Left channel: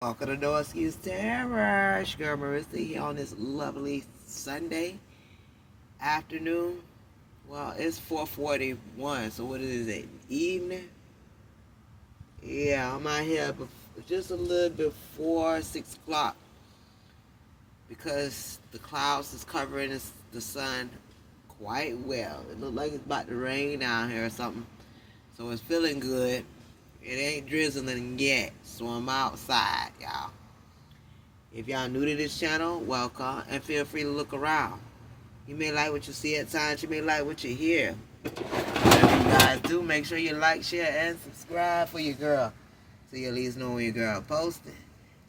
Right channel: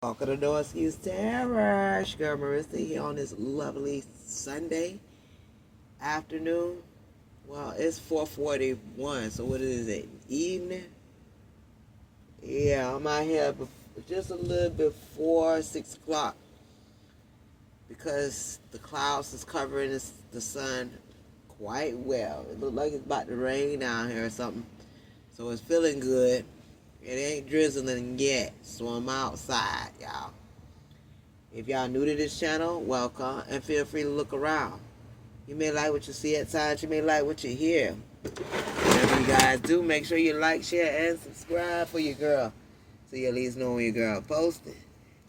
Welcome to No Excuse Terror. It's your girl Marissa here on this lovely Sunday afternoon. Well, it's 4:41, so what is it? Evening? Yeah, I'm out here just a little before 6 o'clock because the clouds is covering the sun quite well. It looks like it's about to rain down here or something, so it's feeling good. It ain't drizzling yet, so I'm outside, y'all. If y'all new to this channel, welcome, and feel free to look around. You may like what you see at times, you may like what you hear. Whatever you guys do, make sure you like, share, and subscribe for your girl, so you at least know when your girl posting.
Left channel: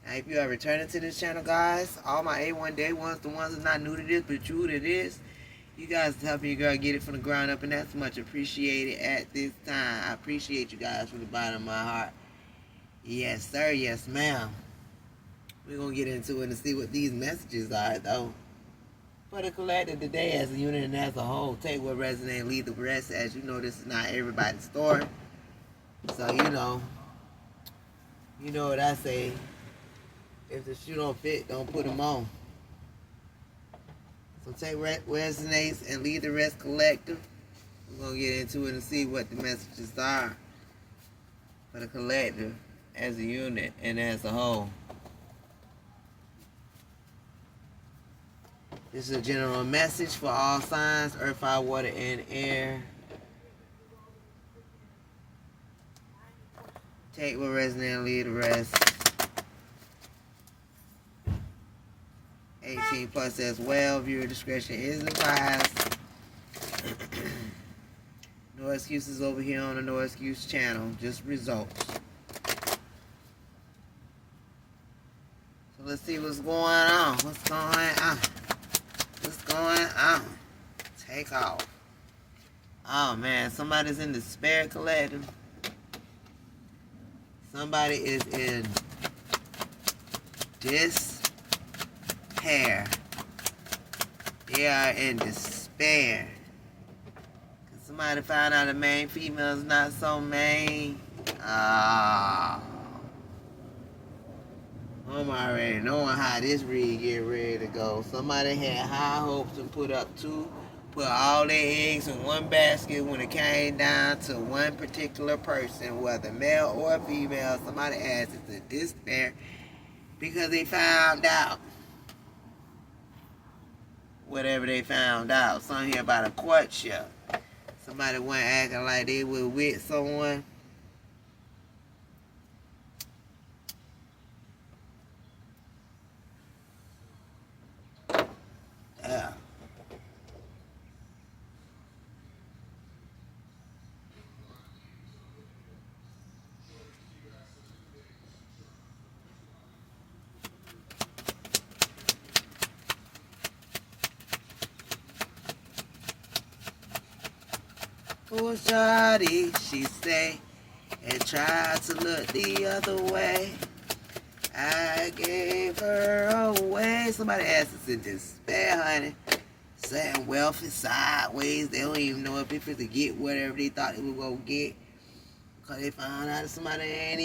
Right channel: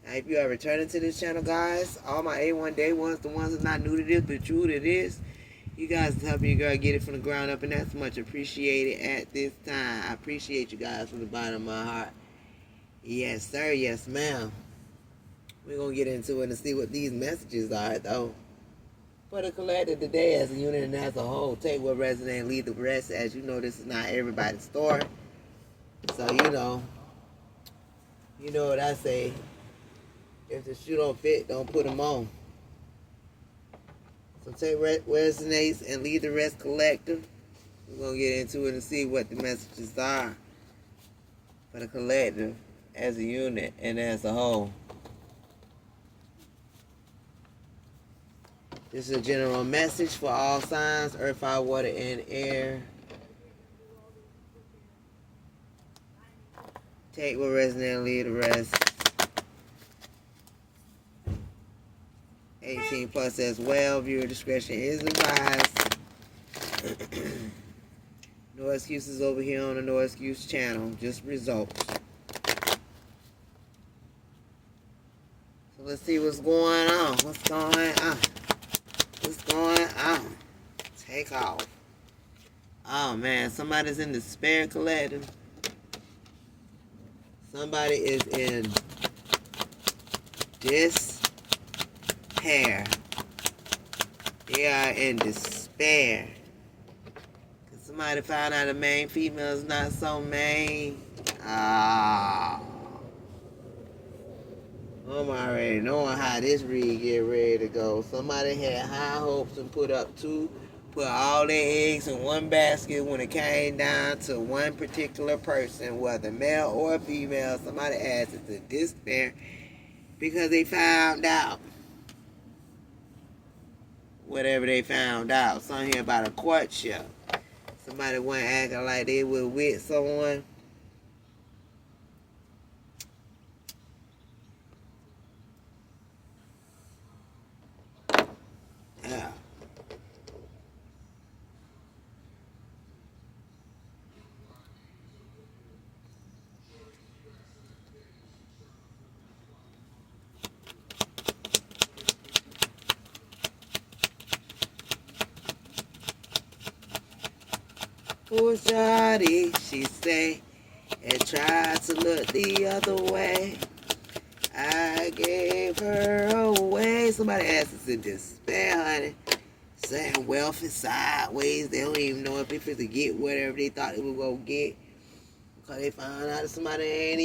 Now, if you are returning to this channel, guys, all my A1 Day ones, the ones that's not new to this, but true to this, you guys helping your girl get it from the ground up, and that's much appreciated at this time. I appreciate you guys from the bottom of my heart. Yes, sir. Yes, ma'am. We're going to get into it and see what these messages are, though. For the collective today as a unit and as a whole, take what resonates and leave the rest. As you know, this is not everybody's story. So, you know what I say. If the shoe don't fit, don't put them on. So take what resonates and leave the rest collective. We're going to get into it and see what the messages are for the collective as a unit and as a whole. This is a general message for all signs, earth, fire, water, and air. Take what resonates and leave the rest. 18 plus as well. Viewer discretion is advised. No excuses over here on the No Excuse channel. Just results. So let's see what's going on. What's going on? What's going on? Take off. Oh man, somebody's in despair collective. Somebody is in despair. They are in despair. Cause somebody found out the main female is not so main. I'm already knowing how this read get ready to go. Somebody had high hopes and put all their eggs in one basket when it came down to one particular person, whether male or female. Somebody asked it to despair because they found out whatever they found out. Something here about a courtship. Somebody went acting like they were with someone. Yeah. Oh, shawty, she say, and tried to look the other way. I gave her away. Somebody asked us in despair, honey. Saying wealth is sideways. They don't even know if it's to get whatever they thought they were gonna get. Because they found out that somebody ain't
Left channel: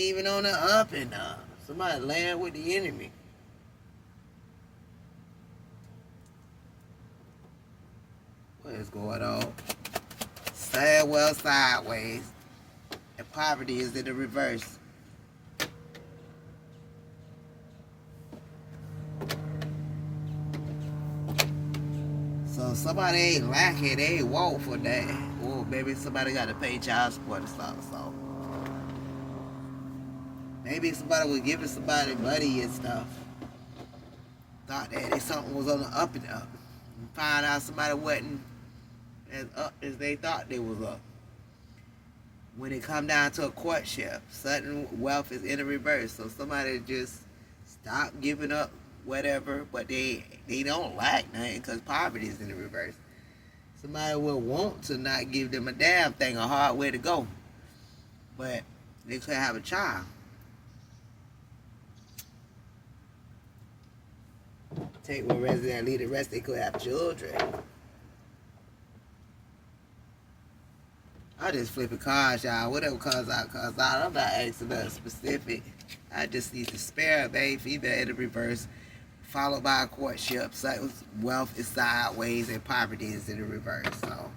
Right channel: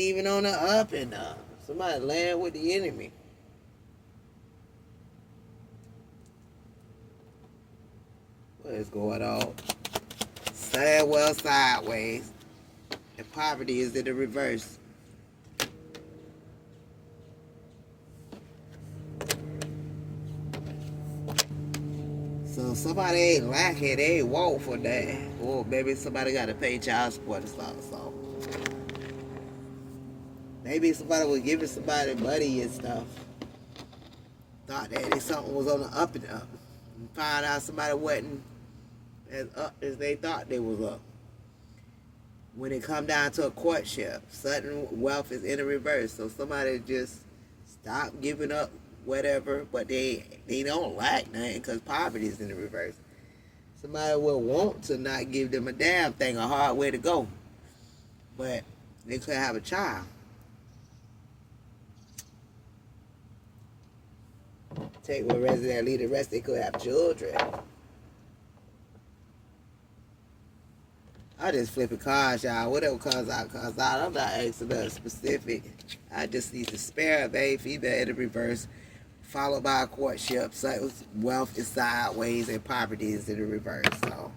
even on the up and up. Somebody land with the enemy. What is going on? Sad well sideways. And poverty is in the reverse. So somebody ain't lacking, they ain't want for that. Or maybe somebody got to pay child support or something. So maybe somebody was giving somebody money and stuff. Thought that something was on the up and up. And find out somebody wasn't as up as they thought they was up. When it come down to a courtship, sudden wealth is in the reverse. So somebody just stop giving up whatever, but they don't like nothing because poverty is in the reverse. Somebody will want to not give them a damn thing, a hard way to go. But they could have a child. Take what resident lead the rest, they could have children. I just flipping cards, y'all. Whatever cards I cause out, I'm not asking nothing specific. I just need to spare a babe, female in the reverse, followed by a courtship. So wealth is sideways and poverty is in the reverse. So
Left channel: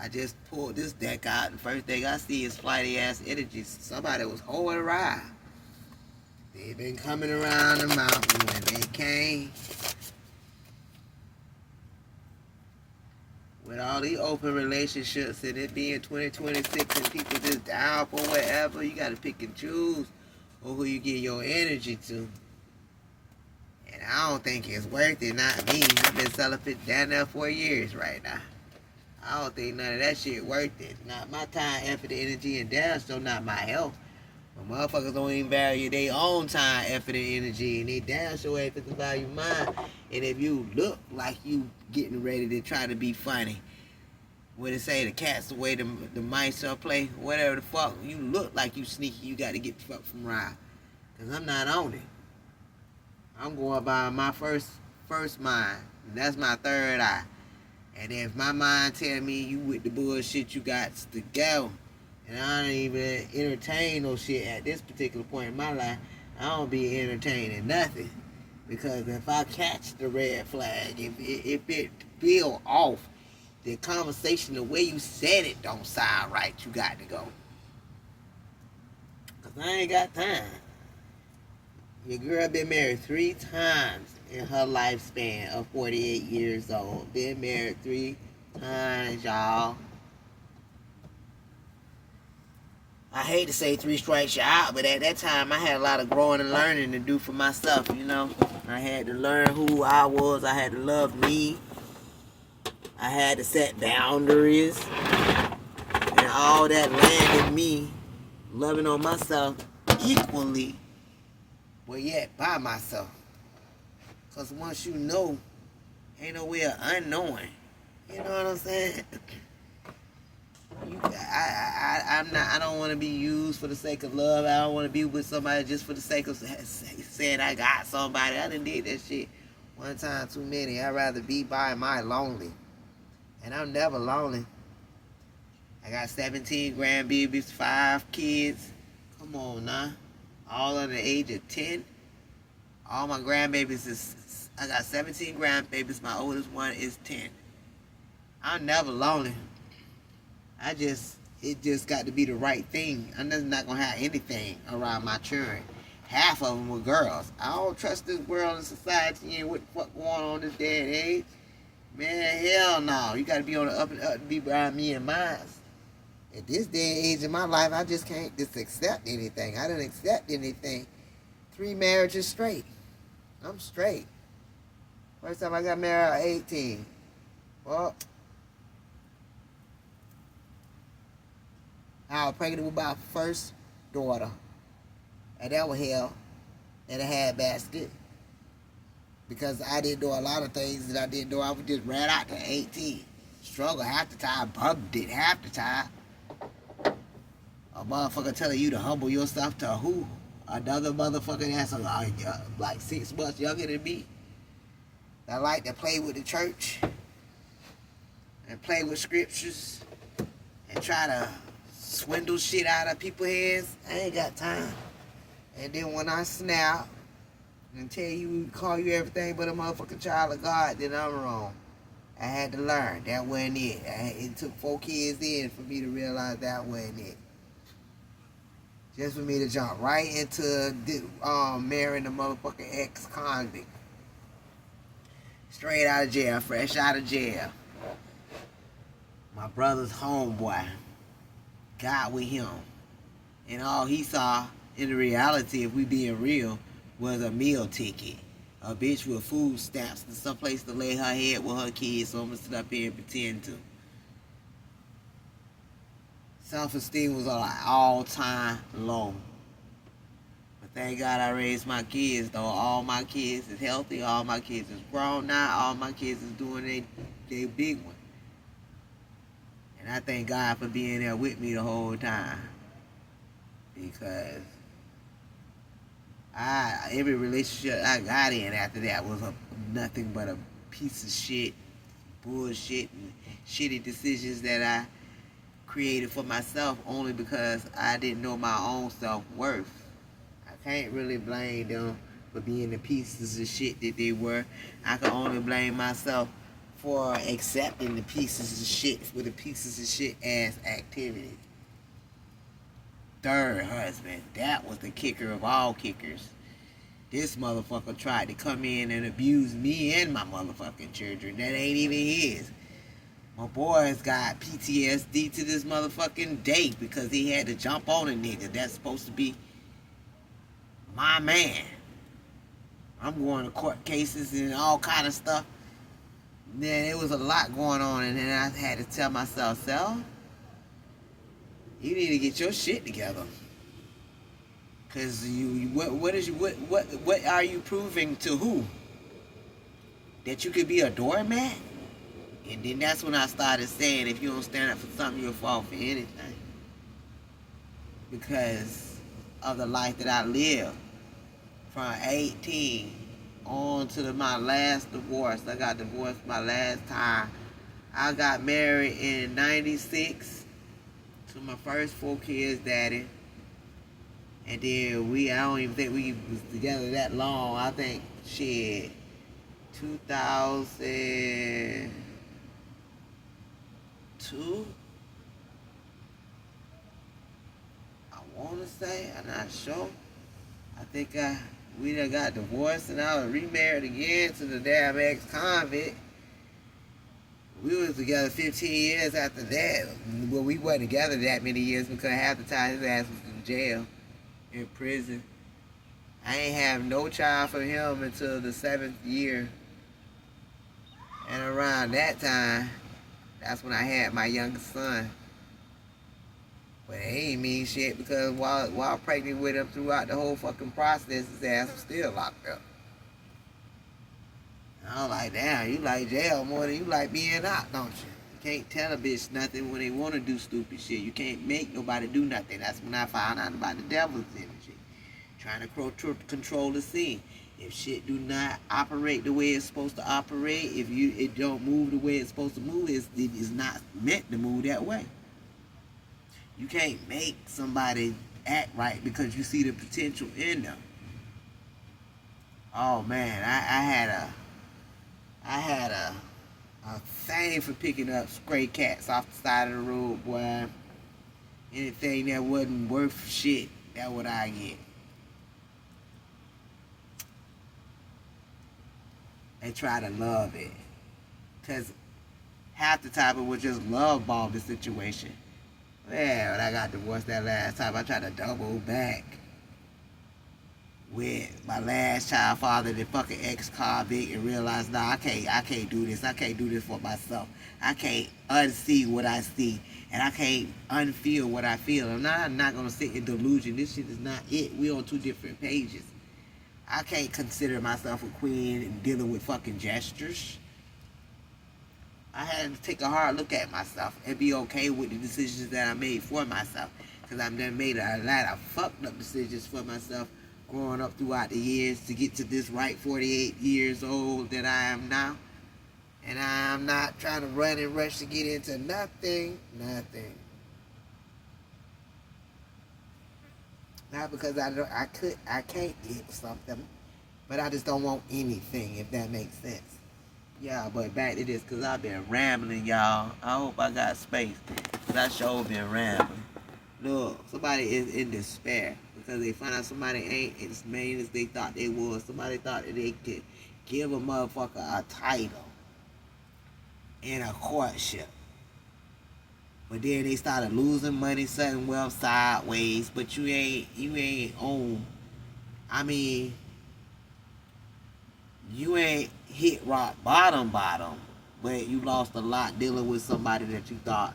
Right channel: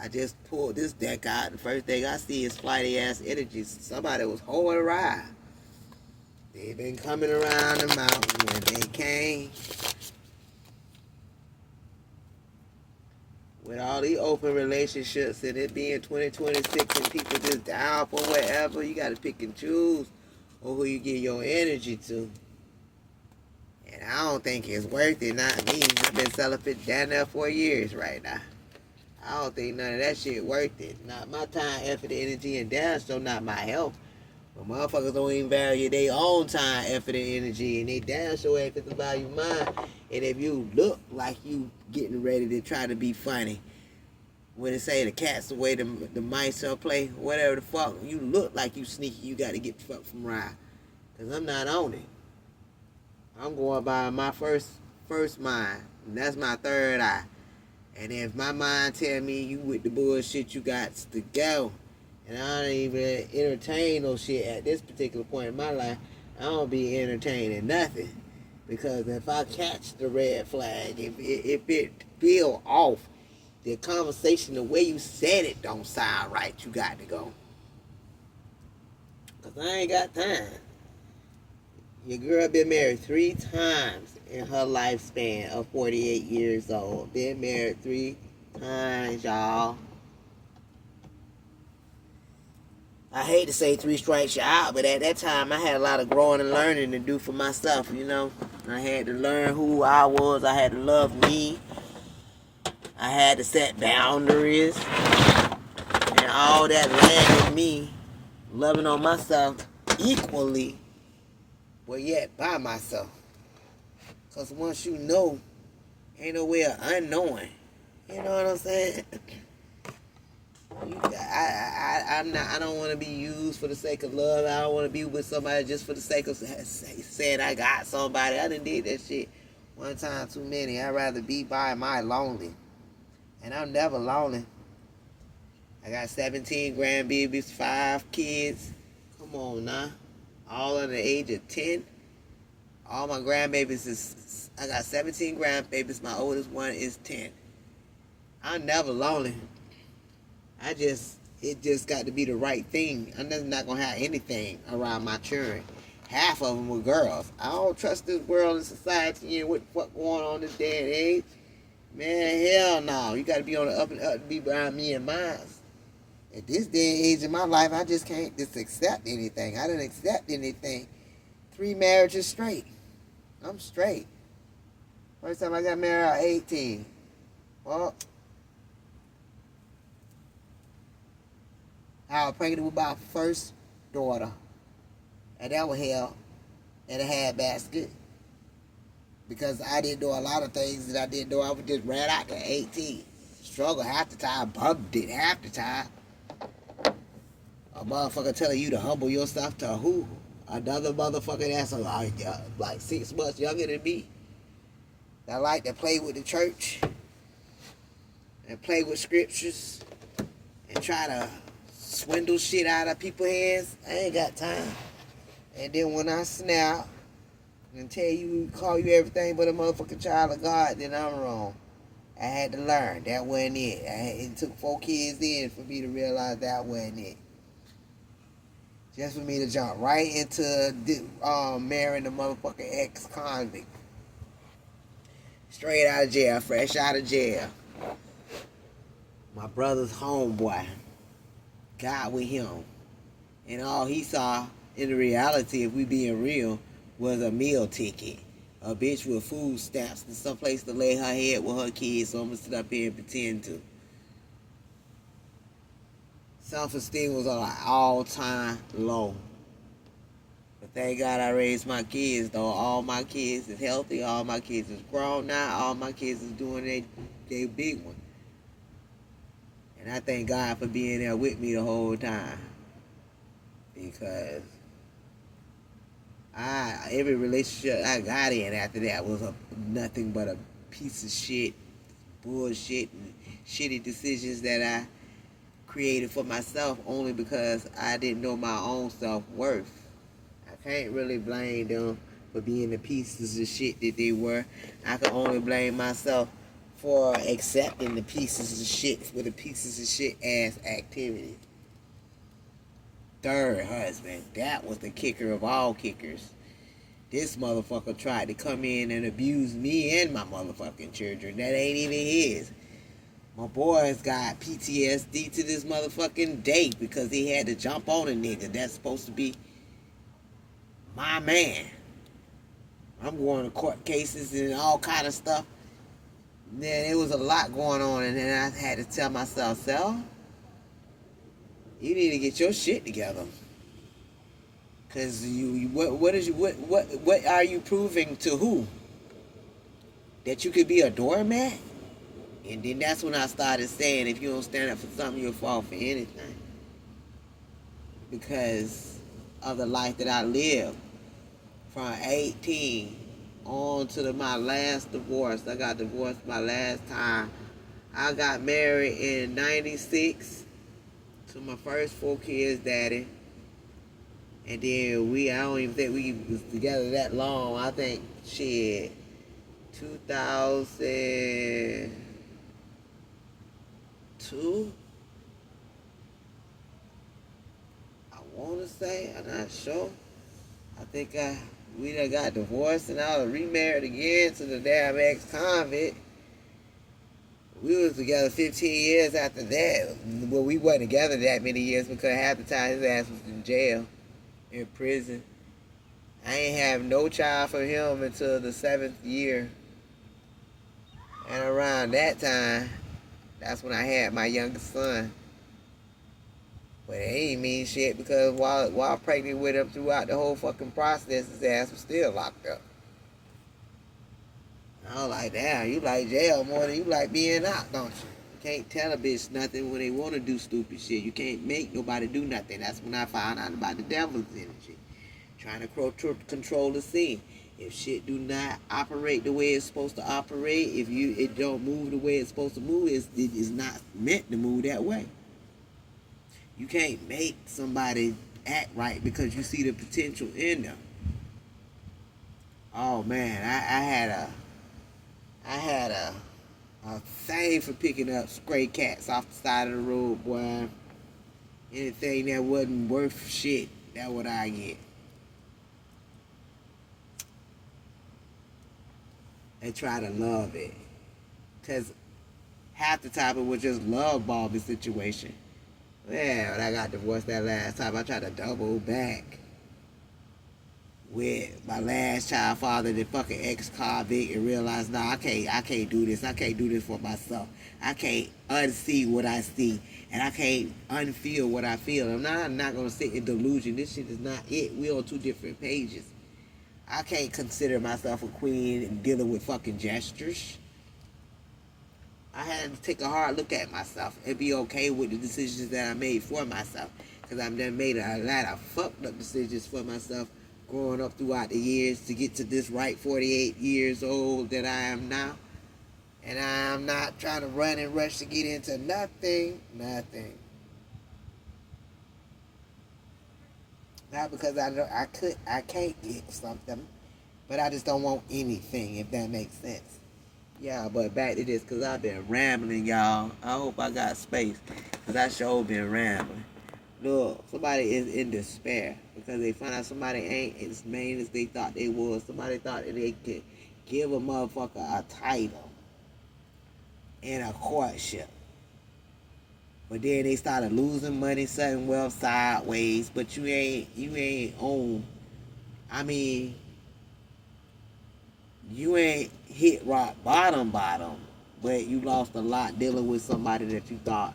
I just pulled this deck out, and the first thing I see is flighty ass energies. Somebody was holding a ride. They've been coming around the mountain when they came. With all these open relationships and it being 2026 and people just down for whatever, you gotta pick and choose on who you give your energy to. And I don't think it's worth it, not me. I've been celibate down there for years right now. I don't think none of that shit worth it. Not my time, effort, energy, and damn sure not my health. But motherfuckers don't even value their own time, effort, and energy, and they damn sure ain't fit to value mine. And if you look like you getting ready to try to be funny, when they say the cat's away, the mice are play, whatever the fuck, you look like you sneaky, you got to get the fuck from ride. Because I'm not on it. I'm going by my first mind. And that's my third eye. And if my mind tell me you with the bullshit, you got to go. And I don't even entertain no shit at this particular point in my life. I don't be entertaining nothing. Because if I catch the red flag, if it feel off, the conversation, the way you said it don't sound right, you got to go. Because I ain't got time. Your girl been married 3 times in her lifespan of 48 years old. Been married 3 times, y'all. I hate to say 3 strikes you out, but at that time I had a lot of growing and learning to do for myself, you know. I had to learn who I was. I had to love me. I had to set boundaries. And all that landed me loving on myself equally, but yet by myself. Because once you know, ain't no way of unknowing. You know what I'm saying? I don't want to be used for the sake of love. I don't want to be with somebody just for the sake of saying I got somebody. I done did that shit one time too many. I'd rather be by my lonely. And I'm never lonely. I got 17 grandbabies, 5 kids. Come on now. All under the age of 10. All my grandbabies is, I got 17 grandbabies. My oldest one is 10. I'm never lonely. It just got to be the right thing. I'm just not going to have anything around my children. Half of them were girls. I don't trust this world and society and what the fuck going on this day and age. Man, hell no. You got to be on the up and up to be around me and mine. At this day and age in my life, I just can't just accept anything. I didn't accept anything. 3 marriages straight. I'm straight. First time I got married, I was 18. Well, I was pregnant with my first daughter. And that was hell in a handbasket. Because I didn't do a lot of things that I didn't do. I was just ran out to 18. Struggle half the time, bugged it half the time. A motherfucker telling you to humble yourself to who? Another motherfucker that's like 6 months younger than me. That like to play with the church and play with scriptures and try to swindle shit out of people's heads. I ain't got time. And then when I snap and tell you, call you everything but a motherfucking child of God, then I'm wrong. I had to learn. That wasn't it. It took 4 kids in for me to realize that wasn't it. Just for me to jump right into marrying the motherfucking ex-convict. Straight out of jail, fresh out of jail. My brother's homeboy got with him. And all he saw in the reality, if we being real, was a meal ticket. A bitch with food stamps and someplace to lay her head with her kids, so I'm gonna sit up here and pretend to. Self-esteem was on an all-time low. But thank God I raised my kids, though. All my kids is healthy. All my kids is grown now. All my kids is doing their big one. And I thank God for being there with me the whole time. Because every relationship I got in after that was nothing but a piece of shit bullshit and shitty decisions that I created for myself only because I didn't know my own self-worth. I can't really blame them for being the pieces of shit that they were. I can only blame myself for accepting the pieces of shit for the pieces of shit ass activity. Third husband, that was the kicker of all kickers. This motherfucker tried to come in and abuse me and my motherfucking children. That ain't even his. My boys got PTSD to this motherfucking day because he had to jump on a nigga that's supposed to be my man. I'm going to court cases and all kind of stuff. Man, it was a lot going on, and then I had to tell myself, Sel, you need to get your shit together. Cause what are you proving to who? That you could be a doormat? And then that's when I started saying, if you don't stand up for something, you'll fall for anything. Because of the life that I lived. From 18 on to my last divorce. I got divorced my last time. I got married in 96 to my first 4 kids' daddy. And then I don't even think we was together that long. I think, 2002? I want to say, I'm not sure. I think we done got divorced and I was remarried again to the damn ex-convict. We was together 15 years after that. Well, we wasn't together that many years because half the time his ass was in jail, in prison. I ain't have no child from him until the 7th year. And around that time, that's when I had my youngest son. But it ain't mean shit because while pregnant with him throughout the whole fucking process, his ass was still locked up. I was like, damn, you like jail more than you like being out, don't you? You can't tell a bitch nothing when they want to do stupid shit. You can't make nobody do nothing. That's when I found out about the devil's energy. Trying to control the scene. If shit do not operate the way it's supposed to operate, if it don't move the way it's supposed to move, it is not meant to move that way. You can't make somebody act right because you see the potential in them. Oh man, I had a thing for picking up stray cats off the side of the road, boy. Anything that wasn't worth shit, that's what I get. They try to love it. Because half the time it was just love bombing situation. Yeah, when I got divorced that last time, I tried to double back with my last child father, the fucking ex-convict, and realized, no, I can't do this. I can't do this for myself. I can't unsee what I see, and I can't unfeel what I feel. I'm not gonna sit in delusion. This shit is not it. We're on 2 different pages. I can't consider myself a queen and dealing with fucking gestures. I had to take a hard look at myself and be okay with the decisions that I made for myself. Because I've done made a lot of fucked up decisions for myself growing up throughout the years to get to this right 48 years old that I am now. And I'm not trying to run and rush to get into nothing. Not because I can't get something, but I just don't want anything, if that makes sense. Yeah, but back to this, because I've been rambling, y'all. I hope I got space, because I sure been rambling. Look, somebody is in despair, because they find out somebody ain't as main as they thought they was. Somebody thought that they could give a motherfucker a title and a courtship. But then they started losing money, sudden wealth sideways, but you ain't on, you ain't hit rock bottom, but you lost a lot dealing with somebody that you thought,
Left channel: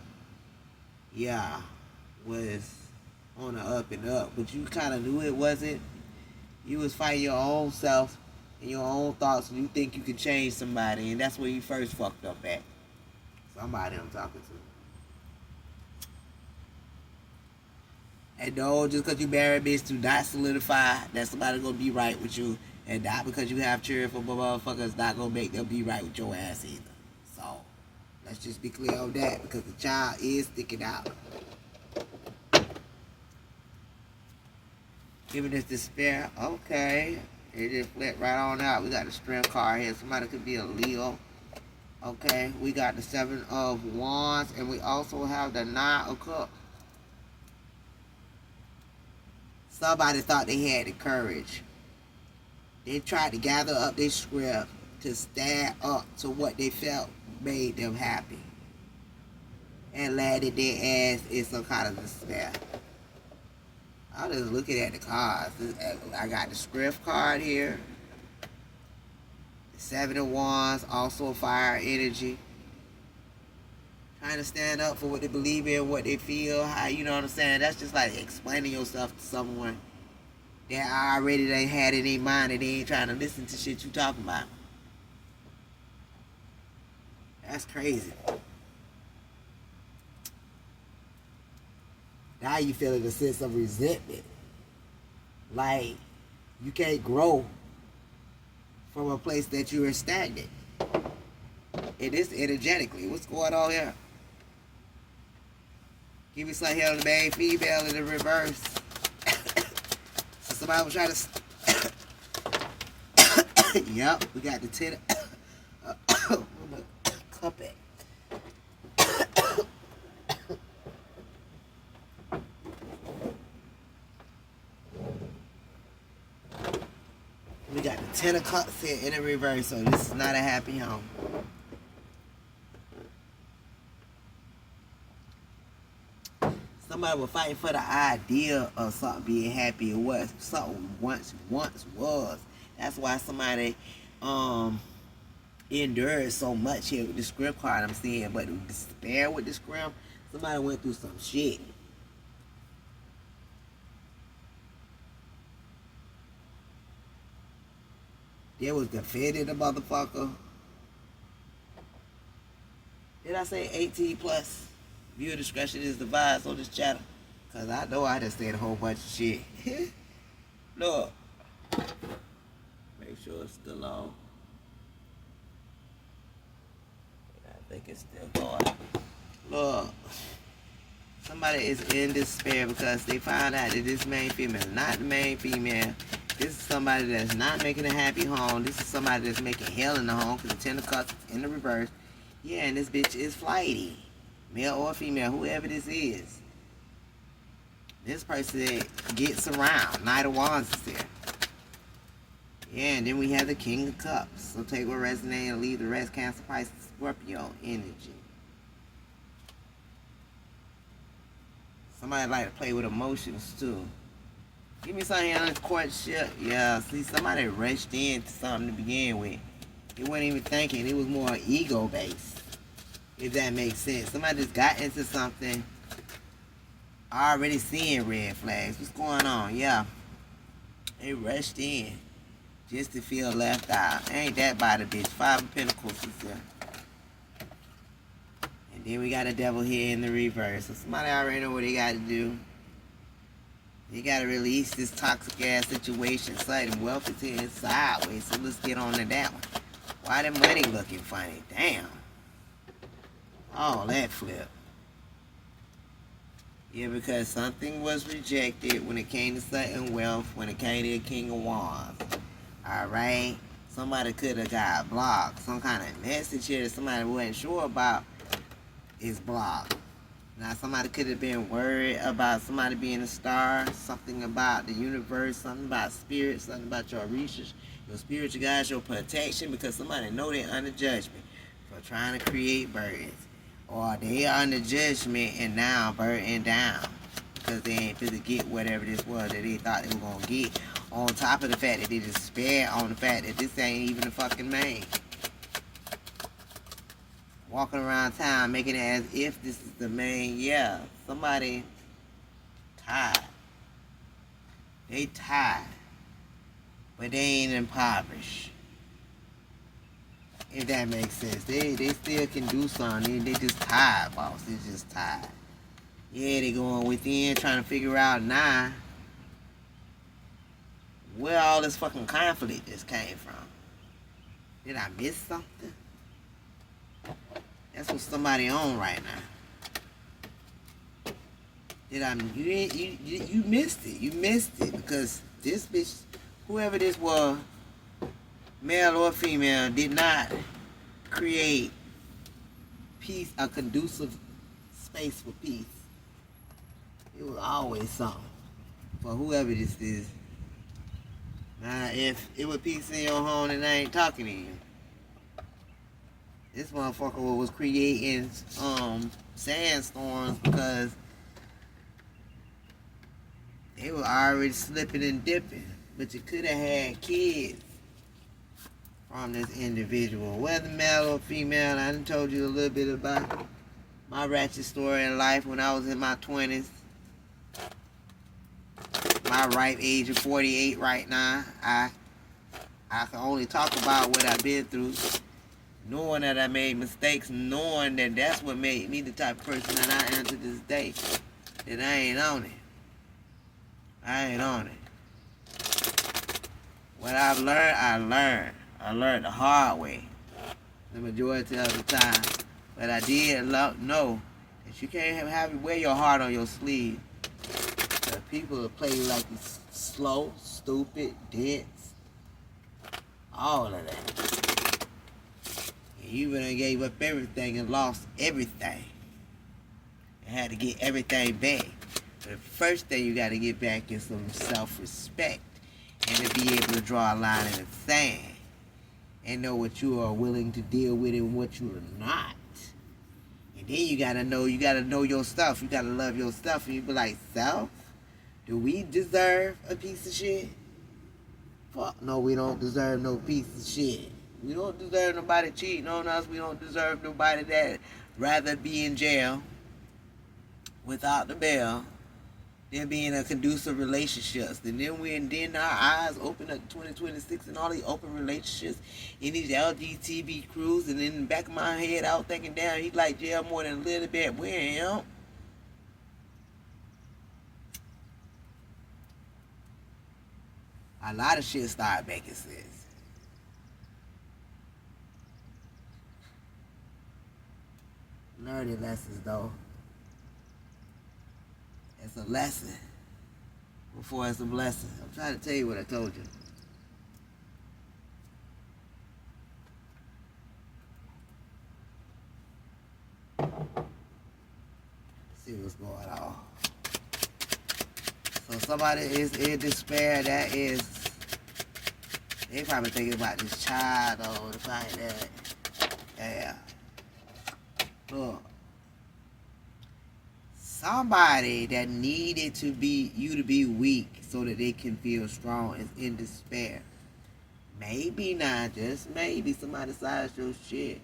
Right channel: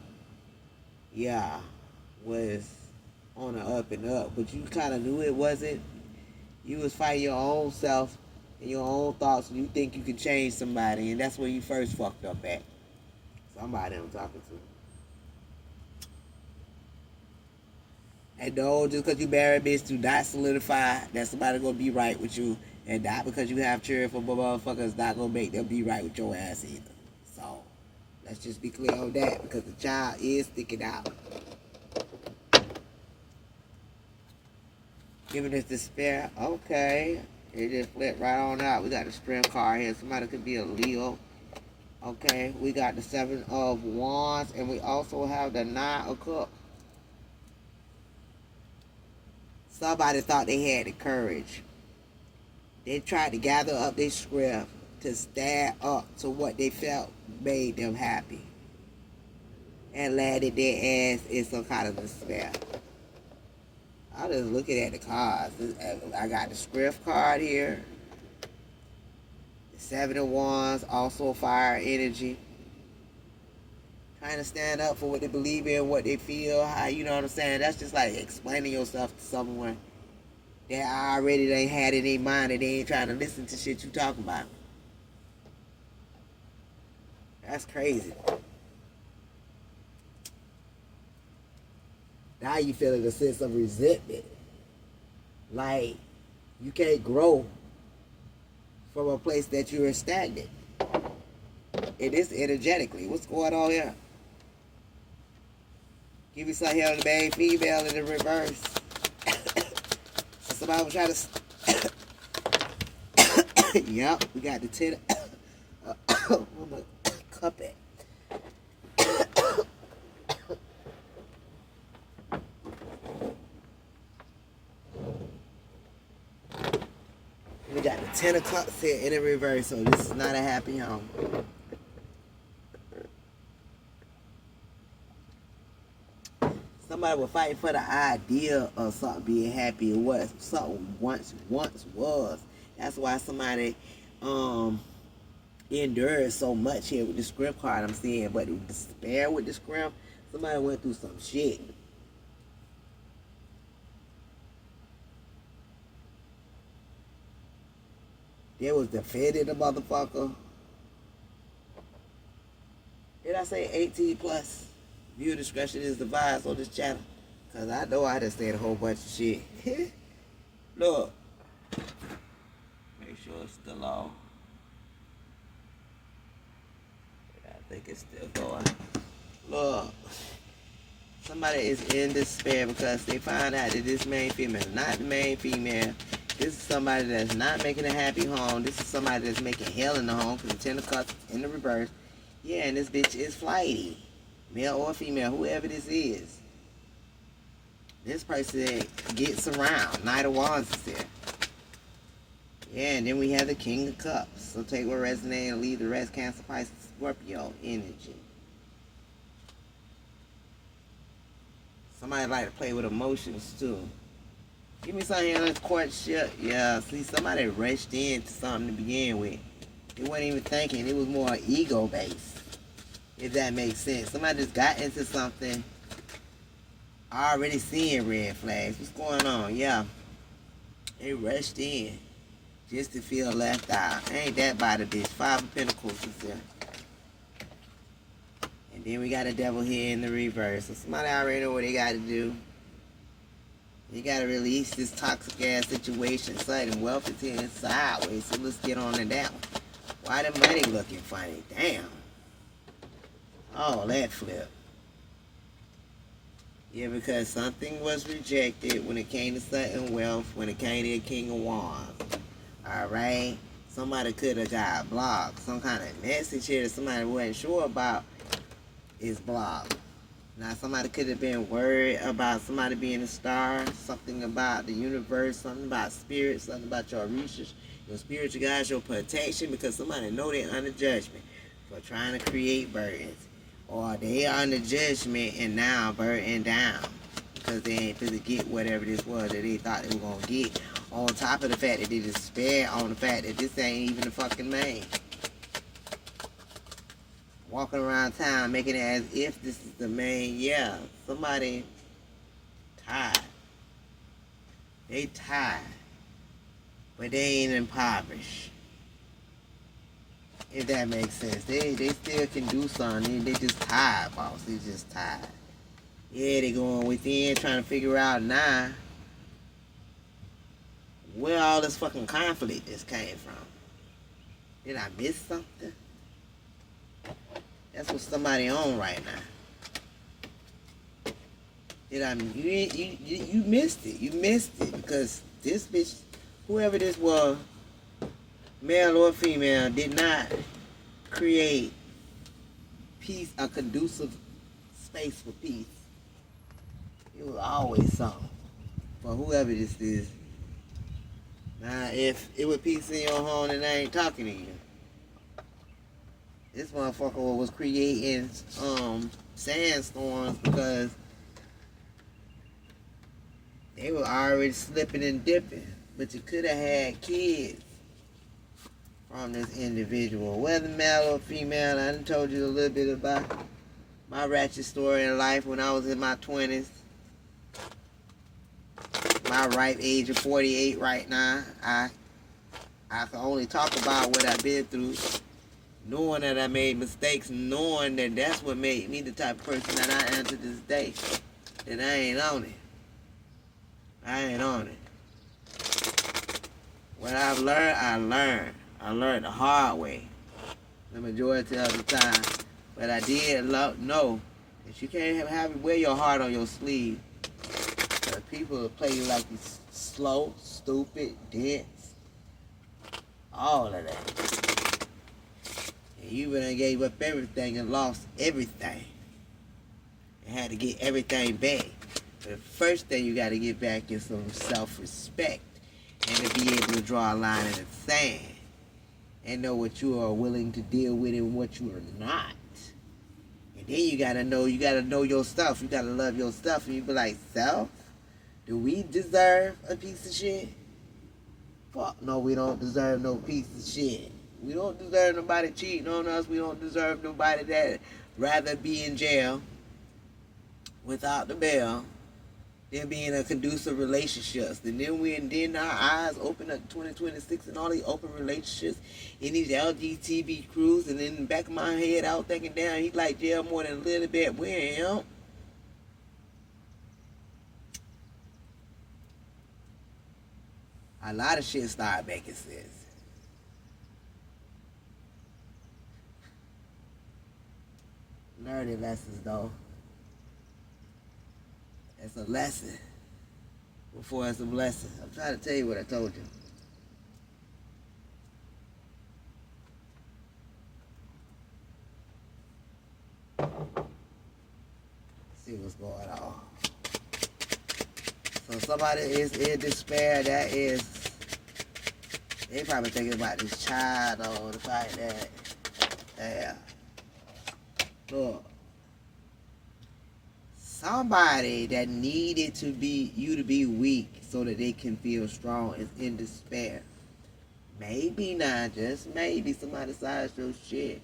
was on the up and up, but you kind of knew it wasn't. You was fighting your own self and your own thoughts, and you think you can change somebody, and that's where you first fucked up at. Somebody I'm talking to. And no, just because you marry a bitch do not solidify that somebody gonna be right with you. And not because you have children for motherfuckers not gonna make them be right with your ass either. So, Let's just be clear on that because the child is sticking out. Giving us despair. Okay. It just flipped right on out. We got the strength card here. Somebody could be a Leo. Okay. We got the 7 of Wands. And we also have the 9 of Cups. Somebody thought they had the courage. They tried to gather up their strength to stand up to what they felt made them happy. And landed their ass in some kind of despair. I'm just looking at the cards. I got the strength card here. The 7 of Wands, also fire energy. Trying to stand up for what they believe in, what they feel, how, you know what I'm saying? That's just like explaining yourself to someone that already they had in their mind and they ain't trying to listen to shit you talking about. That's crazy. Now you feeling a sense of resentment. Like, you can't grow from a place that you are stagnant. It is energetically. What's going on here? Give me some hell on the main female in the reverse. Somebody was trying to... Yup, we got the 10... Where my cup at? We got the 10 of Cups here in the reverse, so this is not a happy home. Somebody was fighting for the idea of something being happy or what something once was. That's why somebody endured so much here with the script card I'm seeing. But the despair with the script, somebody went through some shit. They was defending the motherfucker. Did I say 18 plus? Viewer discretion is advised on this channel. Cause I know I just said a whole bunch of shit. Look. Make sure it's still on. I think it's still going. Look. Somebody is in despair because they found out that this main female, not the main female. This is somebody that's not making a happy home. This is somebody that's making hell in the home because the 10 of Cups in the reverse. Yeah, and this bitch is flighty. Male or female, whoever this is. This person gets around. Knight of Wands is there. Yeah, and then we have the King of Cups. So take what resonates and leave the rest. Cancer, Pisces, Scorpio energy. Somebody like to play with emotions too. Give me something on this courtship. Yeah, see, somebody rushed into something to begin with. They weren't even thinking. It was more ego-based. If that makes sense. Somebody just got into something already seeing red flags. What's going on? Yeah. They rushed in just to feel left out. Ain't that by the bitch. 5 of Pentacles is there. And then we got a devil here in the reverse. So somebody already know what they got to do. They got to release this toxic ass situation. Sudden wealth is hitting sideways. So let's get on to that one. Why the money looking funny? Damn. Oh, that flip. Yeah, because something was rejected when it came to sudden wealth, when it came to the King of Wands. Alright? Somebody could have got blocked. Some kind of message here that somebody wasn't sure about is blocked. Now, somebody could have been worried about somebody being a star, something about the universe, something about spirit, something about your research, your spiritual guides, your protection, because somebody know they're under judgment for trying to create burdens. Or they are under judgment and now burdened down because they ain't supposed to get whatever this was that they thought they were going to get. On top of the fact that they despair on the fact that this ain't even the fucking main. Walking around town making it as if this is the main. Yeah, somebody tired. They tired. But they ain't impoverished. If that makes sense. They still can do something. They just tired, boss. They just tired. Yeah, they going within trying to figure out now where all this fucking conflict just came from. Did I miss something? That's what somebody on right now. You missed it. You missed it because this bitch, whoever this was, male or female, did not create peace, a conducive space for peace. It was always something for whoever this is. Now, if it was peace in your home, then I ain't talking to you. This motherfucker was creating sandstorms because they were already slipping and dipping. But you could have had kids from this individual, whether male or female. I done told you a little bit about my ratchet story in life when I was in my 20s. My ripe age of 48 right now. I can only talk about what I've been through, knowing that I made mistakes, knowing that that's what made me the type of person that I am to this day. That I ain't on it. I ain't on it. What I've learned, I learned. I learned the hard way, the majority of the time. But I did know that you can't wear your heart on your sleeve. People will play you like it's slow, stupid, dense, all of that. And you really gave up everything and lost everything. And had to get everything back. But the first thing you got to get back is some self-respect. And to be able to draw a line in the sand. And know what you are willing to deal with and what you are not. And then you got to know your stuff. You got to love your stuff. And you be like, self? Do we deserve a piece of shit? Fuck no, we don't deserve no piece of shit. We don't deserve nobody cheating on us. We don't deserve nobody that rather be in jail without the bail than be in a conducive relationships. And then our eyes open up to 2026 and all these open relationships in these LGBT crews. And in the back of my head, I was thinking, damn, he like jail more than a little bit. Where him? A lot of shit started making sense. Learning lessons, though. It's a lesson before it's a blessing. I'm trying to tell you what I told you. Let's see what's going on. So somebody is in despair. That is, they probably thinking about this child or the fact that, yeah. Look, somebody that needed you to be weak so that they can feel strong is in despair. Maybe not, just maybe somebody sized your shit.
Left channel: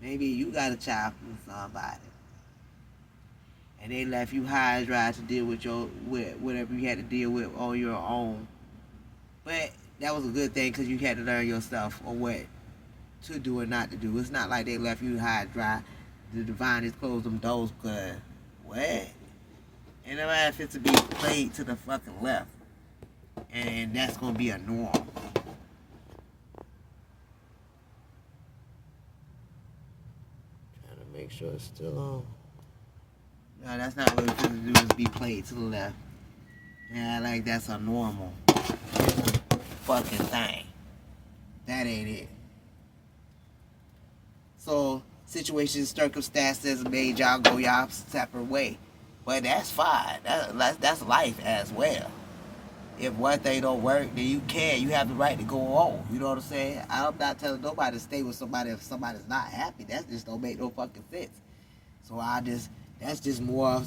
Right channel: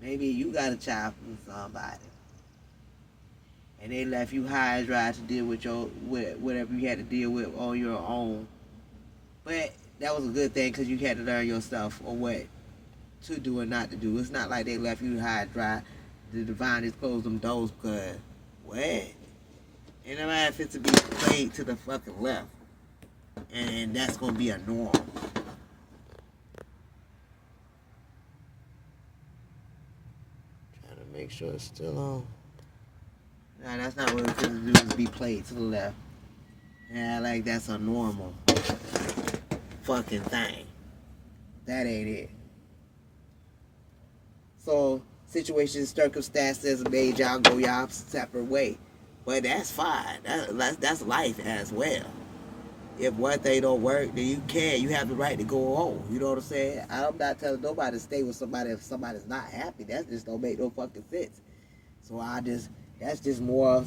Maybe you got a child from somebody. And they left you high and dry to deal with whatever you had to deal with on your own. But that was a good thing because you had to learn yourself on what to do and not to do. It's not like they left you high and dry. The divine just closed them doors because, what? Ain't no matter if it's to be played to the fucking left. And that's going to be a norm. Trying to make sure it's still on. No, that's not what it's going to do, is be played to the left. Yeah, like that's a normal fucking thing. That ain't it. So, situations, circumstances made y'all go y'all separate way. But that's fine. That's life as well. If one thing don't work, then you have the right to go on. You know what I'm saying? I'm not telling nobody to stay with somebody if somebody's not happy. That just don't make no fucking sense. So that's just more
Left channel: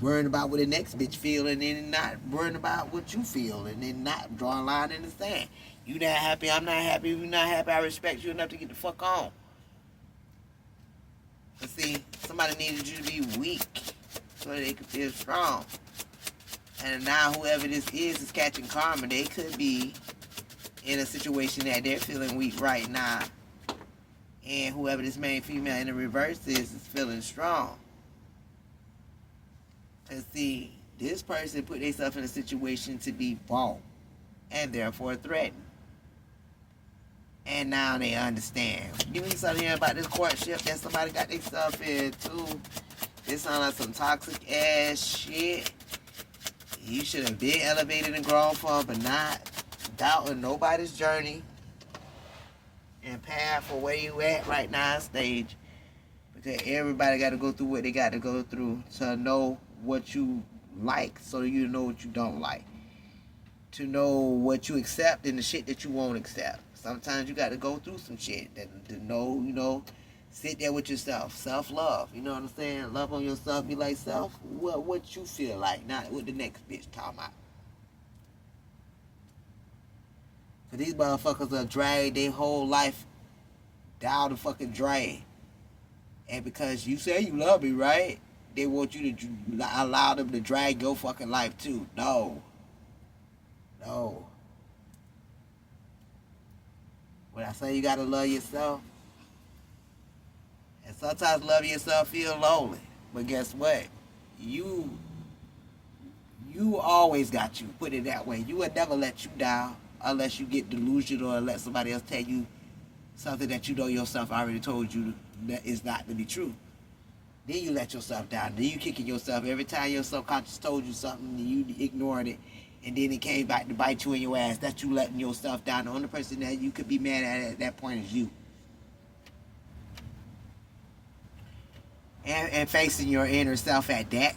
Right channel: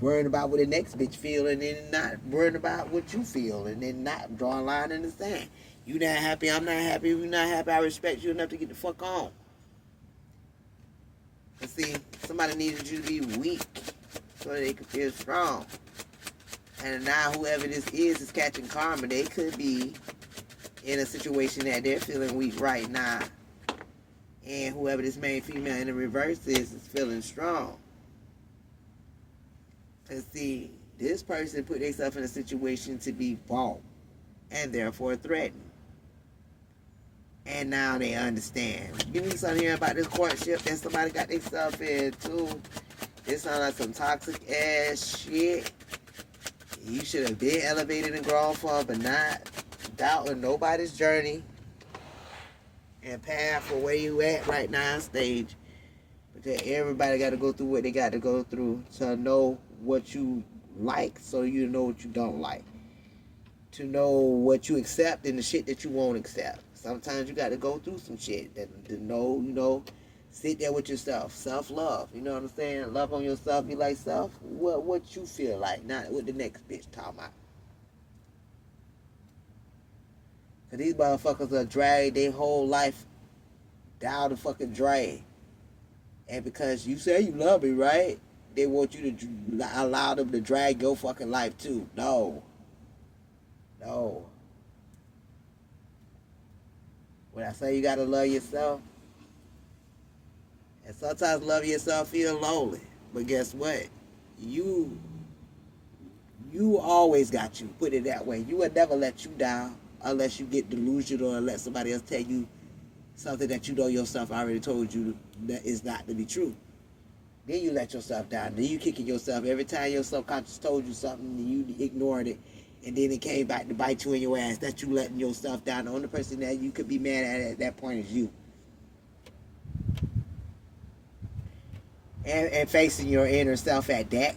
worrying about what the next bitch feel and then not worrying about what you feel and then not drawing a line in the sand. You not happy, I'm not happy. If you not happy, I respect you enough to get the fuck on. And see, somebody needed you to be weak so they could feel strong. And now whoever this is catching karma. They could be in a situation that they're feeling weak right now. And whoever this main female in the reverse is feeling strong. And see, this person put themselves in a situation to be bought and therefore threatened. And now they understand. Give me something here about this courtship that somebody got themselves in too. It sounds like some toxic ass shit. You should have been elevated and grown for, but not doubting nobody's journey and path for where you at right now on stage. Because everybody got to go through what they got to go through to know what you like, so you know what you don't like. To know what you accept and the shit that you won't accept. Sometimes you got to go through some shit to know, sit there with yourself. Self-love, you know what I'm saying? Love on yourself, be like self, what you feel like, not what the next bitch talking about. So these motherfuckers are dragged their whole life down the fucking drain. And because you say you love me, right? They want you to allow them to drag your fucking life too. No. When I say you gotta love yourself, and sometimes love yourself feel lonely. But guess what? You always got you. Put it that way. You will never let you down unless you get delusional or let somebody else tell you something that you know yourself already told you that is not to be true. Then you let yourself down. Then you kicking yourself every time your subconscious told you something and you ignored it, and then it came back to bite you in your ass. That's you letting yourself down. The only person that you could be mad at that point is you. And facing your inner self at that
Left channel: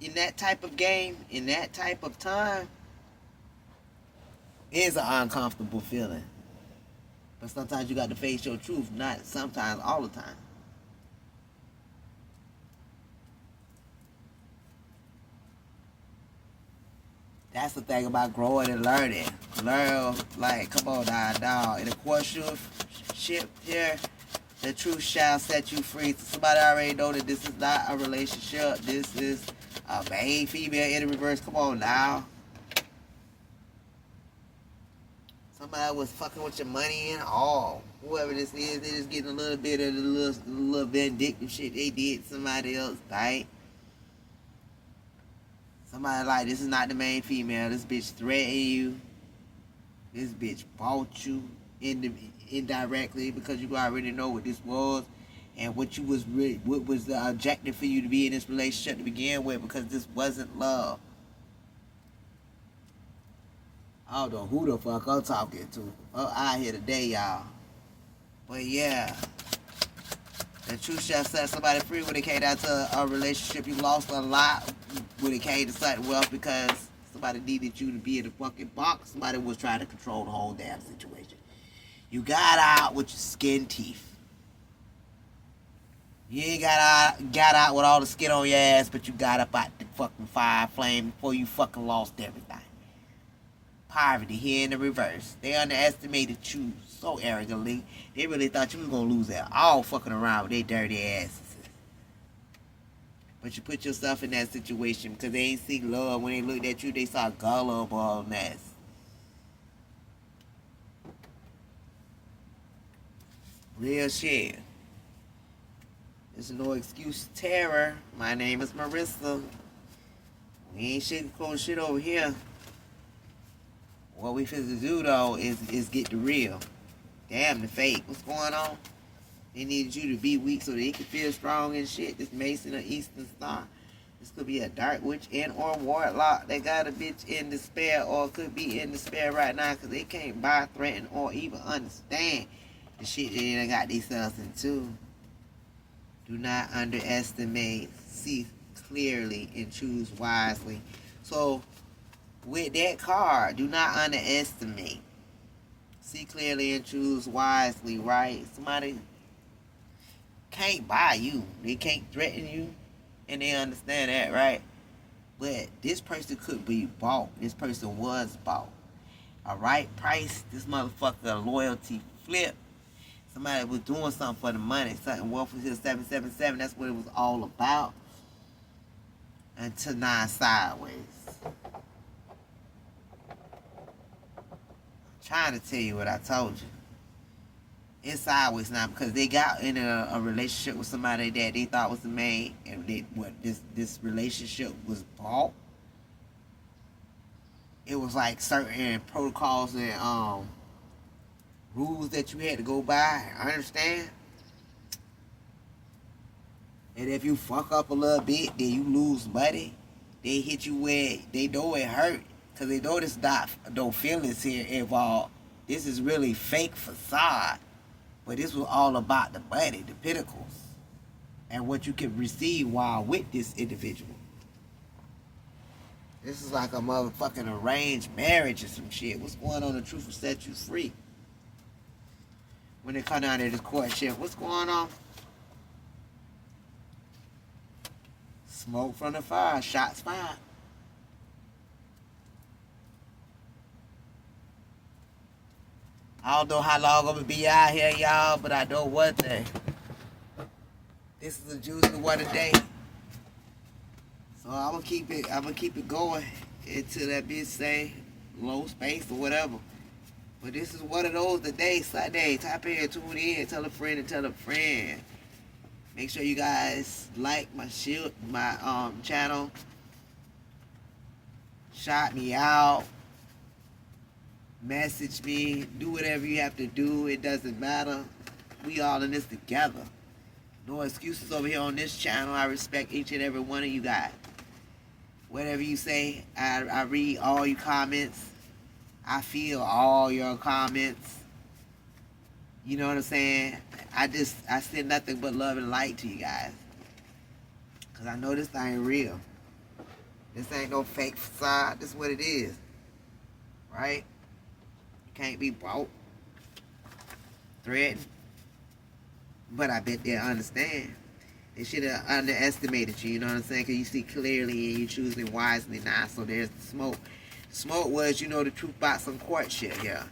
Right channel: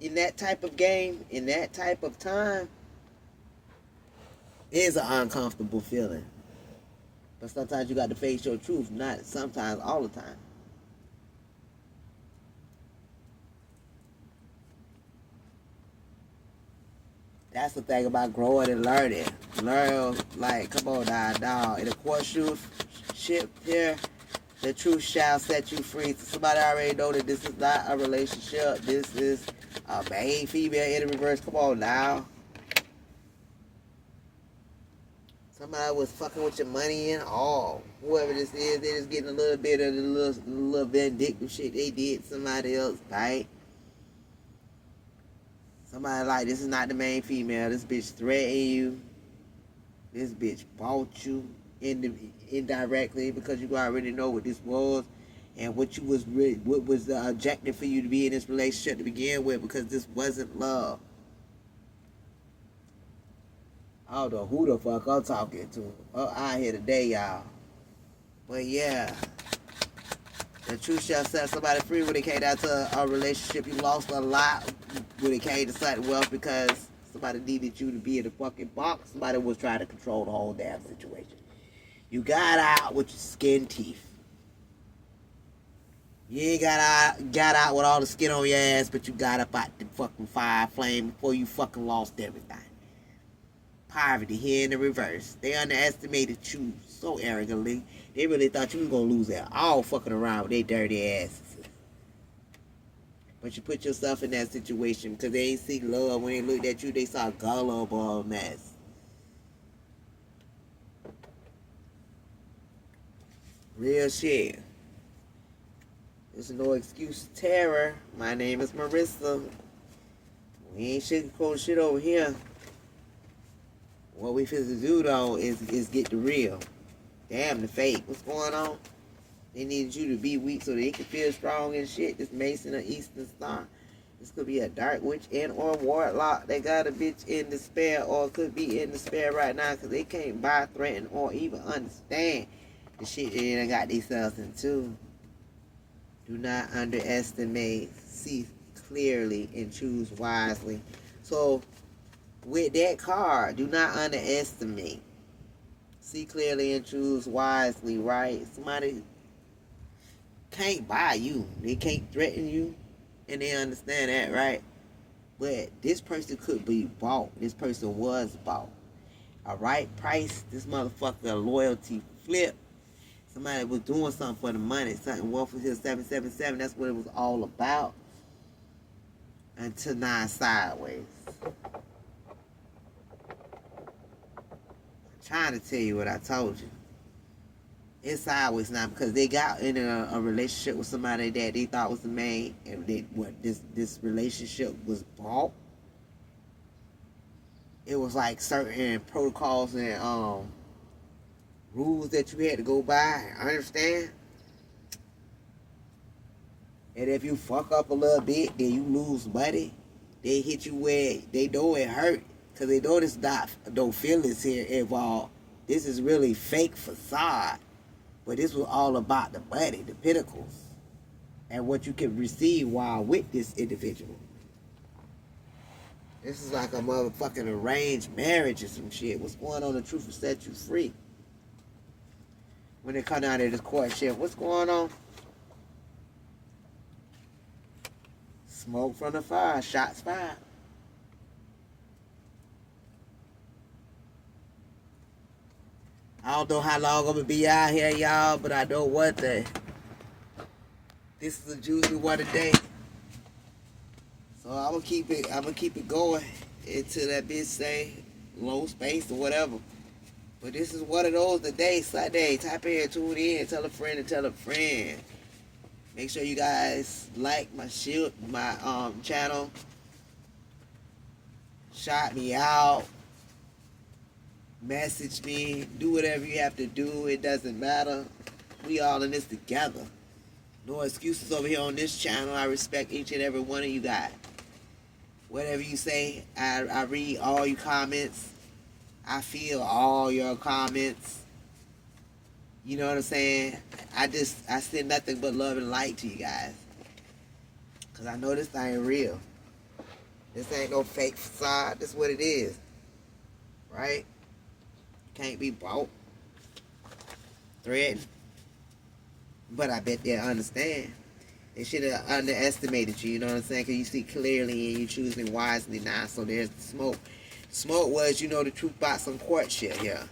in that type of game, in that type of time, is an uncomfortable feeling. But sometimes you got to face your truth, not sometimes, all the time. That's the thing about growing and learning. Learn, like, come on now, dog. In a courtship here, the truth shall set you free. Somebody already know that this is not a relationship. This is a main female in the reverse. Come on now. Somebody was fucking with your money and all. Whoever this is, they're just getting a little bit of the little vindictive shit they did to somebody else, right? Somebody like, this is not the main female. This bitch threatened you. This bitch bought you indirectly because you already know what this was and what was the objective for you to be in this relationship to begin with, because this wasn't love. I don't know who the fuck I'm talking to out here today, y'all. But yeah, the truth shall set somebody free when it came down to a relationship. You lost a lot when it came to certain wealth because somebody needed you to be in the fucking box. Somebody was trying to control the whole damn situation. You got out with your skin teeth. You ain't got out with all the skin on your ass, but you got up out the fucking fire flame before you fucking lost everything. Poverty here in the reverse. They underestimated you so arrogantly. They really thought you was gonna lose it all fucking around with their dirty asses. But you put yourself in that situation because they ain't see love. When they looked at you, they saw gullibleness. Real shit. There's no excuse terror. My name is Marissa. We ain't sugarcoating shit over here. What we finna do though is get the real. Damn the fake. What's going on? They needed you to be weak so they could feel strong and shit. This Mason or Eastern Star. This could be a dark witch and or warlock that got a bitch in despair, or could be in despair right now because they can't buy, threaten, or even understand the shit they done got themselves into. Do not underestimate. See clearly and choose wisely. So with that card, do not underestimate. See clearly and choose wisely, right? Somebody can't buy you. They can't threaten you. And they understand that, right? But this person could be bought. This person was bought. Alright? Price, this motherfucker loyalty flip. Somebody was doing something for the money. Something Wolf was here 777. That's what it was all about. Until now sideways. Trying to tell you what I told you. It's sideways now because they got in a relationship with somebody that they thought was the main, and this relationship was bought. It was like certain protocols and rules that you had to go by. I understand. And if you fuck up a little bit, then you lose money. They hit you where they know it hurt. Because they know there's not no feelings here involved. This is really fake facade. But this was all about the money, the pinnacles, and what you can receive while with this individual. This is like a motherfucking arranged marriage or some shit. What's going on? The truth will set you free. When they come down to this courtship, what's going on? Smoke from the fire, shots fired. I don't know how long I'm gonna be out here, y'all, but I know one thing. This is a juicy one today. So I'm gonna keep it going until that bitch say low space or whatever. But this is one of those today, Sunday. Tap in, tune in, tell a friend and tell a friend. Make sure you guys like my channel. Shout me out. Message me. Do whatever you have to do. It doesn't matter. We all in this together. No excuses over here on this channel. I respect each and every one of you guys. Whatever you say, I read all your comments. I feel all your comments. You know what I'm saying? I send nothing but love and light to you guys. Because I know this thing real. This ain't no fake facade. This is what it is. Right? Can't be bought. Threatened. But I bet they understand. They should have underestimated you, you know what I'm saying? Because you see clearly and you choosing wisely now. So there's the smoke. Smoke was, you know, the truth about some courtship here.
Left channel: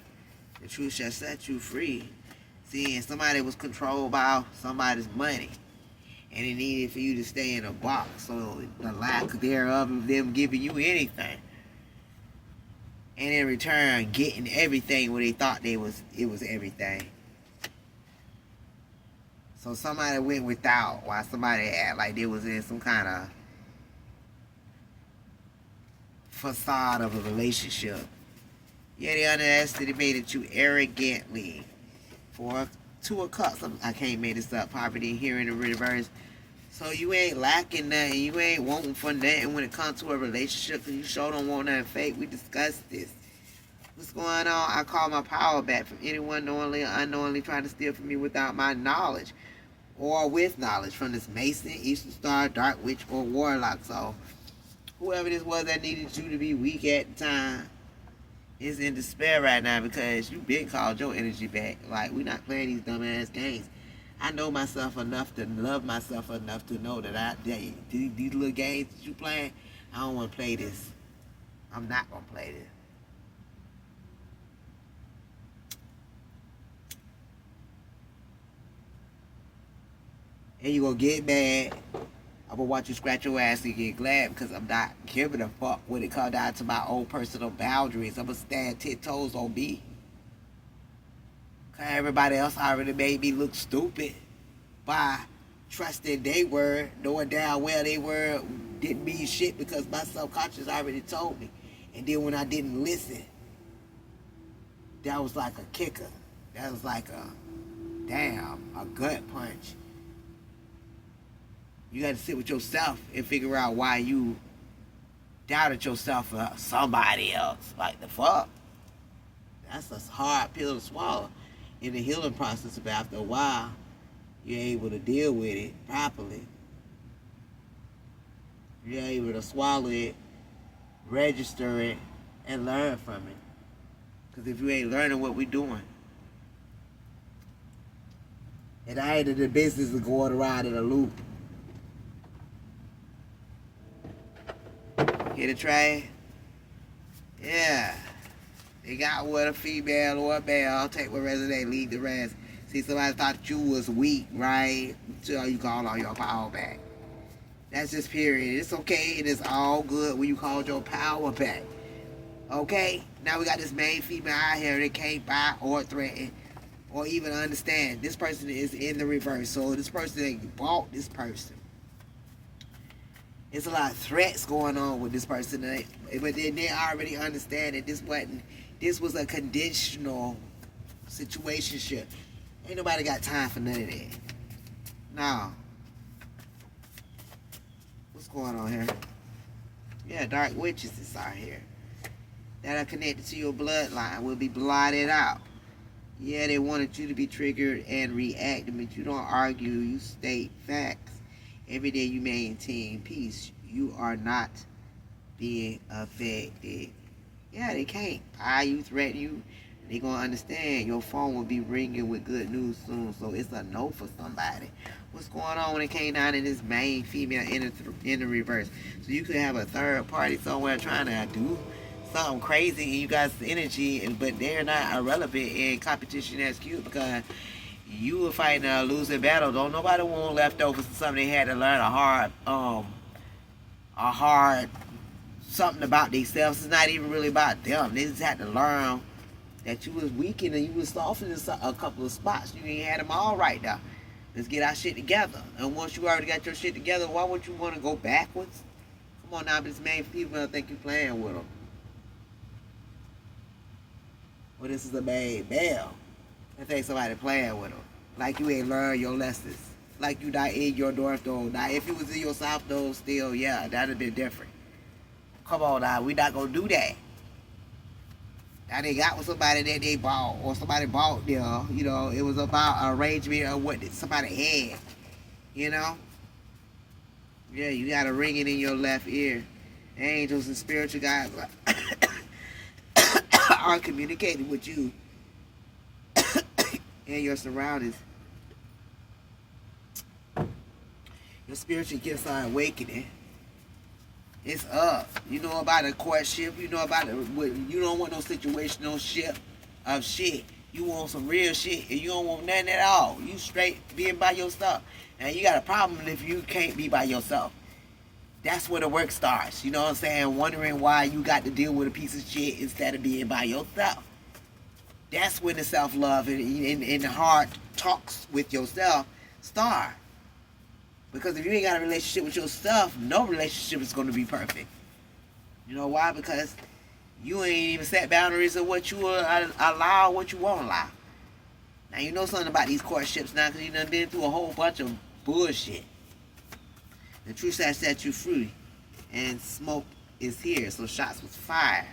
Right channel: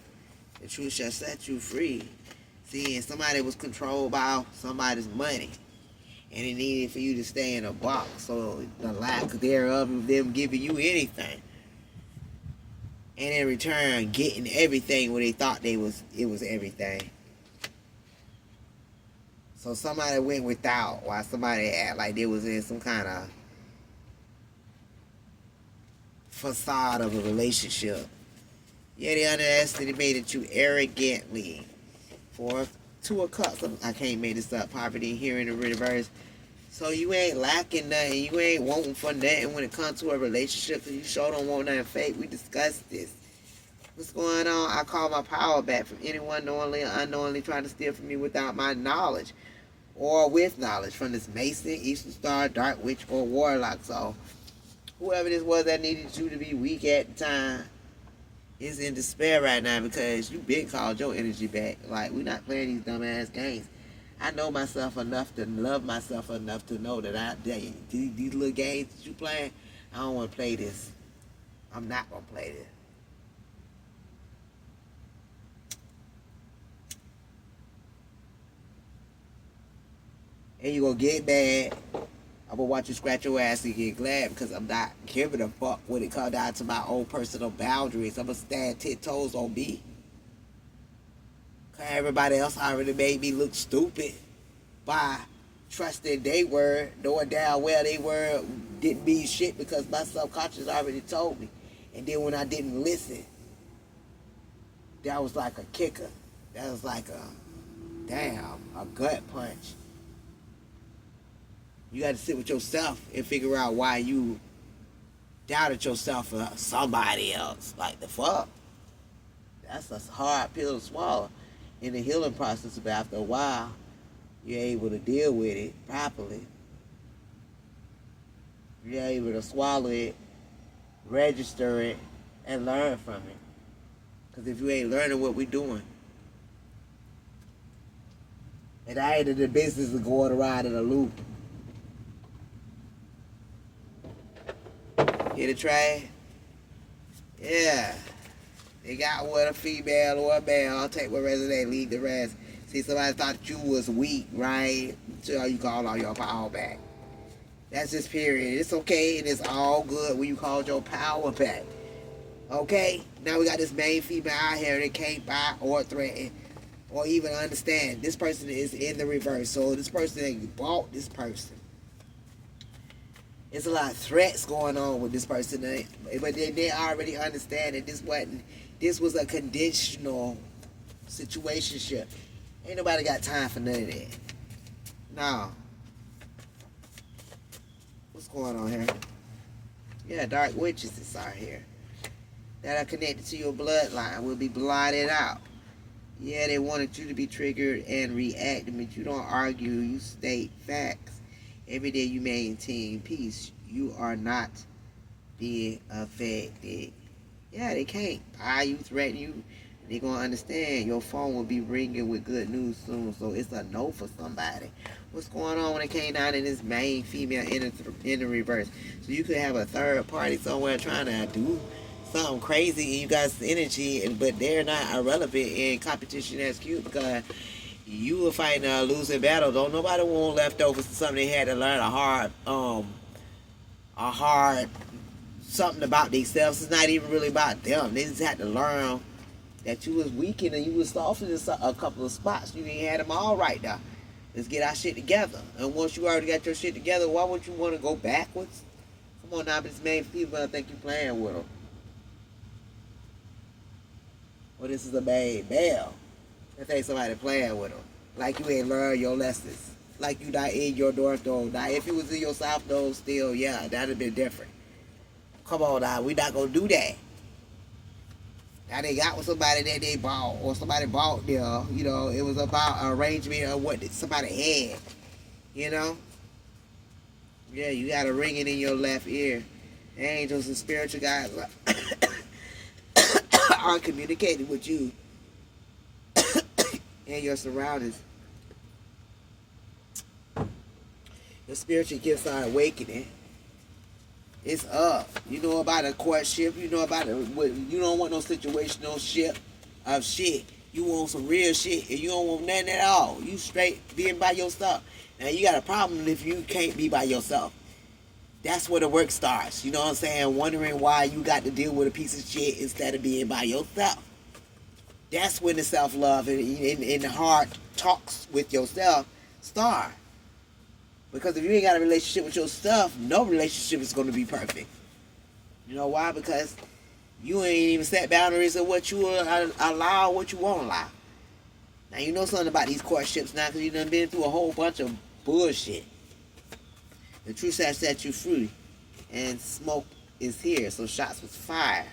The truth shall set you free. See, and somebody was controlled by somebody's money. And it needed for you to stay in a box. So the lack thereof of them giving you anything. And in return, getting everything where they thought it was everything. So somebody went without while somebody act like they was in some kind of facade of a relationship. Yeah, they underestimated you arrogantly. For Two of Cups, I can't make this up, poverty here in the reverse. So you ain't lacking nothing. You ain't wanting for nothing when it comes to a relationship. Because you sure don't want nothing fake. We discussed this. What's going on? I call my power back from anyone knowingly or unknowingly trying to steal from me without my knowledge. Or with knowledge from this Mason, Eastern Star, Dark Witch, or Warlock. So whoever this was that needed you to be weak at the time is in despair right now because you been called your energy back. Like, we not playing these dumbass games. I know myself enough to love myself enough to know that these little games that you playing, I don't want to play this. I'm not going to play this. And you going to get mad. I'm going to watch you scratch your ass and get glad because I'm not giving a fuck when it comes down to my own personal boundaries. I'm going to stand 10 toes on me. Because everybody else already made me look stupid by trusting they word, knowing damn well they word didn't mean shit because my subconscious already told me. And then when I didn't listen, that was like a kicker. That was like a gut punch. You got to sit with yourself and figure out why you doubted yourself for somebody else. Like, the fuck? That's a hard pill to swallow in the healing process, but after a while, you're able to deal with it properly. You're able to swallow it, register it, and learn from it. Because if you ain't learning what we doing, and I ain't in the business of going around in a loop. Get it, Trey? Yeah. They got what a female or a male. I'll take what resonate, leave the rest. See, somebody thought you was weak, right? So you call all your power back. That's just period. It's okay and it's all good when you called your power back. Okay? Now we got this main female out here that can't buy or threaten or even understand. This person is in the reverse. So this person that bought this person. There's a lot of threats going on with this person, but they already understand that this was a conditional Situationship. Ain't nobody got time for none of that. No. What's going on here? Yeah, dark witches is out here. That are connected to your bloodline will be blotted out. Yeah, they wanted you to be triggered and react, but you don't argue, you state facts. Every day you maintain peace. You are not being affected. Yeah, they can't buy you, threaten you. They're going to understand. Your phone will be ringing with good news soon, so it's a no for somebody. What's going on when it came down in this main female in the reverse? So you could have a third party somewhere trying to do something crazy and you guys energy, but they're not irrelevant in competition that's cute because you were fighting a losing battle. Don't nobody want leftovers to something they had to learn a hard something about themselves. It's not even really about them. They just had to learn that you was weakened and you was softened in a couple of spots. You ain't had them all right now. Let's get our shit together. And once you already got your shit together, why would you want to go backwards? Come on now, but this main people, I think you playing with them. Well, this is a main male. I think somebody playing with them. Like you ain't learned your lessons. Like you not in your North Node. Now, if it was in your South Node still, yeah, that'd have been different. Come on now, we not gonna do that. Now they got with somebody that they bought, or somebody bought them. You know, it was about arrangement of what somebody had. You know? Yeah, you got a ringing in your left ear. Angels and spiritual guides are communicating with you and your surroundings. Your spiritual gifts are awakening. It's up. You know about a courtship. You know about it. You don't want no situational shit of shit. You want some real shit, and you don't want nothing at all. You straight being by yourself. And you got a problem if you can't be by yourself. That's where the work starts. You know what I'm saying? Wondering why you got to deal with a piece of shit instead of being by yourself. That's when the self-love and the hard talks with yourself start. Because if you ain't got a relationship with yourself, no relationship is going to be perfect. You know why? Because you ain't even set boundaries of what you allow, what you won't allow. Now, you know something about these courtships now because you done been through a whole bunch of bullshit. The truth has set you free. And smoke is here, so shots was fired.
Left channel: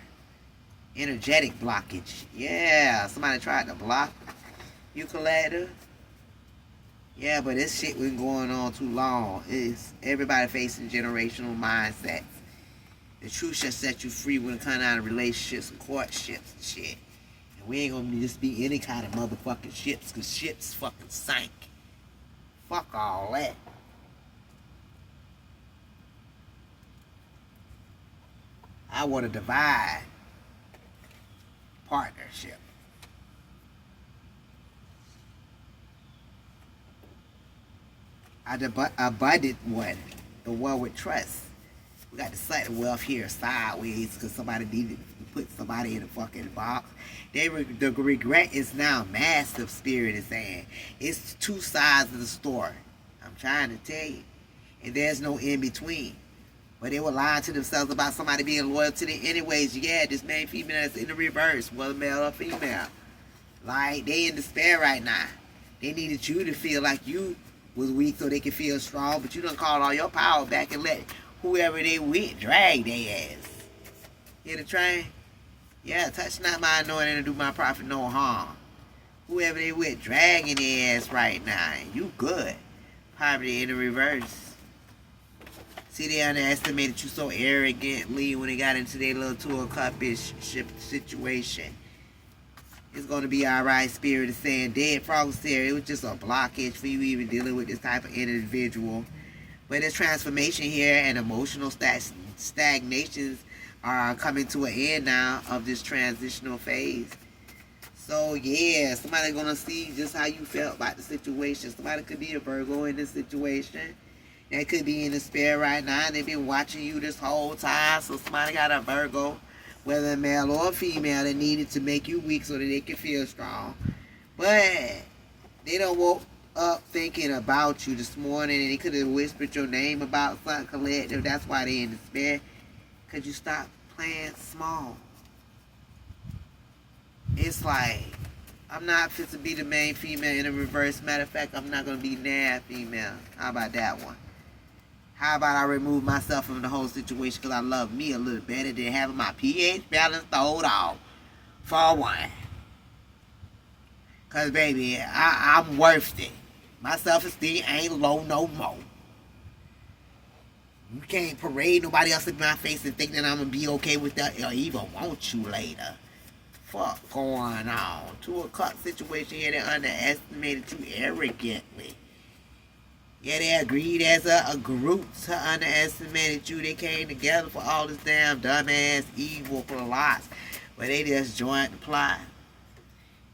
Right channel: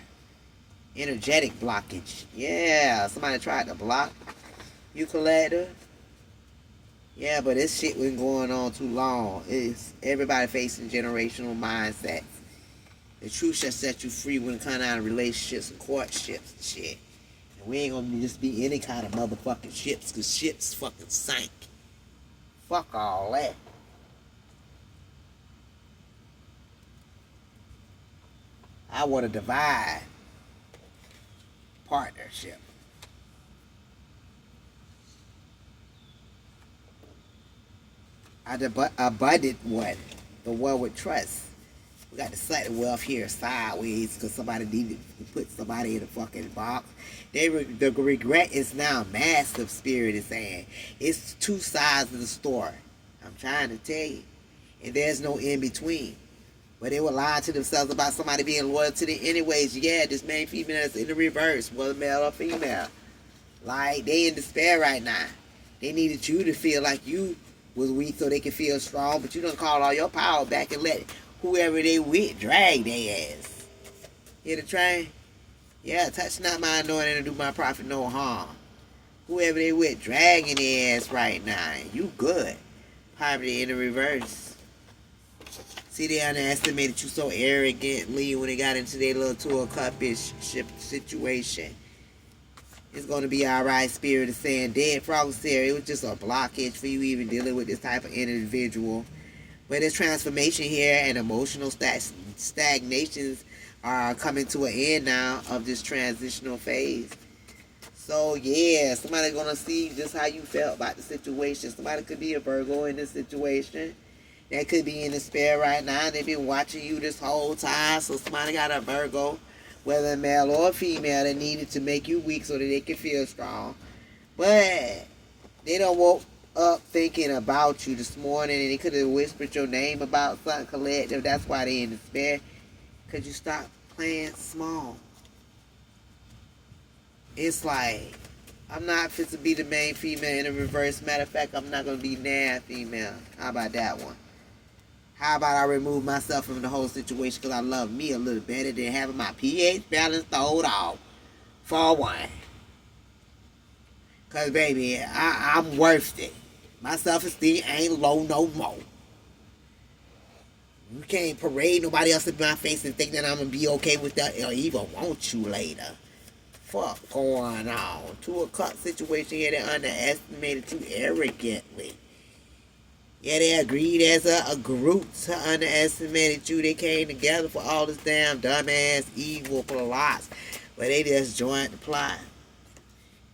Energetic blockage. Yeah, somebody tried to block you, collector. Yeah, but this shit been going on too long. It's everybody facing generational mindsets. The truth shall set you free when it comes down to relationships and courtships and shit. And we ain't gonna just be any kind of motherfucking ships, because ships fucking sank. Fuck all that. I want a divide partnership. Abundant one, the one with trust. We got the sudden wealth here sideways because somebody needed to put somebody in a fucking box. The regret is now massive, Spirit is saying. It's two sides of the story. I'm trying to tell you. And there's no in between. But they were lying to themselves about somebody being loyal to them anyways. Yeah, this main female is in the reverse, whether male or female. Like, they in despair right now. They needed you to feel like you was weak so they can feel strong, but you done called all your power back and let whoever they with drag their ass. Hear the train? Yeah, touch not my anointing and do my prophet no harm. Whoever they with dragging their ass right now. You good. Poverty in the reverse. See, they underestimated you so arrogantly when they got into their little tour cup-ish situation. It's going to be alright, Spirit is saying. Dead Frog Sarah, it was just a blockage for you even dealing with this type of individual. But there's transformation here and emotional stagnations are coming to an end now of this transitional phase. So, yeah, somebody's going to see just how you felt about the situation. Somebody could be a Virgo in this situation. That could be in despair right now. They've been watching you this whole time. So, somebody got a Virgo, whether male or female, that needed to make you weak so that they can feel strong. But they don't woke up thinking about you this morning and they could have whispered your name about something collective. That's why they in despair. Because you stopped playing small. It's like I'm not fit to be the main female in the reverse. Matter of fact, I'm not gonna be now female. How about that one? How about I remove myself from the whole situation because I love me a little better than having my pH balance thrown off for one. Because, baby, I'm worth it. My self-esteem ain't low no more. You can't parade nobody else in my face and think that I'm going to be okay with that or even want you later. Fuck going on? To a cut situation here that underestimated you arrogantly. Yeah, they agreed as a group to underestimate you. They came together for all this damn dumbass evil plots. But they just joined the plot.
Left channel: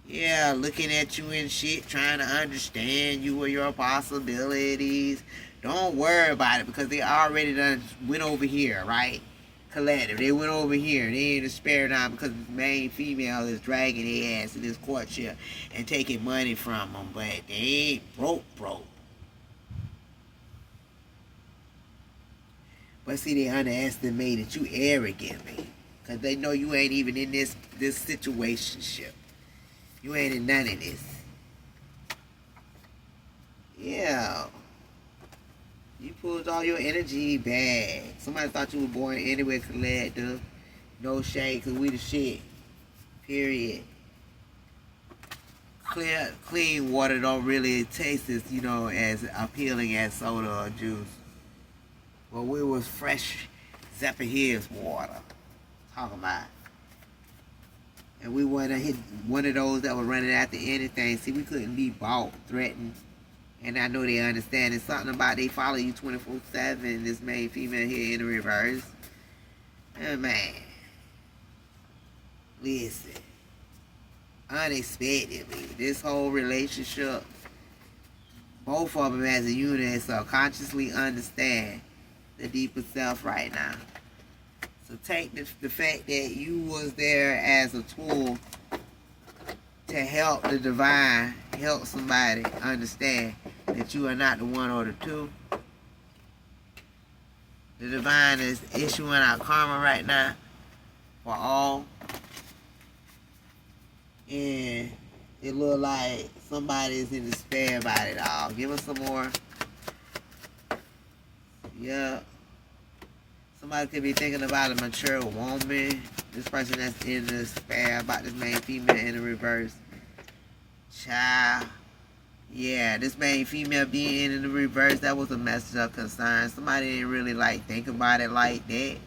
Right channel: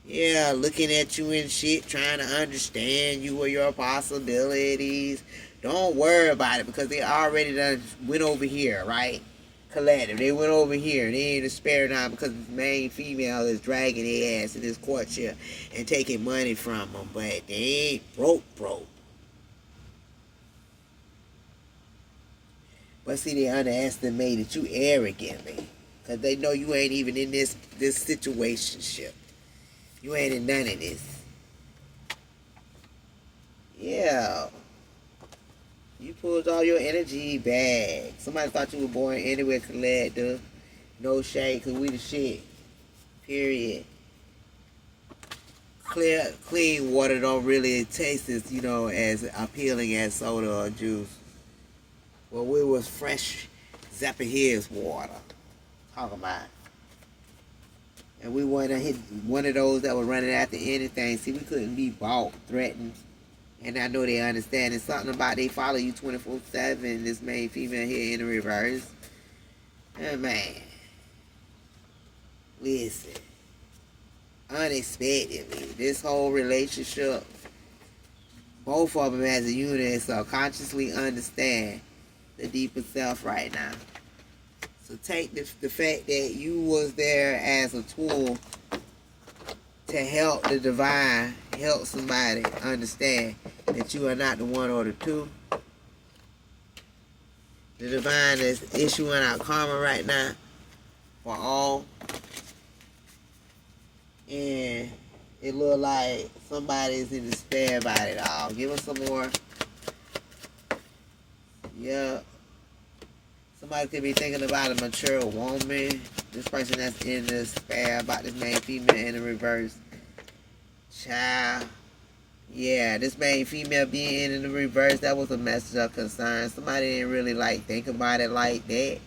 Yeah, looking at you and shit, trying to understand you or your possibilities. Don't worry about it because they already done went over here, right? Collective. They went over here and they ain't a spare time because the main female is dragging their ass in this courtship and taking money from them. But they ain't broke. But see, they underestimated you arrogantly. Because they know you ain't even in this situationship. You ain't in none of this. Yeah. You pulled all your energy back. Somebody thought you were born anywhere collective. No shade, because we the shit. Period. Clean water don't really taste as, as appealing as soda or juice. Well, we was fresh Zephyrhills water. Talk about it. And we want to hit one of those that were running after anything. See, we couldn't be bought, threatened. And I know they understand. It's something about they follow you 24/7. This main female here in the reverse. And man, listen. Unexpectedly, this whole relationship, both of them as a unit subconsciously understand the deeper self right now. So take the fact that you was there as a tool to help the divine, help somebody understand that you are not the one or the two. The divine is issuing out karma right now for all. And it look like somebody's in despair about it all. Give us some more. Yeah. Somebody could be thinking about a mature woman. This person that's in despair about this main female in the reverse. Child. Yeah, this main female being in the reverse, that was a message of concern. Somebody didn't really think about it like that.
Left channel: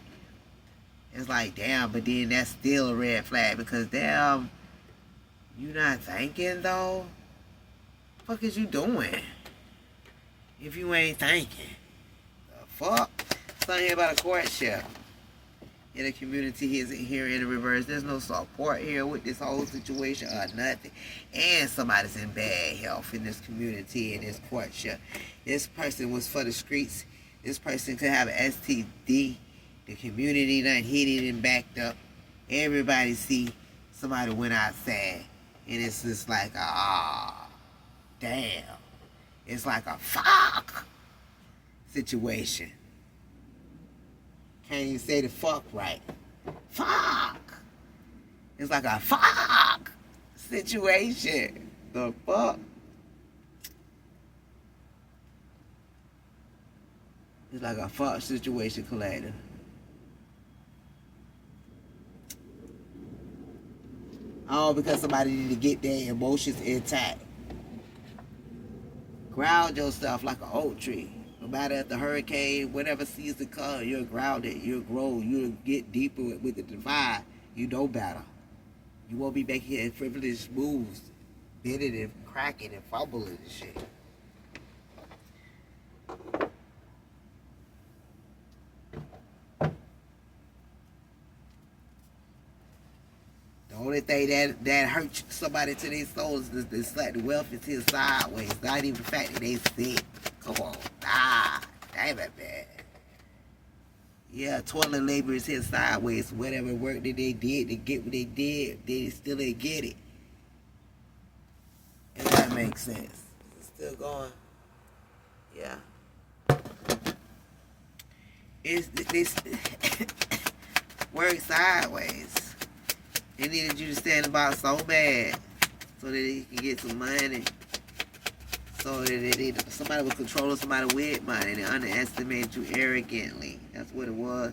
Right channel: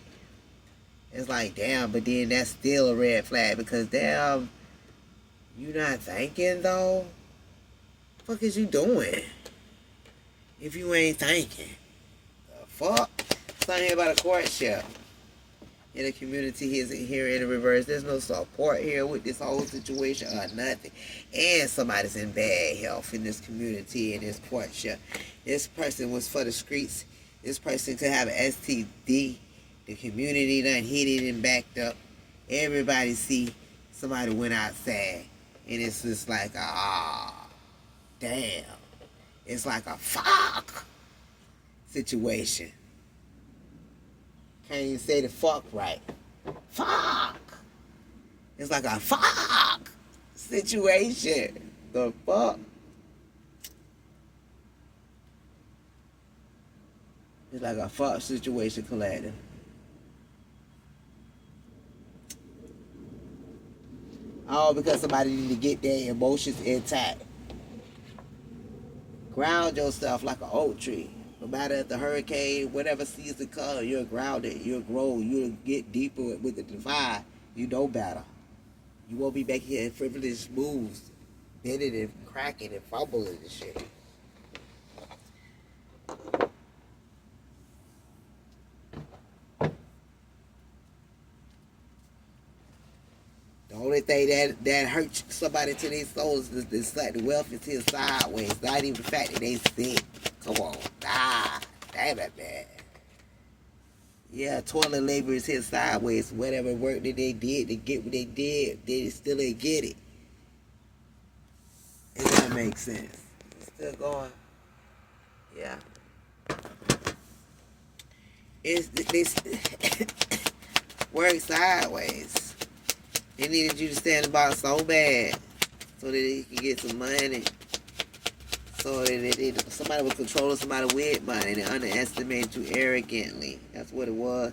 It's like, damn, but then that's still a red flag because damn, you not thinking though? What the fuck is you doing? If you ain't thinking. The fuck? Something here about a courtship. In the community here in the reverse. There's no support here with this whole situation or nothing. And somebody's in bad health in this community, in this courtship. This person was for the streets. This person could have an STD. The community done hit it and backed up. Everybody see somebody went outside. And it's just like, damn. It's like a fuck situation. Can't even say the fuck right. Fuck. It's like a fuck situation. The fuck? It's like a fuck situation, Collector. All because somebody need to get their emotions intact. Ground yourself like an oak tree. No matter if the hurricane, whatever season comes, you're grounded, you'll grow, you'll get deeper with the divine. You know better. You won't be making your frivolous moves, bending and cracking and fumbling and shit. The only thing that hurts somebody to their souls is like the wealth is here sideways. Not even the fact that they sick. Come on. Damn it, man. Yeah, toilet labor is here sideways. Whatever work that they did to get what they did, they still ain't get it. If that makes sense. It's still going. Yeah. It's work sideways. They needed you to stand about so bad so that he can get some money. So that somebody was controlling somebody with money. They underestimated you arrogantly. That's what it was.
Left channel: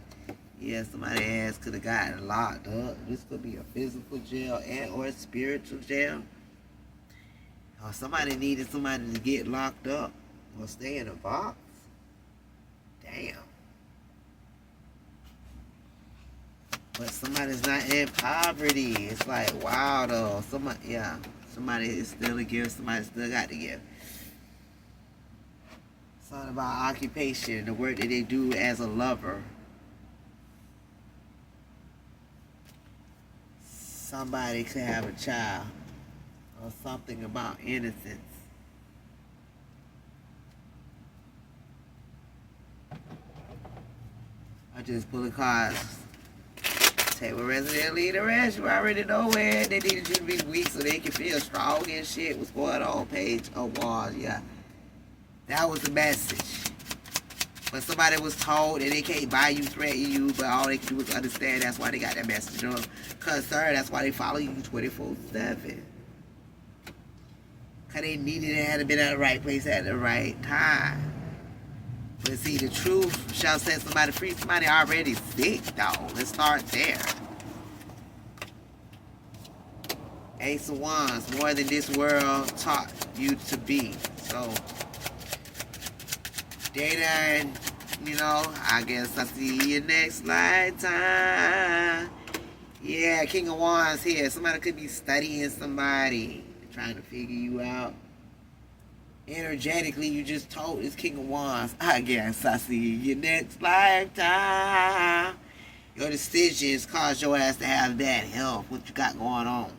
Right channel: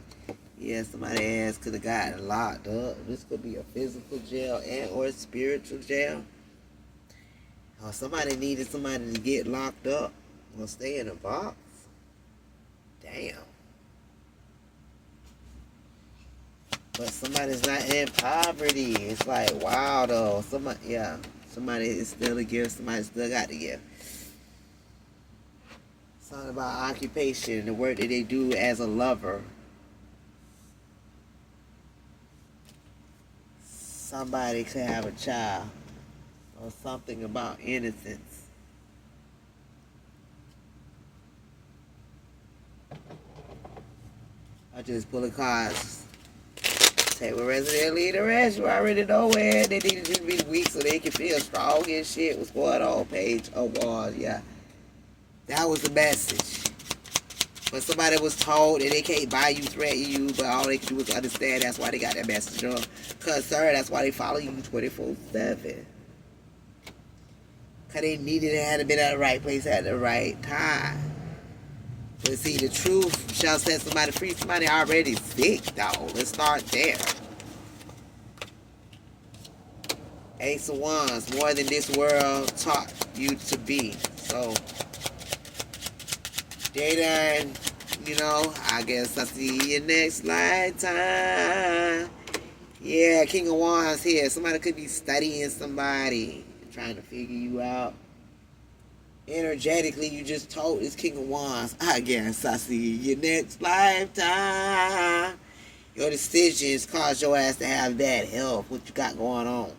Yeah, somebody ass could have gotten locked up. This could be a physical jail and or a spiritual jail. Or somebody needed somebody to get locked up or stay in a box. Damn. But somebody's not in poverty. It's like, wow, though. Somebody is still a gift. Somebody still got to give. Something about occupation, the work that they do as a lover. Somebody could have a child. Or something about innocence. I just pull the cards. Take with resident lead the rest. You already know where they needed you to be weak so they can feel strong and shit. What's going on? Page of Wands, yeah. That was the message. But somebody was told that they can't buy you, threaten you, but all they can do is understand. That's why they got that message on. Cause sir, that's why they follow you 24/7. Cause they needed it, had to been at the right place at the right time. But see, the truth shall set somebody free. Somebody already sick, though. Let's start there. Ace of Wands, more than this world taught you to be. So, they done, I guess I'll see you next lifetime. Yeah, King of Wands here. Somebody could be studying somebody, trying to figure you out. Energetically, you just told this King of Wands, I guess I'll see you next lifetime. Your decisions cause your ass to have bad health. What you got going on?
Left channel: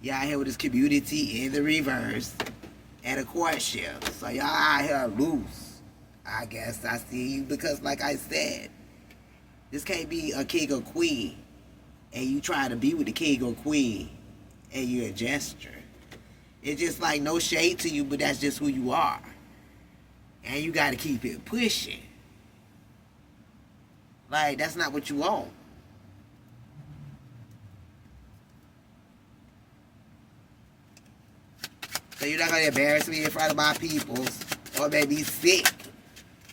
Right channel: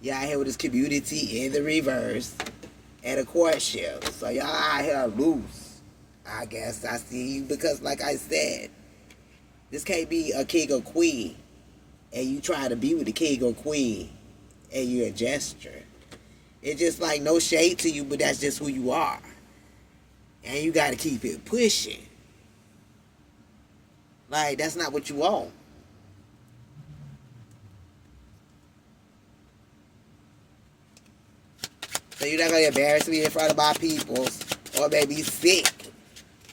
Y'all here with this community in the reverse at a courtship. So y'all out here loose. I guess I see you because, like I said, this can't be a king or queen and you try to be with the king or queen and you a gesture. It's just like no shade to you, but that's just who you are. And you got to keep it pushing. Like, that's not what you want. So you're not going to embarrass me in front of my peoples or maybe sick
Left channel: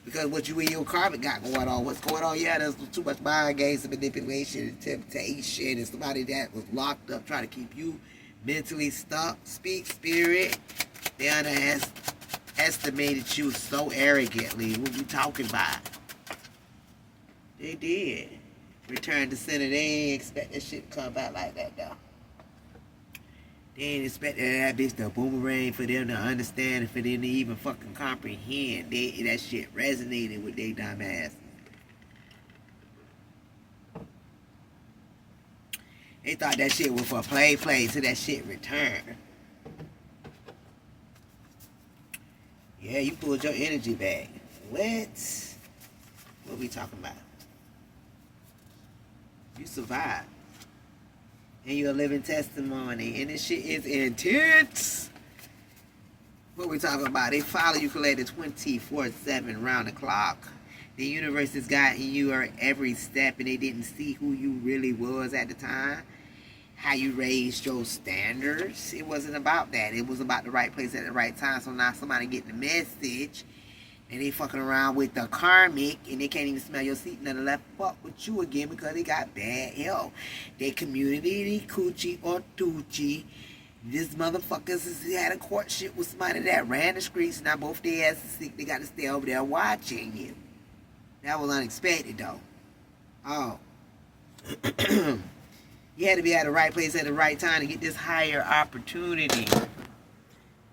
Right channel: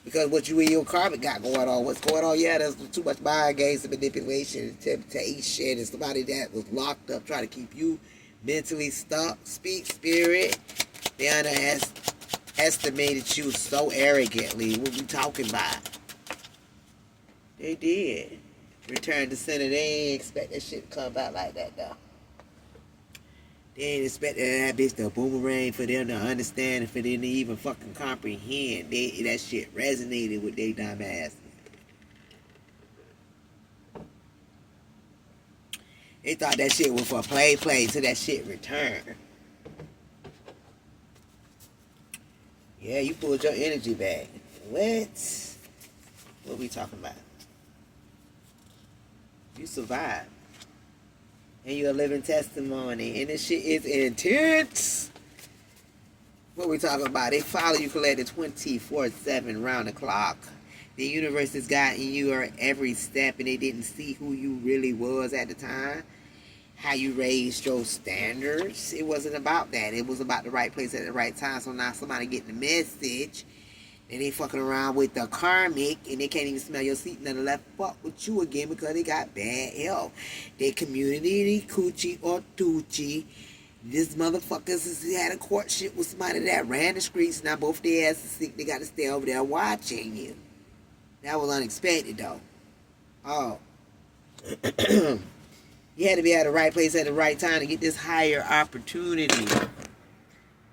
because what you and your karmic got going on. What's going on? Yeah, there's too much mind games and manipulation and temptation and somebody that was locked up trying to keep you mentally stuck. Speak spirit. They underestimated you so arrogantly. What you talking about? They did. Return to center. They ain't expect that shit to come out like that though. They ain't expect that bitch to boomerang for them to understand and for them to even fucking comprehend. That shit resonated with they dumb asses. They thought that shit was for play till that shit returned. Yeah, you pulled your energy back. What? What we talking about? You survived. And you're a living testimony. And this shit is intense. What we talking about? They follow you collected 24/7 round the clock. The universe has gotten you at every step and they didn't see who you really was at the time. How you raised your standards. It wasn't about that. It was about the right place at the right time. So now somebody getting the message. And they fucking around with the karmic and they can't even smell your seat and left fuck with you again because they got bad health. Their community, they coochie or tucci. This motherfuckers had a courtship with somebody that ran the streets. Now both their asses sick. They got to stay over there watching you. That was unexpected though. Oh. You had to be at the right place at the right time to get this higher opportunity.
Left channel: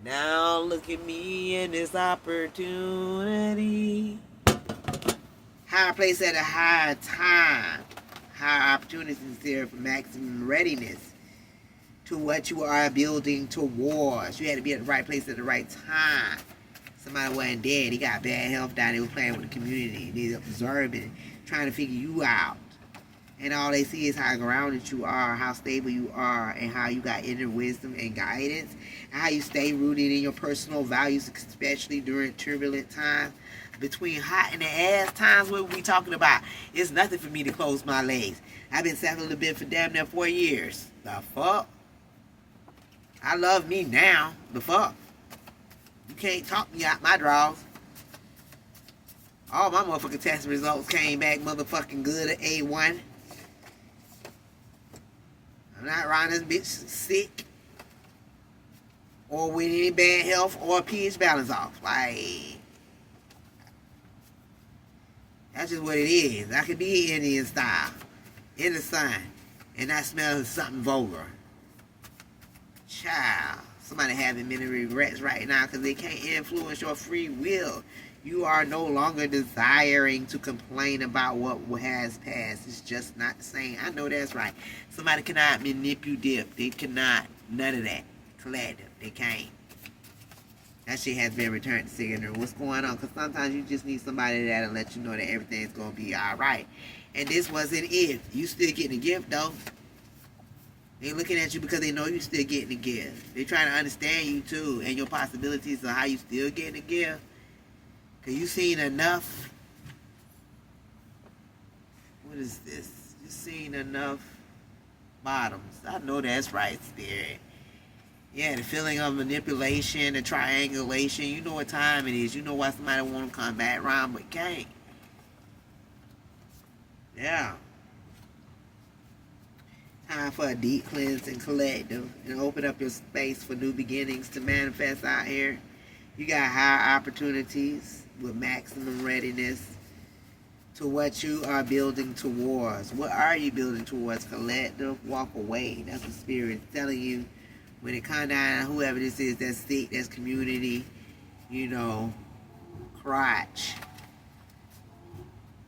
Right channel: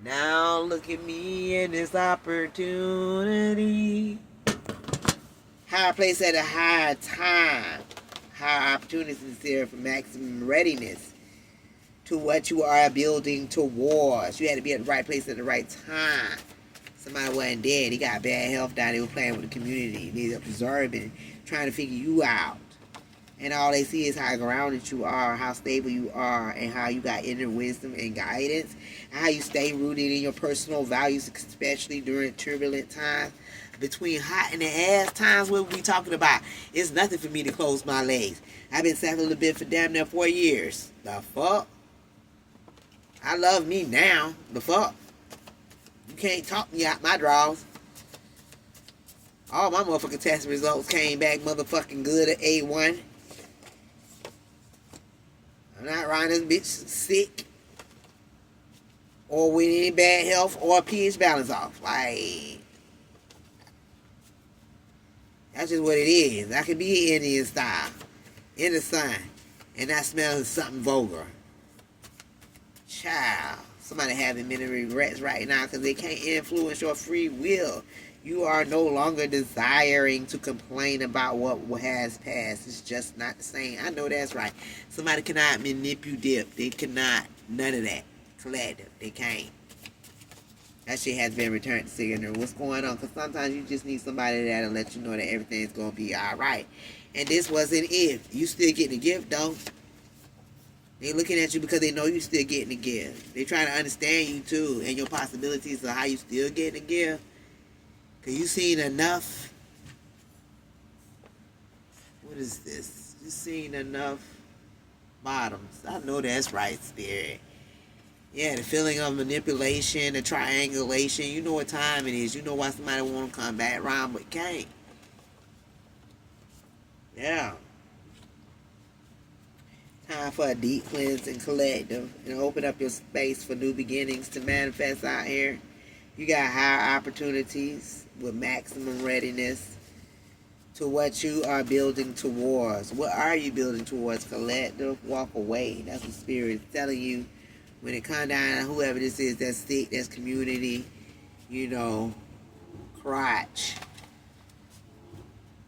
Now look at me and this opportunity. Higher place at a higher time. Higher opportunities here for maximum readiness to what you are building towards. You had to be at the right place at the right time. Somebody wasn't dead. He got bad health down. They were playing with the community. They were observing, trying to figure you out. And all they see is how grounded you are, how stable you are, and how you got inner wisdom and guidance, and how you stay rooted in your personal values, especially during turbulent times. between hot and the ass times, what we talking about? It's nothing for me to close my legs. I've been celibate for damn near 4 years. The fuck? I love me now. The fuck? You can't talk me out my drawers. All my motherfucking test results came back motherfucking good at A1. I'm not riding this bitch sick or with any bad health or pH balance off. Like, that's just what it is. I could be Indian style in the sun and not smell something vulgar. Child, somebody having many regrets right now because they can't influence your free will. You are no longer desiring to complain about what has passed. It's just not the same. I know that's right. Somebody cannot manipulate. They cannot. None of that. Collective. They can't. That shit has been returned to sender. What's going on? Because sometimes you just need somebody that'll let you know that everything's going to be alright. And this wasn't if. You still getting a gift, though. They looking at you because they know you still getting a gift. They trying to understand you, too, and your possibilities of how you still getting a gift. Because you seen enough. What is this? You seen enough bottoms. I know that's right, Spirit. Yeah, the feeling of manipulation, the triangulation. You know what time it is. You know why somebody want to come back around but can't. Yeah. Time for a deep cleanse and collective. And open up your space for new beginnings to manifest out here. You got higher opportunities with maximum readiness to what you are building towards. What are you building towards? Collective, walk away. That's what Spirit is telling you. When it comes down, whoever this is, that's sick, that's community, you know, crotch.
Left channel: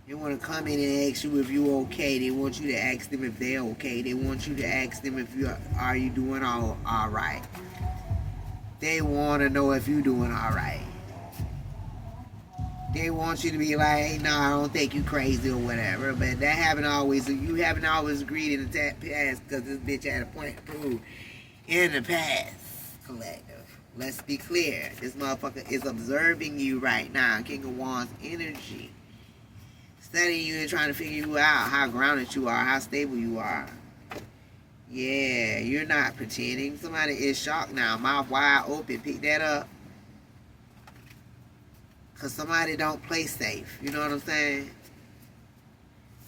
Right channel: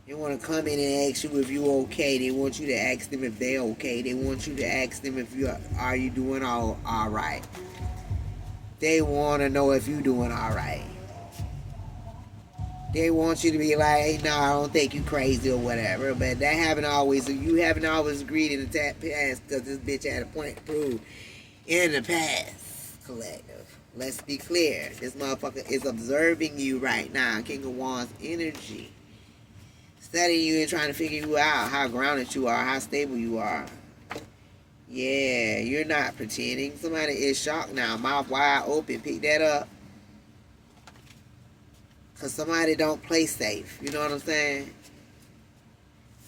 They want to come in and ask you if you're okay. They want you to ask them if they're okay. They want you to ask them if are you doing all right. They want to know if you're doing all right. They want you to be like, hey, no, I don't think you crazy or whatever. But that haven't always, you haven't always agreed in the past because this bitch had a point to prove in the past. Collective. Let's be clear. This motherfucker is observing you right now. King of Wands energy. Studying you and trying to figure you out. How grounded you are. How stable you are. Yeah, you're not pretending. Somebody is shocked now. Mouth wide open. Pick that up. Because somebody don't play safe. You know what I'm saying?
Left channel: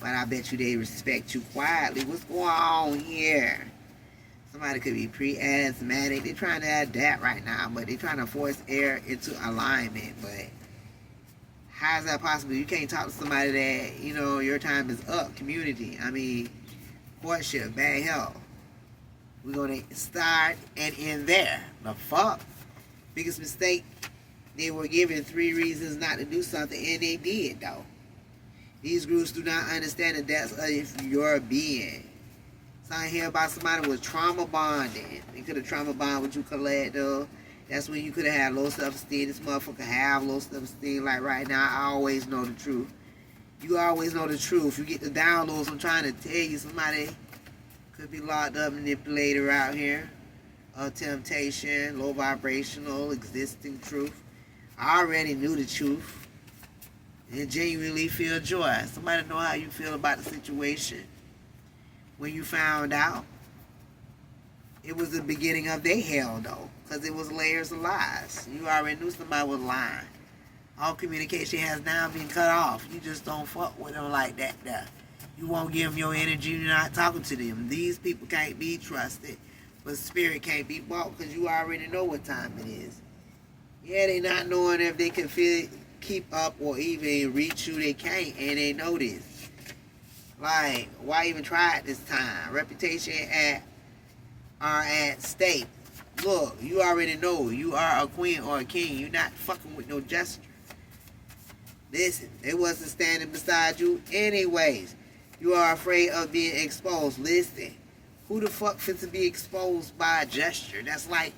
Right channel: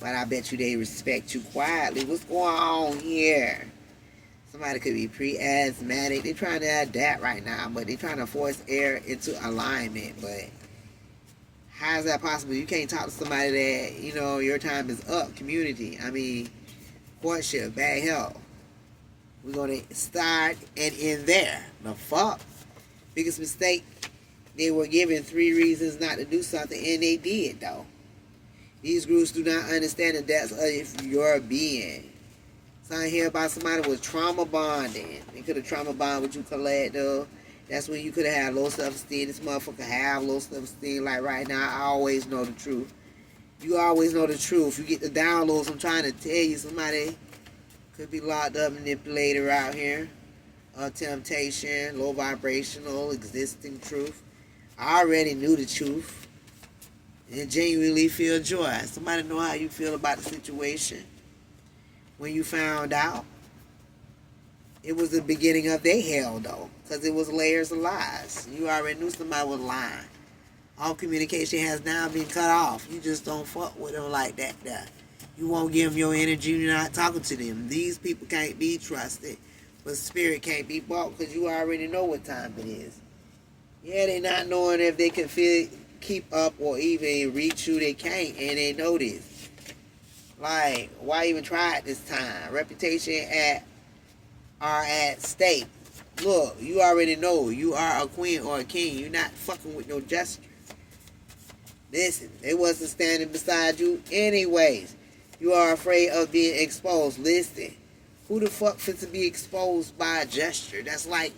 But I bet you they respect you quietly. What's going on here? Somebody could be pre-asthmatic. They're trying to adapt right now. But they're trying to force air into alignment. But how is that possible? You can't talk to somebody that, you know, your time is up. Community. I mean, courtship. Bad health. We're going to start and end there. The fuck? Biggest mistake. They were given 3 reasons not to do something, and they did, though. These groups do not understand the depths of your being. So I hear about somebody with trauma bonding. They could have trauma bonded with you, collective. That's when you could have had low self-esteem. This motherfucker have low self-esteem. Like right now, I always know the truth. You always know the truth. You get the downloads. I'm trying to tell you, somebody could be locked up, manipulator out here. Temptation, low vibrational, existing truth. I already knew the truth and genuinely feel joy. Somebody know how you feel about the situation when you found out. It was the beginning of their hell, though, because it was layers of lies. You already knew somebody was lying. All communication has now been cut off. You just don't fuck with them like that. You won't give them your energy. You're not talking to them. These people can't be trusted, but spirit can't be bought because you already know what time it is. Yeah, they not knowing if they can keep up or even reach you. They can't, and they know this. Like, why even try it this time? Reputation are at stake. Look, you already know you are a queen or a king. You're not fucking with no jester. Listen, they wasn't standing beside you anyways. You are afraid of being exposed. Listen, who the fuck fits to be exposed by a gesture? That's like,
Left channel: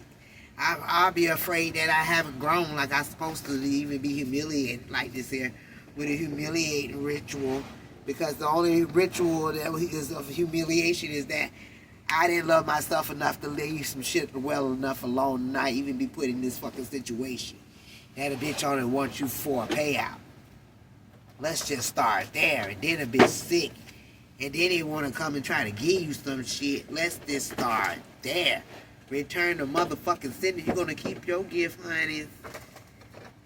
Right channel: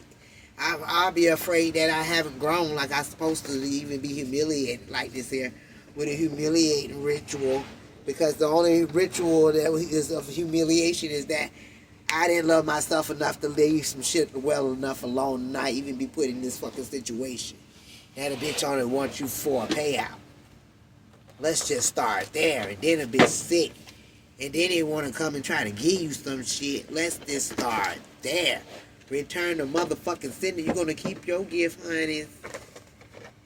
I'll be afraid that I haven't grown like I'm supposed to even be humiliated like this here with a humiliating ritual. Because the only ritual that is of humiliation is that I didn't love myself enough to leave some shit well enough alone and not even be put in this fucking situation. That a bitch only wants you for a payout. Let's just start there. And then a bitch sick. And then they want to come and try to give you some shit. Let's just start there. Return the motherfucking sender. You're going to keep your gift, honey.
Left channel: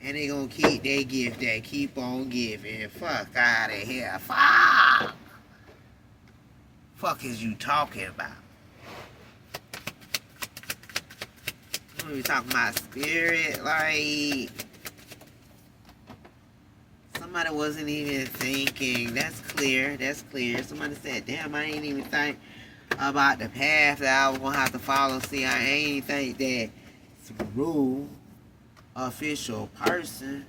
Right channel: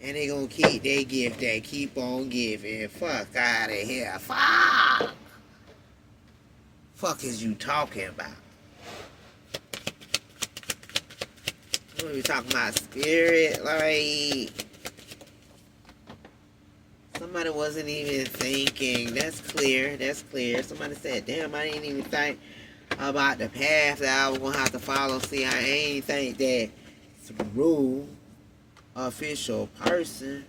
And they going to keep their gift that keep on giving. Fuck out of here. Fuck is you talking about? What are we talking about? Spirit? Like, somebody wasn't even thinking. That's clear. That's clear. Somebody said, damn, I ain't even think about the path that I was going to have to follow. See, I ain't think that through official person.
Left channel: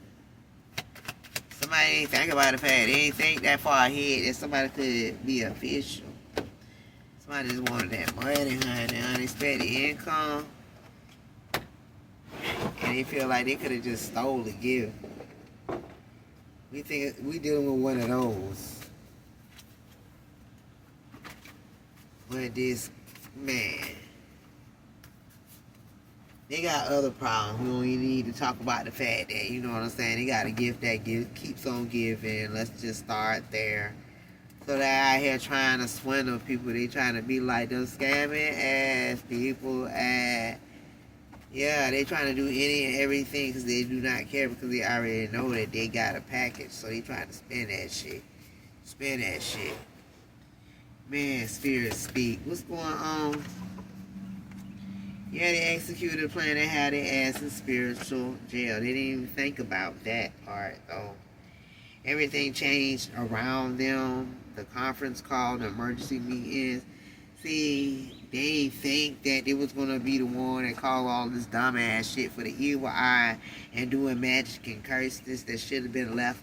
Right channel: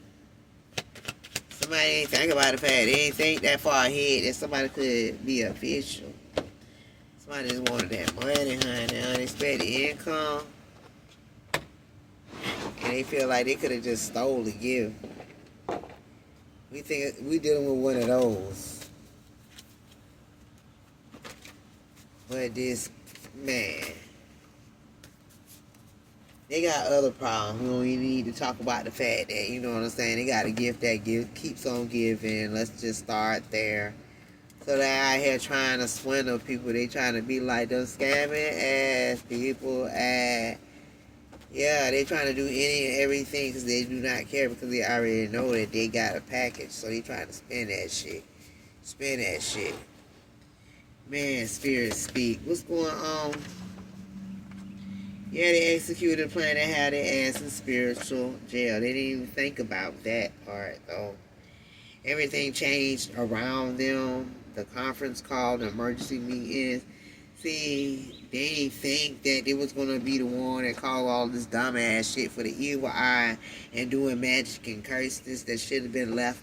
Somebody ain't think about the path. They ain't think that far ahead that somebody could be official. Somebody just wanted that money, honey, unexpected income. And they feel like they could have just stole the gift. We think we dealing with one of those. But this, man, they got other problems. We don't even need to talk about the fact that, you know what I'm saying, they got a gift that keeps on giving. Let's just start there. So they out here trying to swindle people. They trying to be like those scamming ass people at, yeah, they trying to do any and everything because they do not care because they already know that they got a package. So they trying to spend that shit. Spend that shit. Man, spirit speak. What's going on? Yeah, they executed a plan. They had their ass in spiritual jail. They didn't even think about that part, though. Everything changed around them. The conference call, the emergency meetings. See, they didn't think that they was going to be the one that called all this dumbass shit for the evil eye and doing magic and curses that should have been left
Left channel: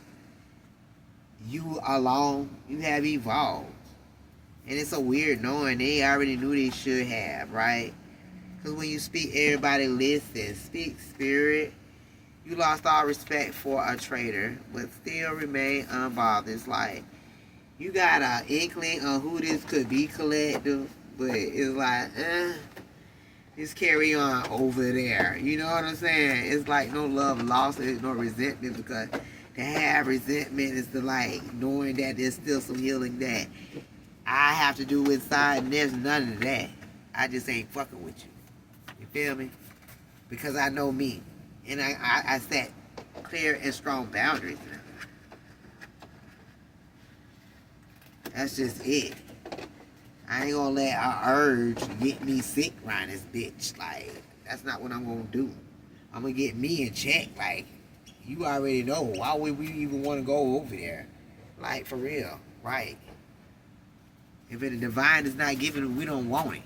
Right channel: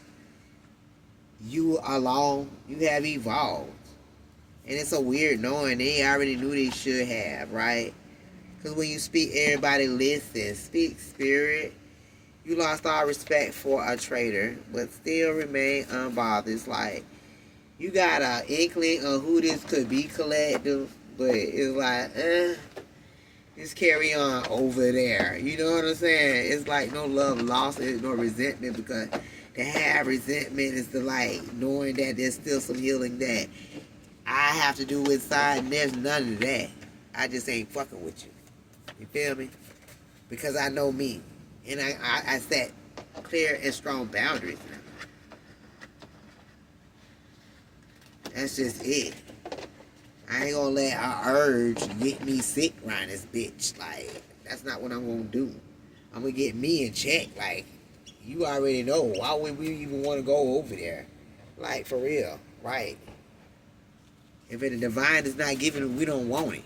you alone. You have evolved. And it's so weird knowing they already knew they should have, right? Because when you speak, everybody listens. Speak, spirit. You lost all respect for a traitor, but still remain unbothered. It's like, you got an inkling of who this could be collective, but it's like, just carry on over there. You know what I'm saying? It's like no love lost, there's no resentment, because to have resentment is the like knowing that there's still some healing that I have to do inside, and there's none of that. I just ain't fucking with you. You feel me? Because I know me. And I set clear and strong boundaries. That's just it. I ain't gonna let an urge get me sick around this bitch. Like, that's not what I'm gonna do. I'm gonna get me in check. Like, you already know. Why would we even want to go over there? Like, for real. Right. If the divine is not giving it, we don't want it.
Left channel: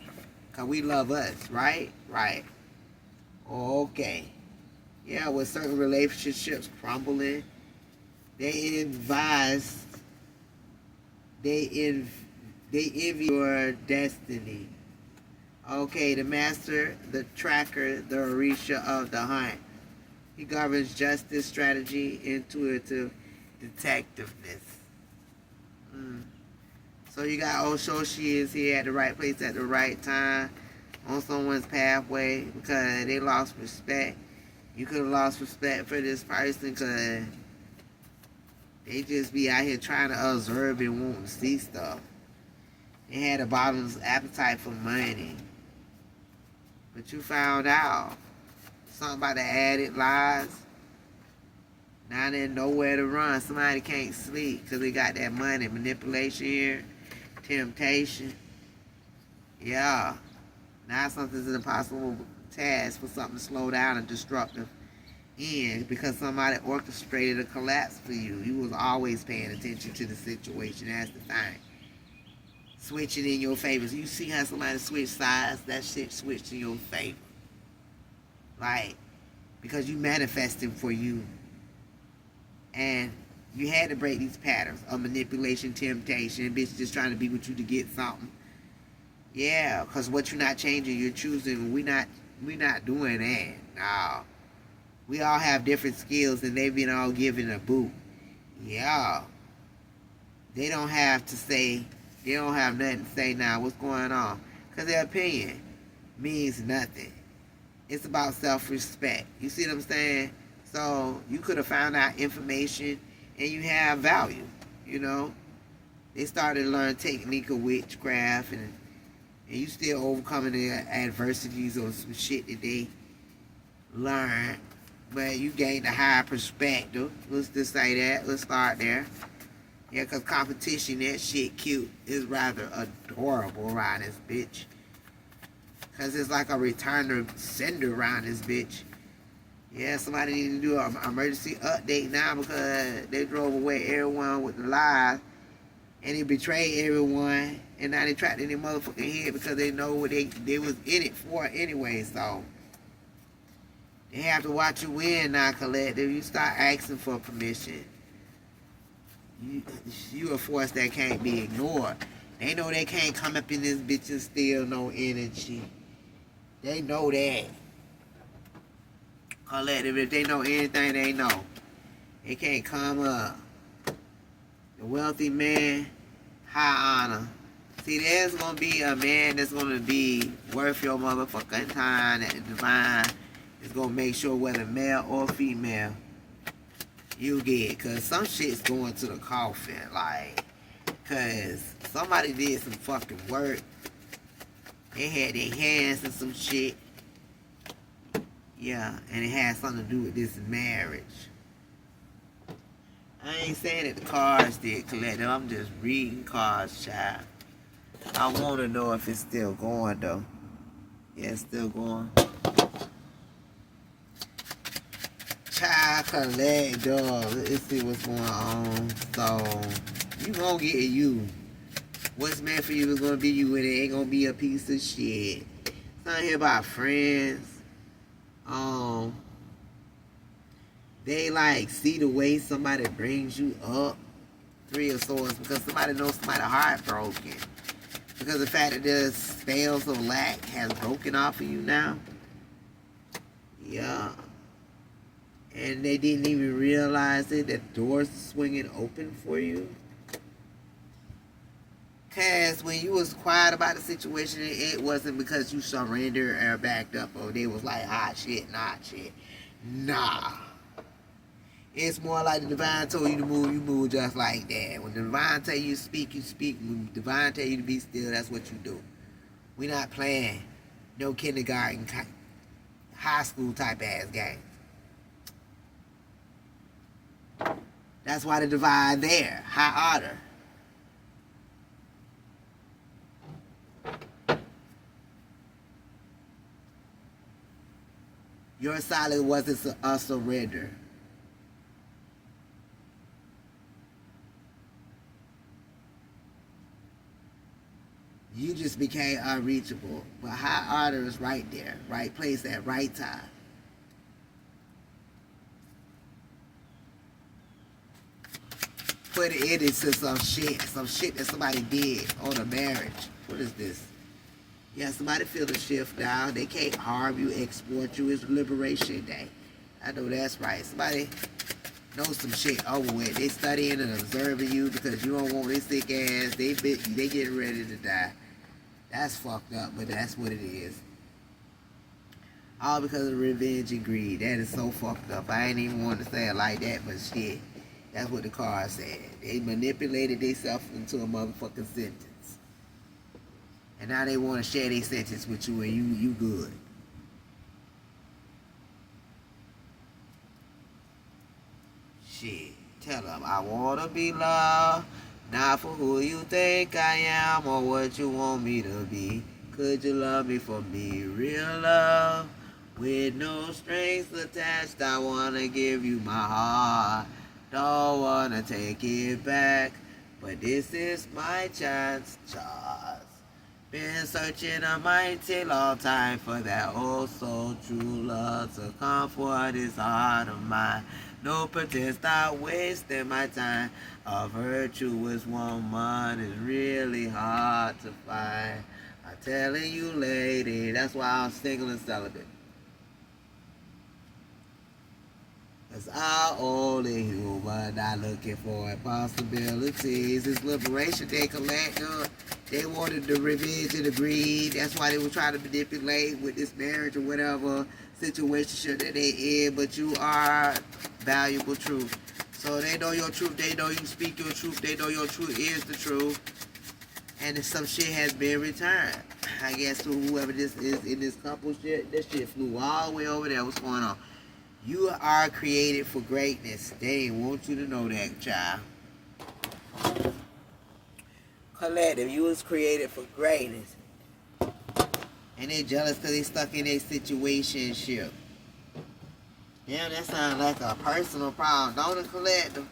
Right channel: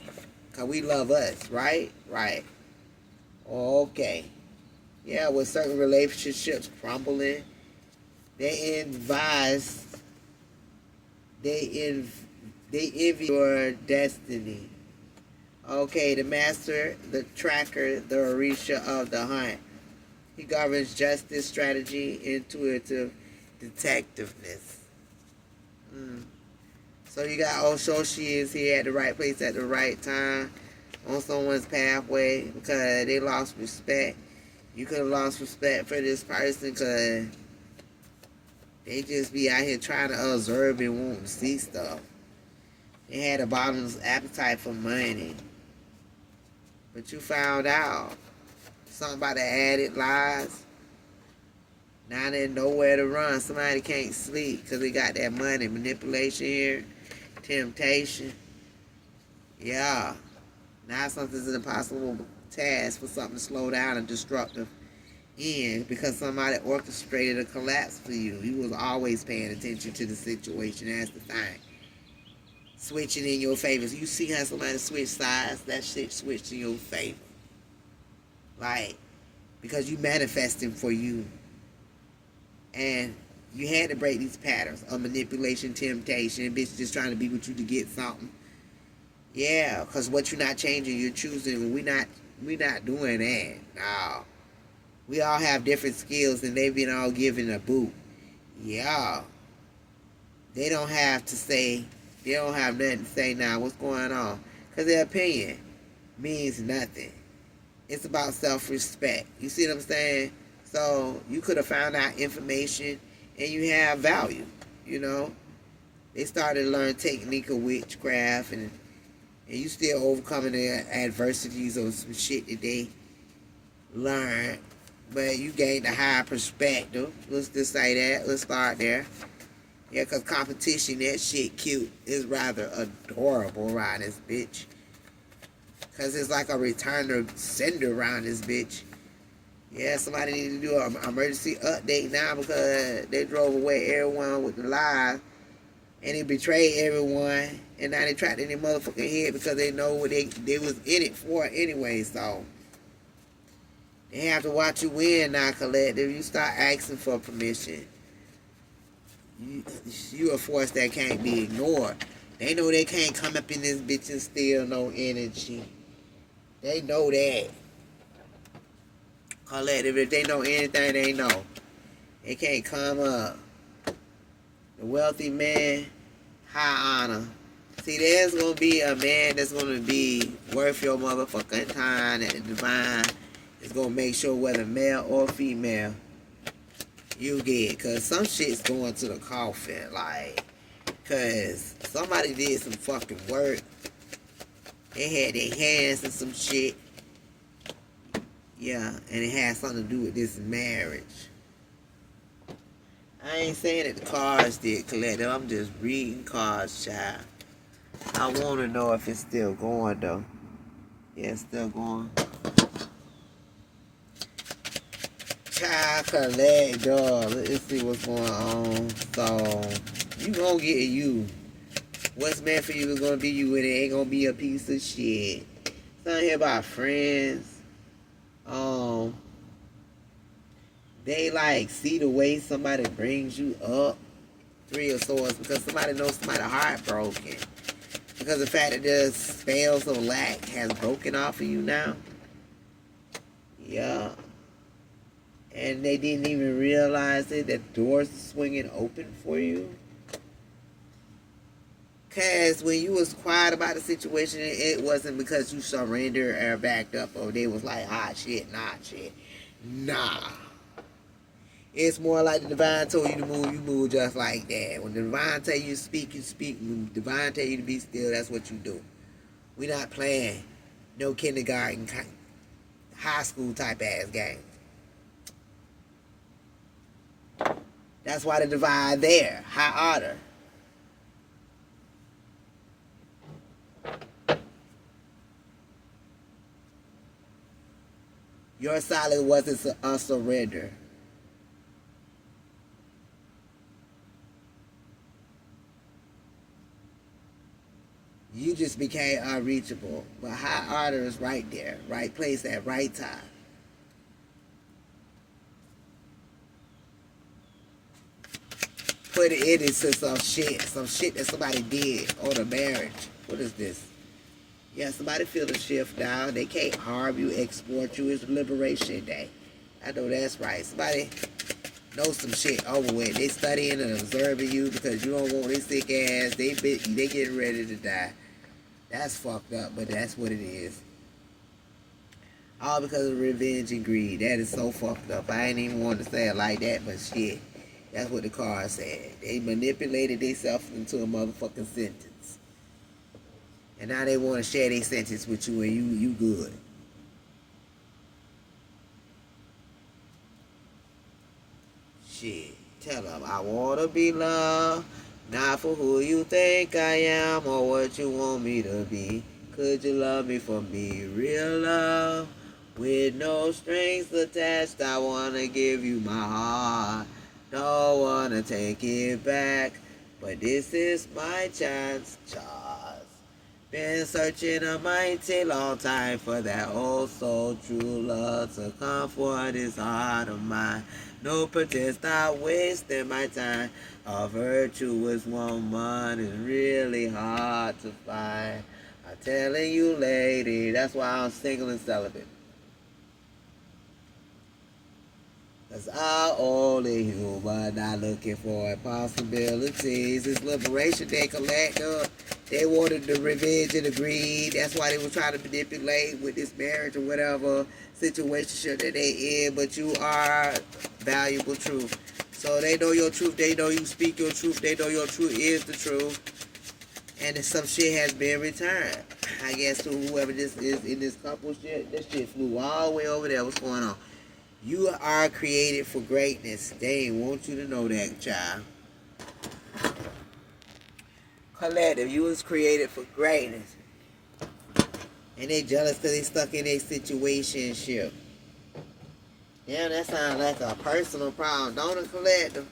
Because we love us. Right? Right. Okay. Yeah, with certain relationships crumbling, they envy your destiny. Okay, the master, the tracker, the Orisha of the hunt. He governs justice, strategy, intuitive detectiveness. So you got Oshoshi is here at the right place at the right time on someone's pathway because they lost respect. You could have lost respect for this person because they just be out here trying to observe and want to see stuff. They had a bottomless appetite for money. But you found out something about the added lies. Now there's nowhere to run. Somebody can't sleep because they got that money. Manipulation here. Temptation. Yeah. Now something's an impossible task for something to slow down and destructive end because somebody orchestrated a collapse for you. You was always paying attention to the situation as the thing. Switching in your favor. So you see how somebody switch sides, that shit switched in your favor. Like, because you manifesting for you. And you had to break these patterns of manipulation, temptation, bitch just trying to be with you to get something. Yeah, because what you're not changing, you're choosing. We're not doing that. No. We all have different skills and they've been all given a boot. Yeah. They don't have to say, they don't have nothing to say now. What's going on? Because their opinion means nothing. It's about self-respect. You see what I'm saying? So you could have found out information and you have value, you know. They started to learn technique of witchcraft, and you still overcoming the adversities of some shit that they learned, but you gained a higher perspective. Let's just say that. Let's start there. Yeah, because competition, that shit cute, is rather adorable around this bitch. Because it's like a returner sender around this bitch. Yeah, somebody need to do an emergency update now because they drove away everyone with the lies and they betrayed everyone, and now they trapped in their motherfucking head because they know what they was in it for anyway. So they have to watch you win now, collective. You start asking for permission. You a force that can't be ignored. They know they can't come up in this bitch and steal no energy. They know that. Collective, if they know anything, they know. They can't come up. The wealthy man, high honor. See, there's going to be a man that's going to be worth your motherfucking time that the divine is going to make sure whether male or female you get. Because some shit's going to the coffin. Like, because somebody did some fucking work. They had their hands in some shit. Yeah, and it had something to do with this marriage. I ain't saying that the cards did collective. I'm just reading cards, child. I want to know if it's still going, though. Yeah, it's still going. Child collect, dog. Let's see what's going on. So, you gonna get you. What's meant for you is gonna be you, and it ain't gonna be a piece of shit. Something here about friends. They like see the way somebody brings you up. Three of Swords, because somebody knows somebody heartbroken. Because the fact that the spells of lack has broken off of you now. Yeah. And they didn't even realize it, that doors swinging open for you. Because when you was quiet about the situation, it wasn't because you surrendered or backed up, or they was like, hot shit, not shit. Nah. It's more like the divine told you to move, you move just like that. When the divine tell you to speak, you speak. When the divine tell you to be still, that's what you do. We not playing no kindergarten, high school type ass games. That's why the divine there, high order. Your silence wasn't a surrender. You just became unreachable. But high order is right there, right place at right time. Put it into some shit that somebody did on a marriage. What is this? Yeah, somebody feel the shift now. They can't harm you, export you. It's Liberation Day. I know that's right. Somebody knows some shit over with. They studying and observing you because you don't want this sick ass. They getting ready to die. That's fucked up, but that's what it is. All because of revenge and greed. That is so fucked up. I ain't even want to say it like that, but shit. That's what the card said. They manipulated themselves into a motherfucking sentence. And now they want to share their sentence with you and you good. Shit. Tell them, I want to be loved. Not for who you think I am or what you want me to be. Could you love me for me? Real love. With no strings attached, I want to give you my heart. Don't want to take it back, but this is my chance, Charles. Been searching a mighty long time for that old soul true love to comfort this heart of mine. No pretense, not wasting my time. A virtuous woman is really hard to find. I'm telling you, lady, that's why I'm single and celibate. Cause I'm only human, not looking for impossibilities. It's Liberation Day collective. They wanted the revenge and the greed. That's why they were trying to manipulate with this marriage or whatever situation that they in. But you are valuable truth. So they know your truth. They know you speak your truth. They know your truth is the truth. And some shit has been returned. I guess to whoever this is in this couple shit, this shit flew all the way over there. What's going on? You are created for greatness. They want you to know that, child. Collective, you was created for greatness. And they jealous because they stuck in a situationship. Damn, that sounds like a personal problem. Don't it, collective?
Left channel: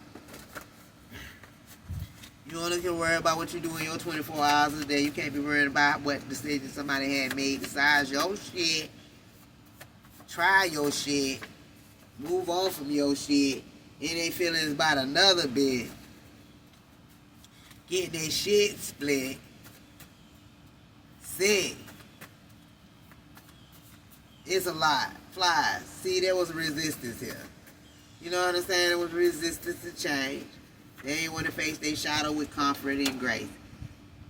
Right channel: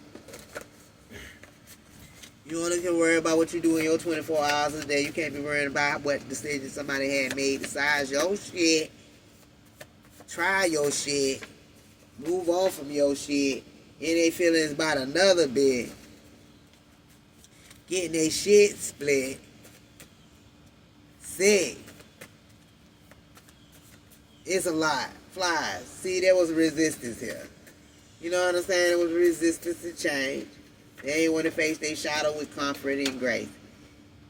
You only can worry about what you do in your 24 hours a day. You can't be worrying about what decision somebody had made besides your shit. Try your shit. Move on from your shit. And they feelings about another bit. Getting their shit split. Sick. It's a lot. Flies. See, there was resistance here. You know what I'm saying? There was resistance to change. They ain't want to face their shadow with comfort and grace.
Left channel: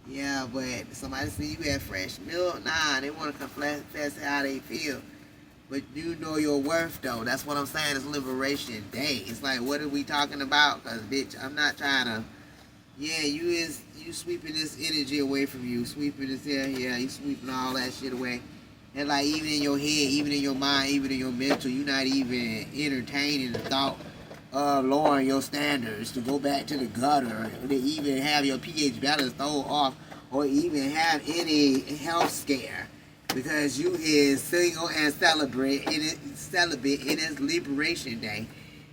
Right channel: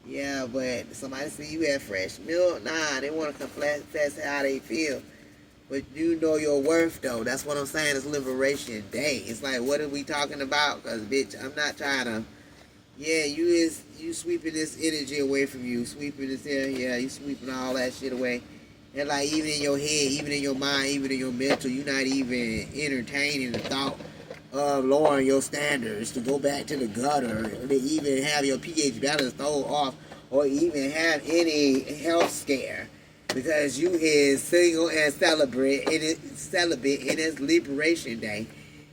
Yeah, but somebody see you had fresh milk. Nah, they want to confess how they feel. But you know your worth, though. That's what I'm saying. It's Liberation Day. It's like, what are we talking about? Because, bitch, I'm not trying to... Yeah, you sweeping this energy away from you. Sweeping this here. Yeah, you sweeping all that shit away. And, like, even in your head, even in your mind, even in your mental, you're not even entertaining the thought of lowering your standards to go back to the gutter, or to even have your pH balance thrown off, or even have any health scare, because you is single and celibate, and it's Liberation Day,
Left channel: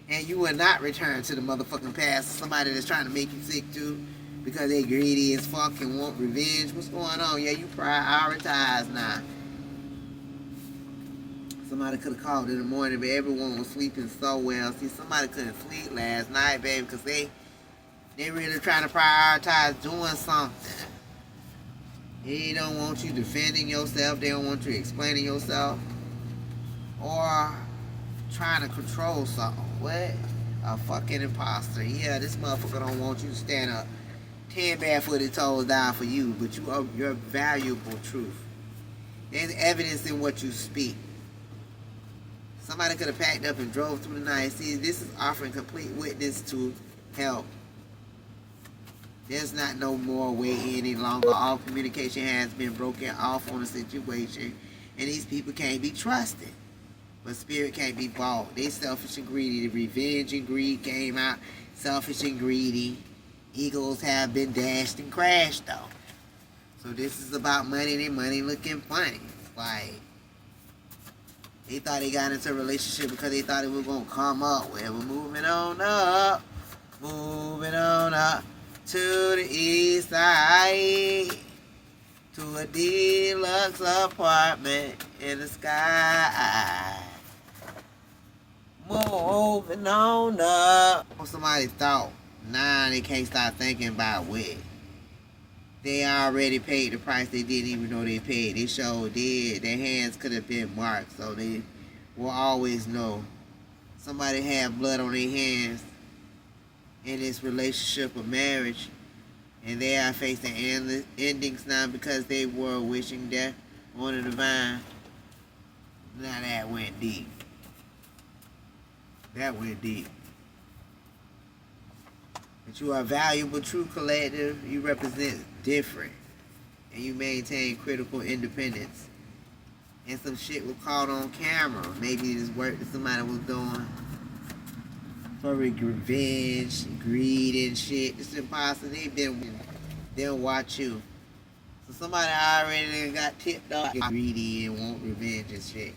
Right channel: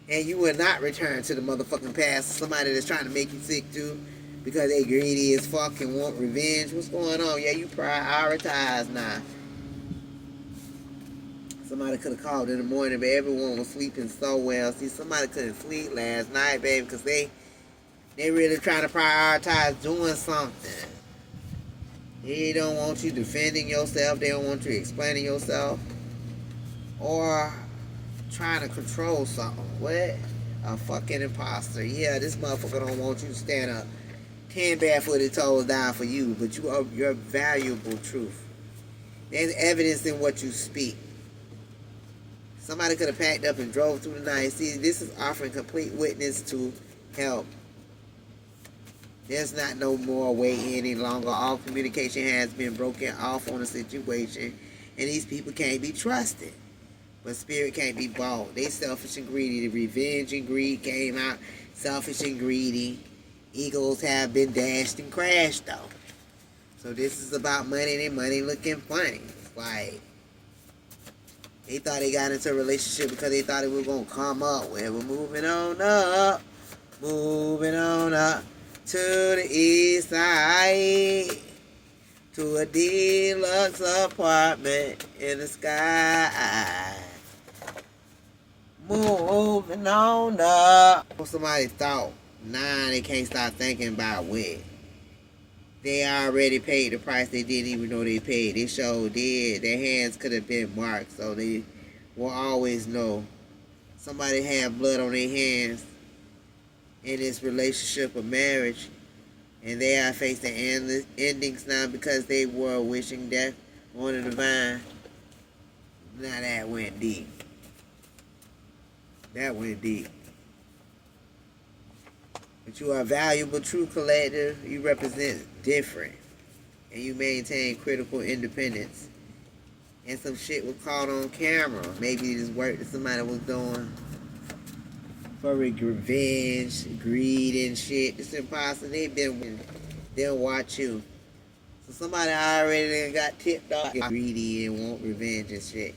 and you will not return to the motherfucking past. Somebody that's trying to make you sick too, because they greedy as fuck and want revenge. What's going on? Yeah, you prioritize now. Somebody could have called in the morning, but everyone was sleeping so well. See, somebody couldn't sleep last night, baby, because they really trying to prioritize doing something. They don't want you defending yourself. They don't want you explaining yourself. Or trying to control something. What? A fucking imposter. Yeah, this motherfucker don't want you to stand up 10 barefooted toes down for you, but you're valuable truth. There's evidence in what you speak. Somebody could have packed up and drove through the night. See, this is offering complete witness to help. There's not no more way any longer. All communication has been broken off on the situation, and these people can't be trusted. But spirit can't be bought. They selfish and greedy. The revenge and greed came out. Selfish and greedy. Egos have been dashed and crashed, though. So this is about money, and money looking funny. It's like... They thought they got into a relationship because they thought it was going to come up. Well, we're moving on up. Moving on up to the east side. To a deluxe apartment in the sky. Moving on up. Somebody thought. Nah, they can't stop thinking about what. They already paid the price they didn't even know they paid. They sure did. Their hands could have been marked, so they will always know. Somebody had blood on their hands in this relationship or marriage, and they are facing endings now because they were wishing death on the divine. Now that went deep. That went deep. But you are a valuable, true collective. You represent different. And you maintain critical independence. And some shit was caught on camera. Maybe this work that somebody was doing for revenge, greed and shit. It's impossible. They'll watch you. So somebody already got tipped off greedy and want revenge and shit.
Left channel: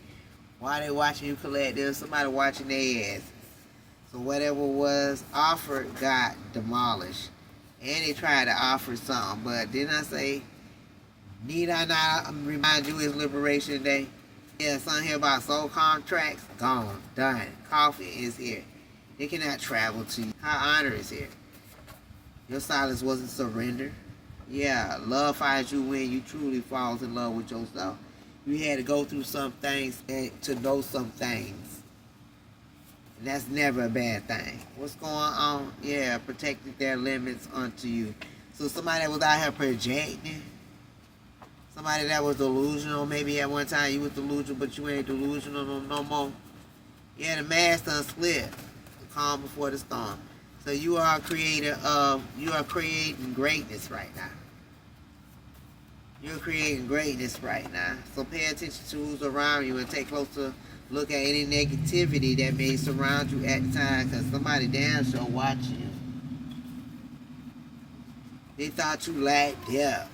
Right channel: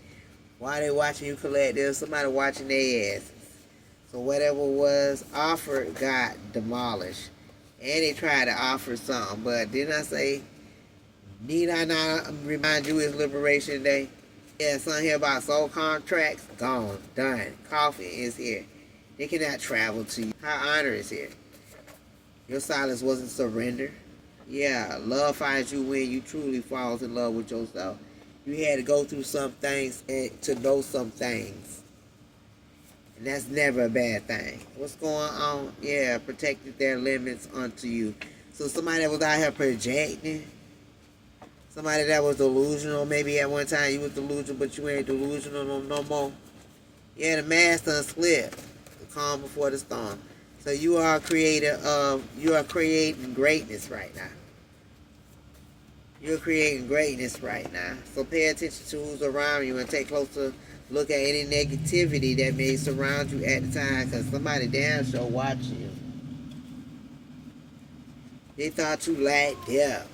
Why they watching you collective? Somebody watching their asses. So whatever was offered got demolished. And they tried to offer something. But didn't I say, need I not remind you it's Liberation Day? Yeah, something here about soul contracts. Gone. Done. Coffee is here. They cannot travel to you. How honor is here. Your silence wasn't surrender. Yeah, love finds you when you truly fall in love with yourself. You had to go through some things to know some things. And that's never a bad thing. What's going on? Yeah, protected their limits unto you. So somebody that was out here projecting, somebody that was delusional, maybe at one time you was delusional, but you ain't delusional no more. Yeah, the mask done slipped. The calm before the storm. So you are a creator of, you are creating greatness right now. You're creating greatness right now. So pay attention to who's around you and take closer look at any negativity that may surround you at the time, because somebody damn sure watching you. They thought you lacked depth,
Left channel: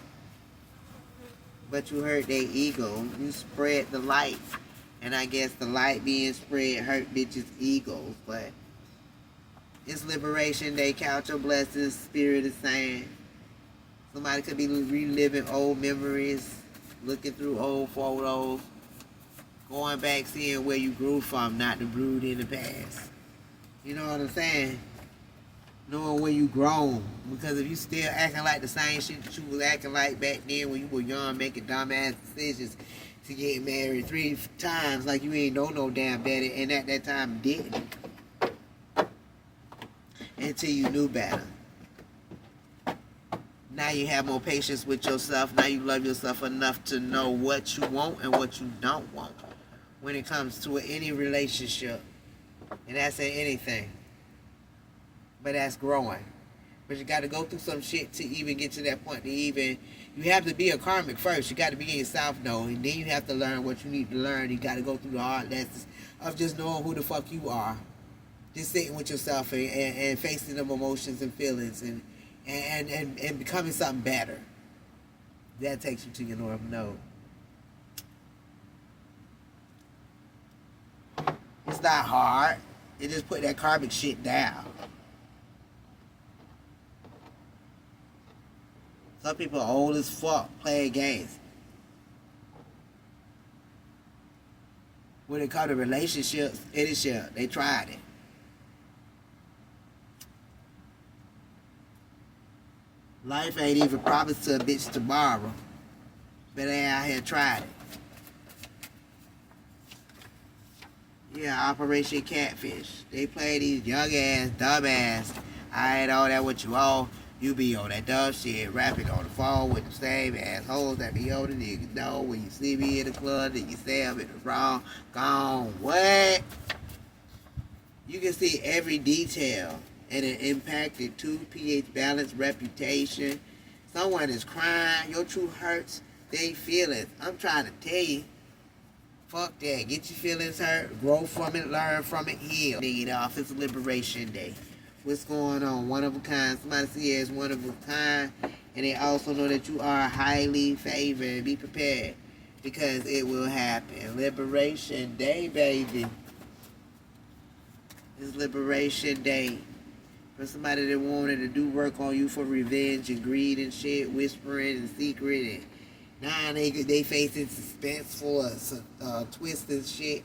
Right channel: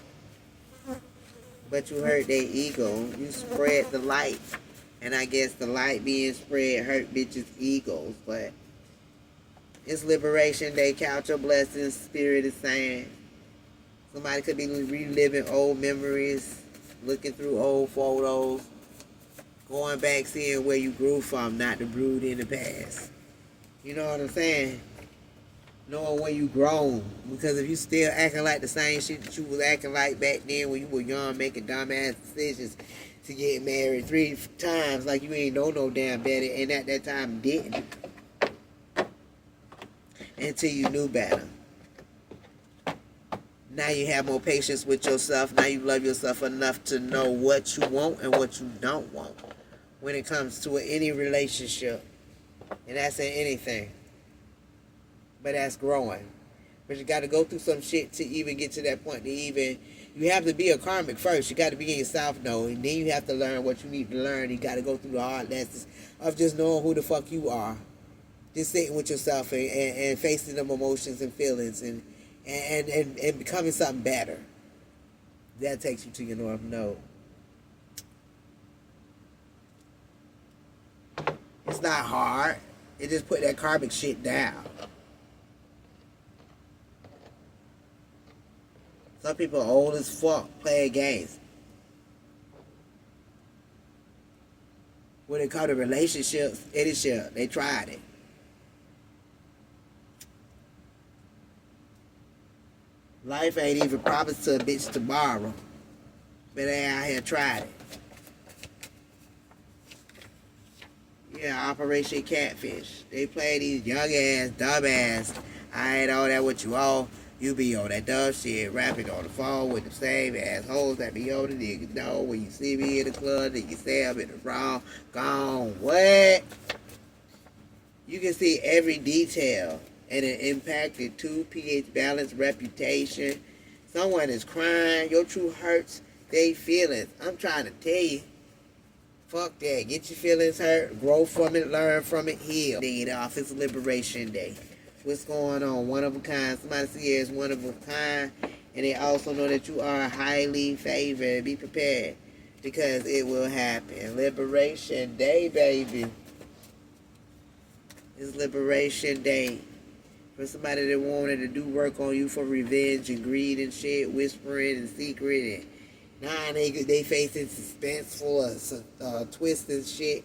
but you hurt their ego. You spread the light. And I guess the light being spread hurt bitches' egos. But it's Liberation Day. Count your blessings. Spirit is saying. Somebody could be reliving old memories, looking through old photos, going back, seeing where you grew from, not the brood in the past. You know what I'm saying? Knowing where you grown. Because if you still acting like the same shit that you was acting like back then when you were young, making dumbass decisions to get married 3 times like you ain't know no damn better, and at that time didn't. Until you knew better. Now you have more patience with yourself. Now you love yourself enough to know what you want and what you don't want when it comes to any relationship. And that's in anything. But that's growing. But you got to go through some shit to even get to that point. You have to be a karmic first. You got to be in yourself, though. And then you have to learn what you need to learn. You got to go through the hard lessons of just knowing who the fuck you are. Just sitting with yourself and facing them emotions and feelings and becoming something better. That takes you to your North Node. It's not hard. It just put that karmic shit down. Some people are old as fuck playing games. When it comes to relationships, any shit, they tried it. Life ain't even promised to a bitch tomorrow. But they out here tried it. Yeah, Operation Catfish. They play these young ass, dumb ass. I ain't all that what you all. You be on that dumb shit, rapping on the phone with the same assholes that be on the niggas. Know when you see me in the club, then you say I'm in the wrong. Gone. What? You can see every detail, and it impacted 2 pH balance, reputation. Someone is crying. Your truth hurts their feelings. I'm trying to tell you. Fuck that. Get your feelings hurt. Grow from it. Learn from it. Heal. Need off. It's Liberation Day. What's going on? One of a kind. Somebody see you as one of a kind. And they also know that you are highly favored. Be prepared. Because it will happen. Liberation Day, baby. It's Liberation Day. For somebody that wanted to do work on you for revenge and greed and shit. Whispering and secret and now they facing suspenseful twists and shit.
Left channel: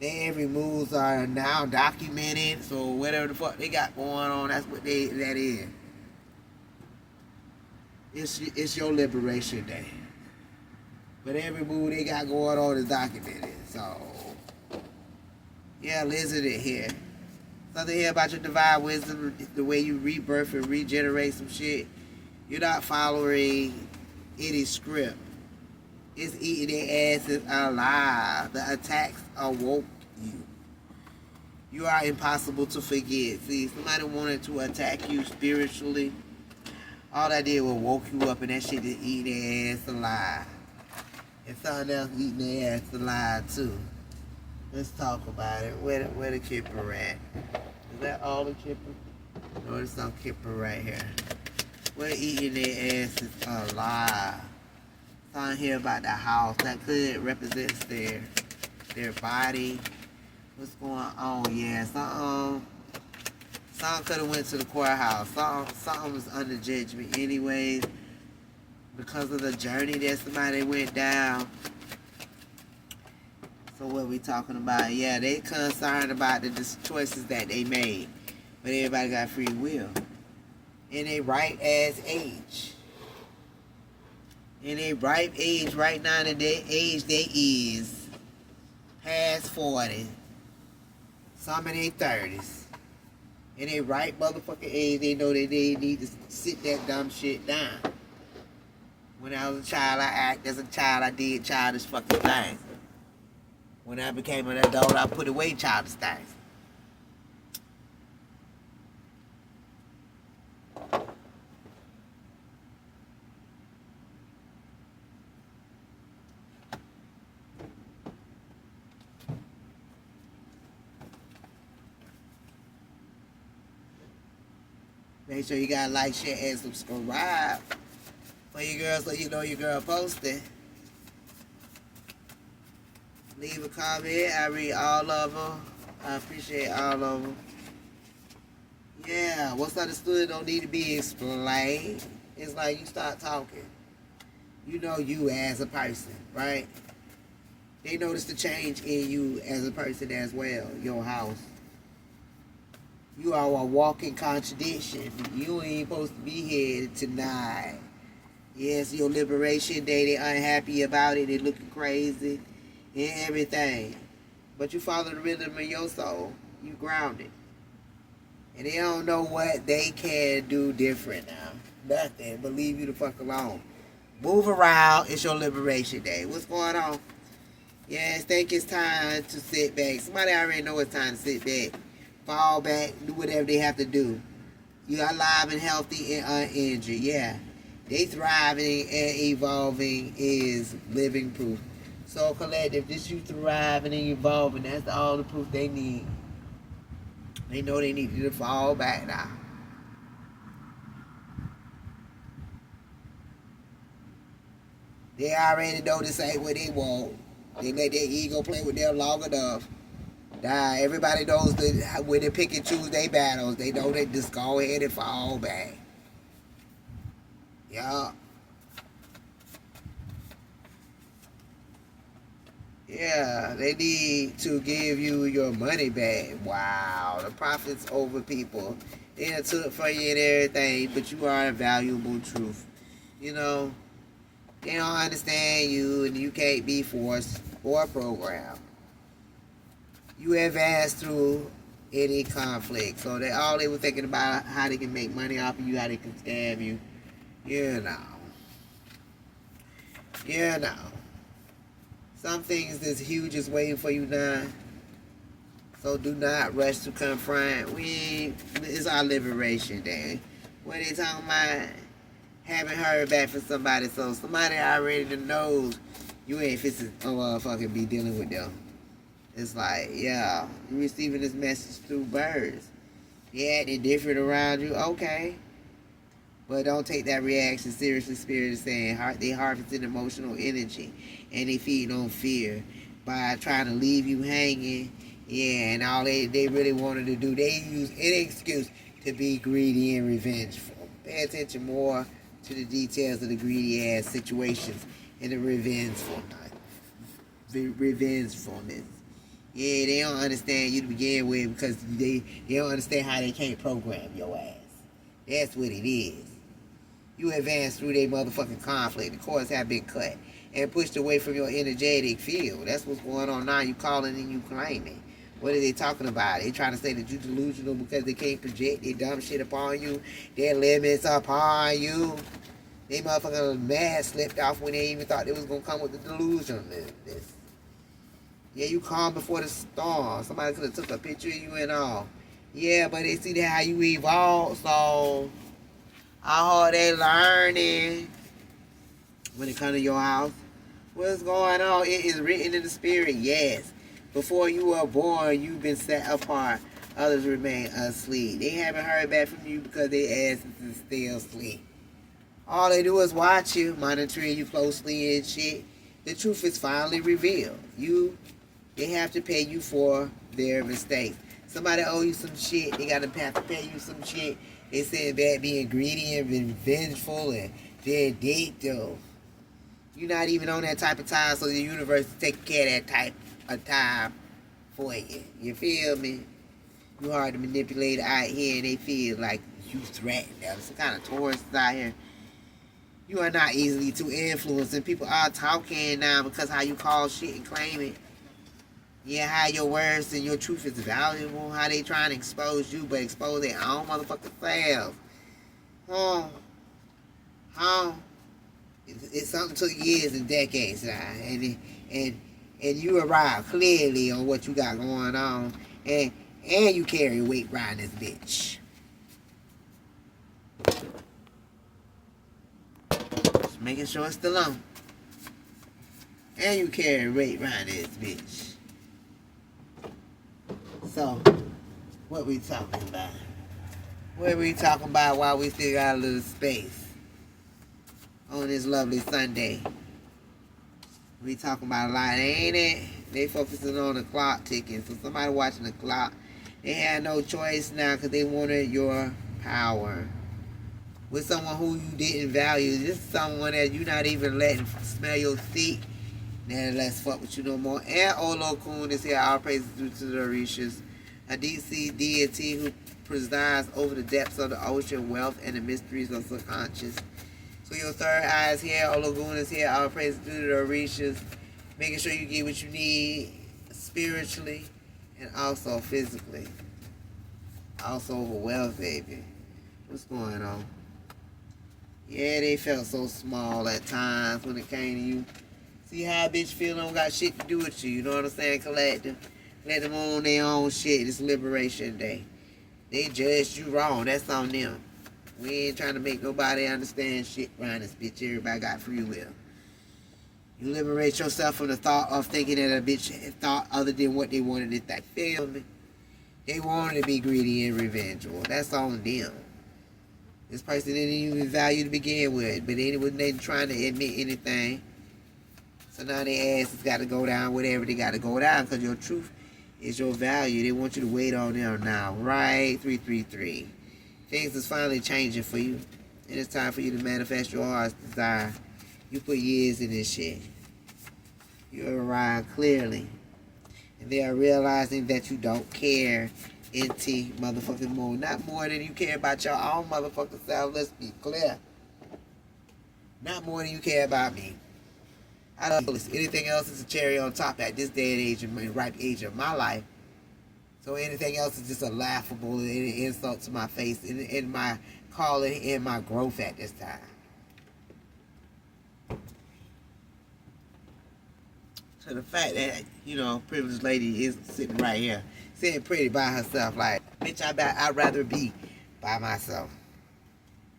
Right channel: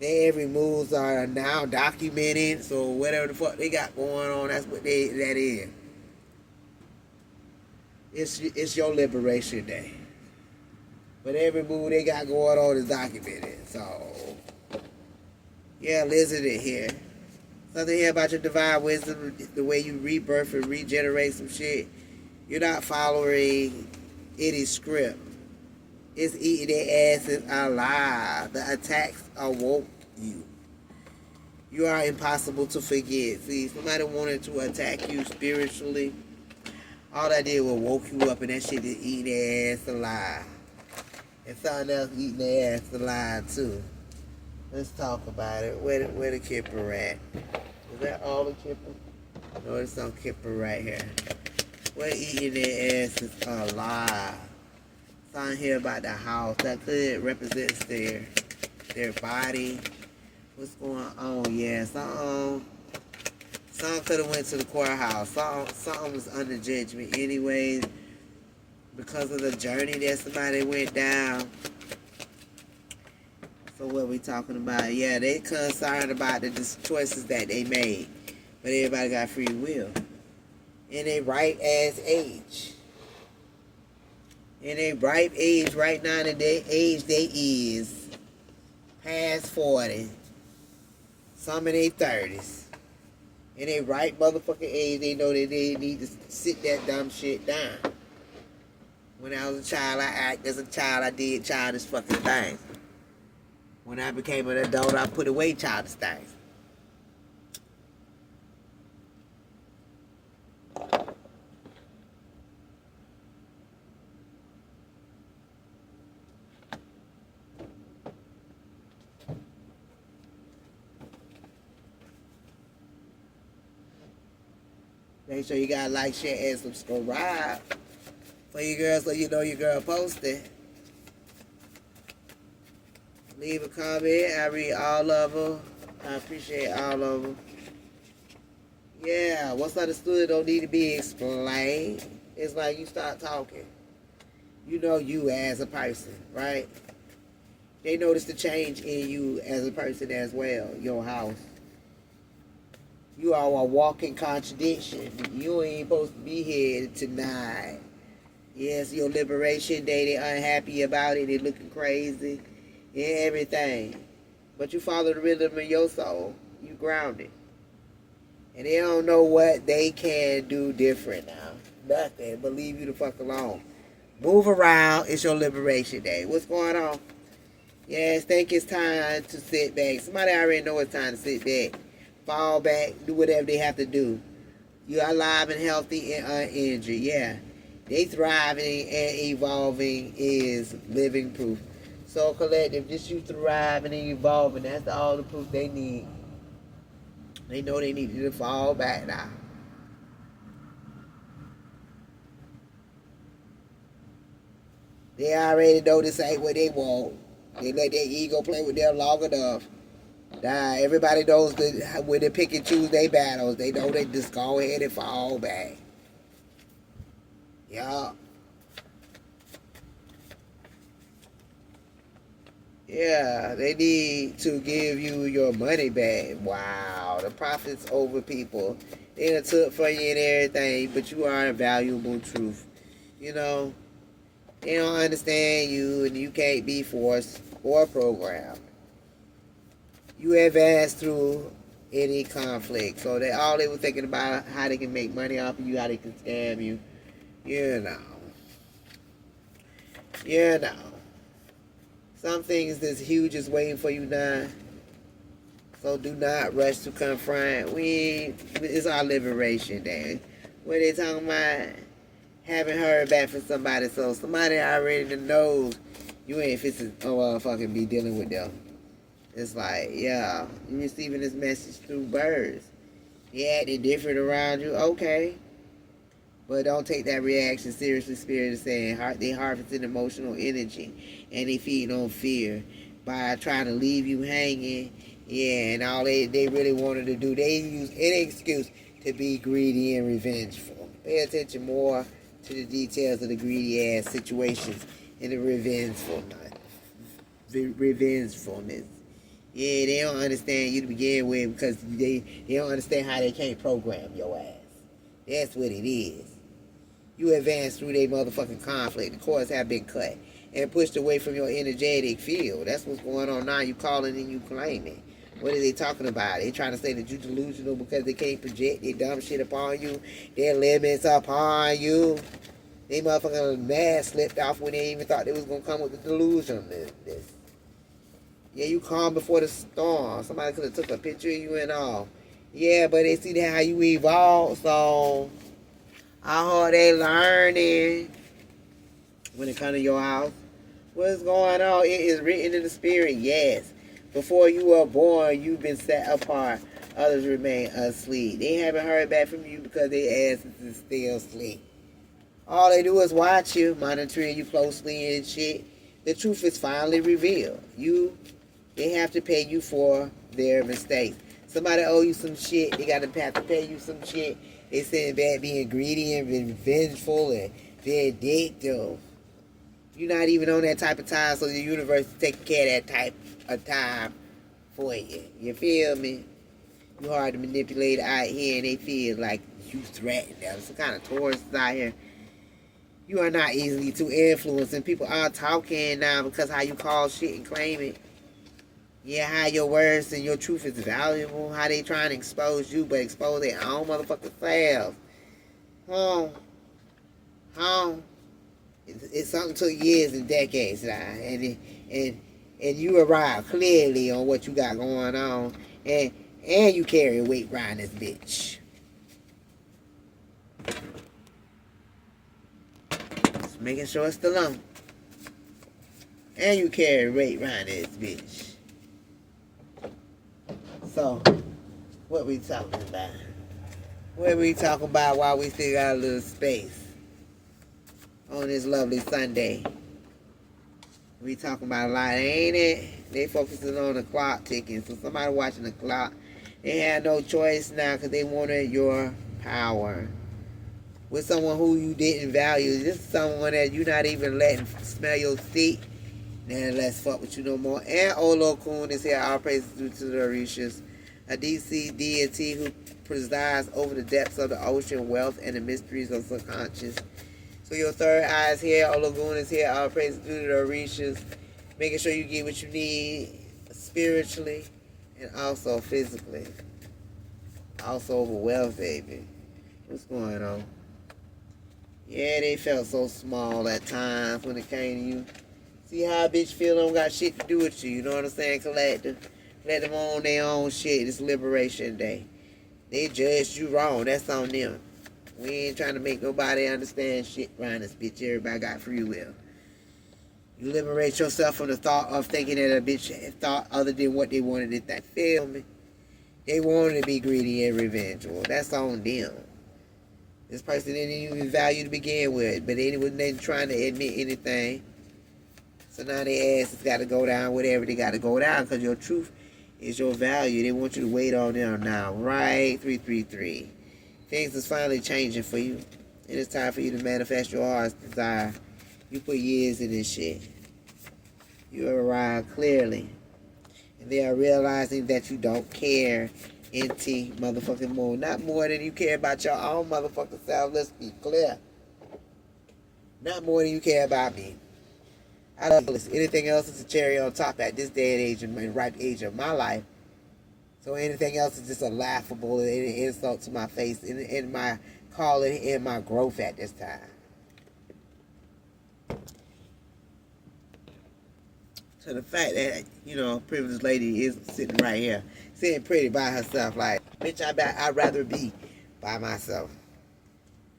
Their every moves are now documented. So whatever the fuck they got going on, that's what that is. It's your Liberation Day. But every move they got going on is documented. So yeah, Lizard in here. Something here about your divine wisdom, the way you rebirth and regenerate some shit. You're not following any script. It's eating their asses alive. The attacks awoke you. You are impossible to forget. See, somebody wanted to attack you spiritually. All that did was woke you up, and that shit is eating their ass alive. And something else eating their ass alive too. Let's talk about it. Where the kipper at? Is that all the kipper? No, there's some kipper right here. We're eating their asses alive. Something here about the house that could represents their body. What's going on? Yeah, something could have went to the courthouse. Something was under judgment anyways because of the journey that somebody went down. So what we talking about? Yeah, they concerned about the choices that they made. But everybody got free will. In a ripe ass age. In a ripe age right now, in their age they is past 40. Some in their 30s. In a ripe motherfucking age, they know that they need to sit that dumb shit down. When I was a child, I acted as a child, I did childish fucking things. When I became an adult, I put away childish things. Make sure you got like, share, and subscribe for your girl so you know your girl posted. Leave a comment. I read all of them. I appreciate all of them. Yeah, what's understood don't need to be explained. It's like you start talking. You know you as a person, right? They notice the change in you as a person as well. Your house. You are a walking contradiction. You ain't supposed to be here tonight. Yes, your liberation day, they're unhappy about it. They're looking crazy and everything. But you follow the rhythm of your soul. You grounded. And they don't know what they can do different now. Nothing. But leave you the fuck alone. Move around. It's your liberation day. What's going on? Yes, think it's time to sit back. Somebody already know it's time to sit back. Fall back. Do whatever they have to do. You are alive and healthy and uninjured. Yeah. They thriving and evolving is living proof. So collective, just you thriving and evolving, that's all the proof they need. They know they need you to fall back now. They already know this ain't what they want. They let their ego play with them long enough. Everybody knows that when they pick and choose their battles, they know they just go ahead and fall back. Yeah. Yeah, they need to give you your money back. Wow, the profits over people. They done took from you and everything, but you are a valuable truth. You know, they don't understand you, and you can't be forced or programmed. You advance through any conflict. So all they were thinking about how they can make money off of you, how they can scam you. You know. Some things that's huge is waiting for you now. So do not rush to confront. It's our liberation day. When they talking about haven't heard back from somebody, so somebody already knows you ain't fixing fucking be dealing with them. It's like, yeah, you receiving this message through birds. Yeah, they're different around you. Okay. But don't take that reaction seriously. Spirit is saying they harvesting emotional energy and they feed on fear by trying to leave you hanging. Yeah, and all they really wanted to do, they use any excuse to be greedy and revengeful. Pay attention more to the details of the greedy ass situations and the revengefulness. Yeah, they don't understand you to begin with because they don't understand how they can't program your ass. That's what it is. You advance through their motherfucking conflict. The cords have been cut and pushed away from your energetic field. That's what's going on now. You calling and you claiming. What are they talking about? They trying to say that you delusional because they can't project their dumb shit upon you. Their limits upon you. They motherfucking mad slipped off when they even thought they was going to come with the delusion. Yeah, you calm before the storm. Somebody could have took a picture of you and all. Yeah, but they see that how you evolve, so how hard they learning when it comes to your house. What's going on? It is written in the spirit, yes. Before you were born, you've been set apart. Others remain asleep. They haven't heard back from you because their asses is still asleep. All they do is watch you, monitoring you closely and shit. The truth is finally revealed. They have to pay you for their mistakes. Somebody owe you some shit. They got to have to pay you some shit. They said about being greedy and revengeful and vindictive. You're not even on that type of time, so the universe is taking care of that type of time for you. You feel me? You hard to manipulate out here, and they feel like you threaten them. Some kind of Taurus out here. You are not easily to influence, and people are talking now because how you call shit and claim it. Yeah, how your words and your truth is valuable. How they trying to expose you, but expose their own motherfucking self. It's something took years and decades now, and you arrive clearly on what you got going on, and you carry weight around this bitch. Just making sure it's still on. And you carry weight around this bitch. So, what we talking about? What we talk about while we still got a little space on this lovely Sunday? We talking about a lot, ain't it? They focusing on the clock ticking. So somebody watching the clock, they had no choice now because they wanted your power. With someone who you didn't value, this is someone that you not even letting smell your seat. Now let's fuck with you no more. And Olokun is here. All praises due to the Orishas, a DC deity who presides over the depths of the ocean, wealth, and the mysteries of subconscious. So your third eye is here. Olokun is here. All praises due to the Orishas, making sure you get what you need spiritually and also physically. Also over wealth, baby. What's going on? Yeah, they felt so small at times when it came to you. See how a bitch feel don't got shit to do with you. You know what I'm saying, collective? Let them on their own shit. It's Liberation Day. They judged you wrong. That's on them. We ain't trying to make nobody understand shit around this bitch. Everybody got free will. You liberate yourself from the thought of thinking that a bitch thought other than what they wanted it. That feel me? They wanted to be greedy and revengeful. That's on them. This person didn't even value to begin with, but they wasn't trying to admit anything. So now their asses got to go down, whatever they got to go down, because your truth is your value. They want you to wait on them now. Right? 333. Things is finally changing for you. And it's time for you to manifest your heart's desire. You put years in this shit. You arrive clearly. And they are realizing that you don't care. NT motherfucking more. Not more than you care about your own motherfucking self. Let's be clear. Not more than you care about me. I love this. Anything else is a cherry on top at this day and age, in my ripe age of my life. So anything else is just a laughable and an insult to my face in my calling and my growth at this time. So the fact that, you know, privileged lady is sitting right here, sitting pretty by herself, like, bitch, I'd rather be by myself.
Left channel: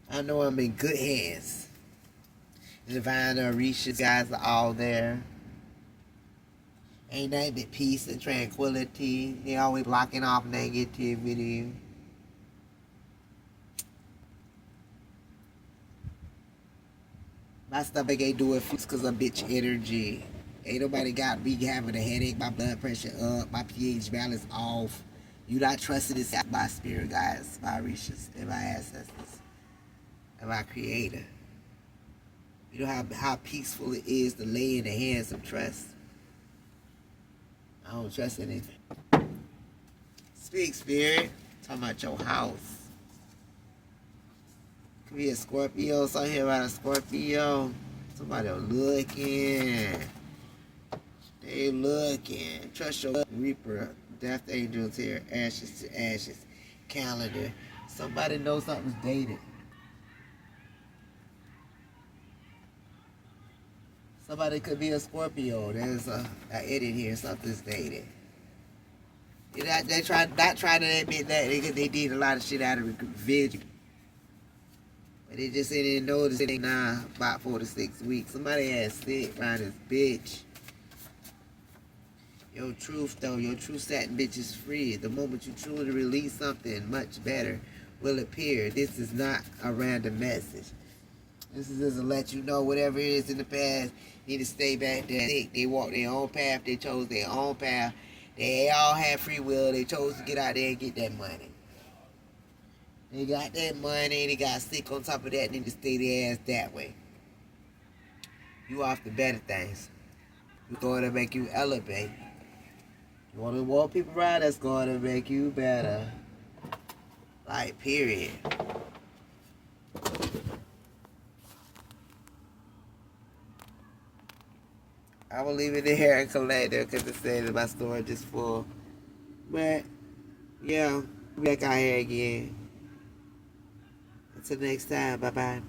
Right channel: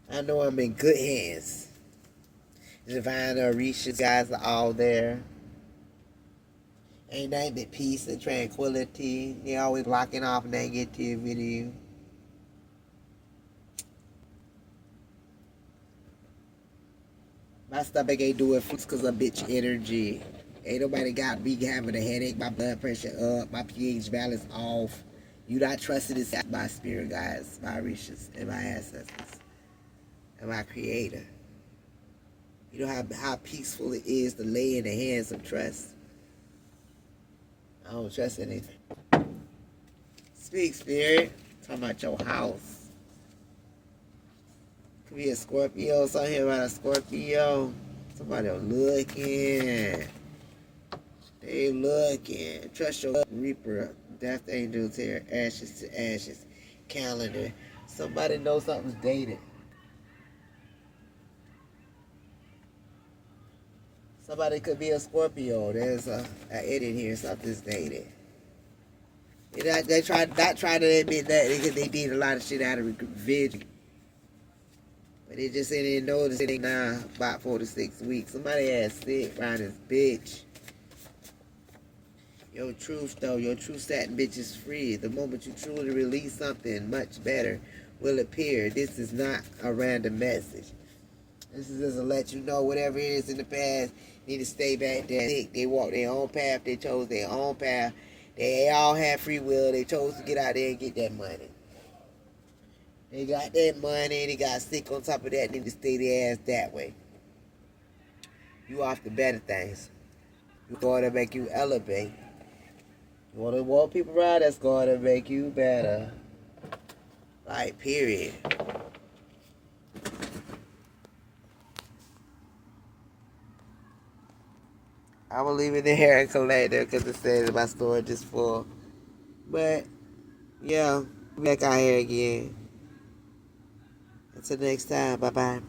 I know I'm in good hands. The divine Orishas guys are all there. Ain't nothing but peace and tranquility. They always blocking off negativity. My stomach ain't doing fix because of bitch energy. Ain't nobody got me having a headache, my blood pressure up, my pH balance off. You not trusting this by spirit guys, my Orishas, and my ancestors, and my creator. You know how peaceful it is to lay in the hands of trust. I don't trust anything. Speak, spirit. Talking about your house. Could be a Scorpio. Something here about a Scorpio. Somebody looking. They looking. Trust your reaper. Death angels here. Ashes to ashes. Calendar. Somebody knows something's dated. Somebody could be a Scorpio. There's a edit here. Something's dated. They try not trying to admit that they did a lot of shit out of revenge. But they just say they noticed it ain't now about 4 to 6 weeks. Somebody ass sick around this bitch. Your truth though, your true satin bitch is free. The moment you truly release something much better will appear. This is not a random message. This is just to let you know whatever it is in the past, need to stay back there. They walked their own path, they chose their own path. They all had free will, they chose to get out there and get that money. They got that money, they got sick on top of that, need to stay their ass that way. You off to better things. You going to make you elevate. You want to walk people around, that's going to make you better. Like, period. I will leave it there and collect it because it says my storage is full. But, yeah, back out here again. Until next time, bye-bye.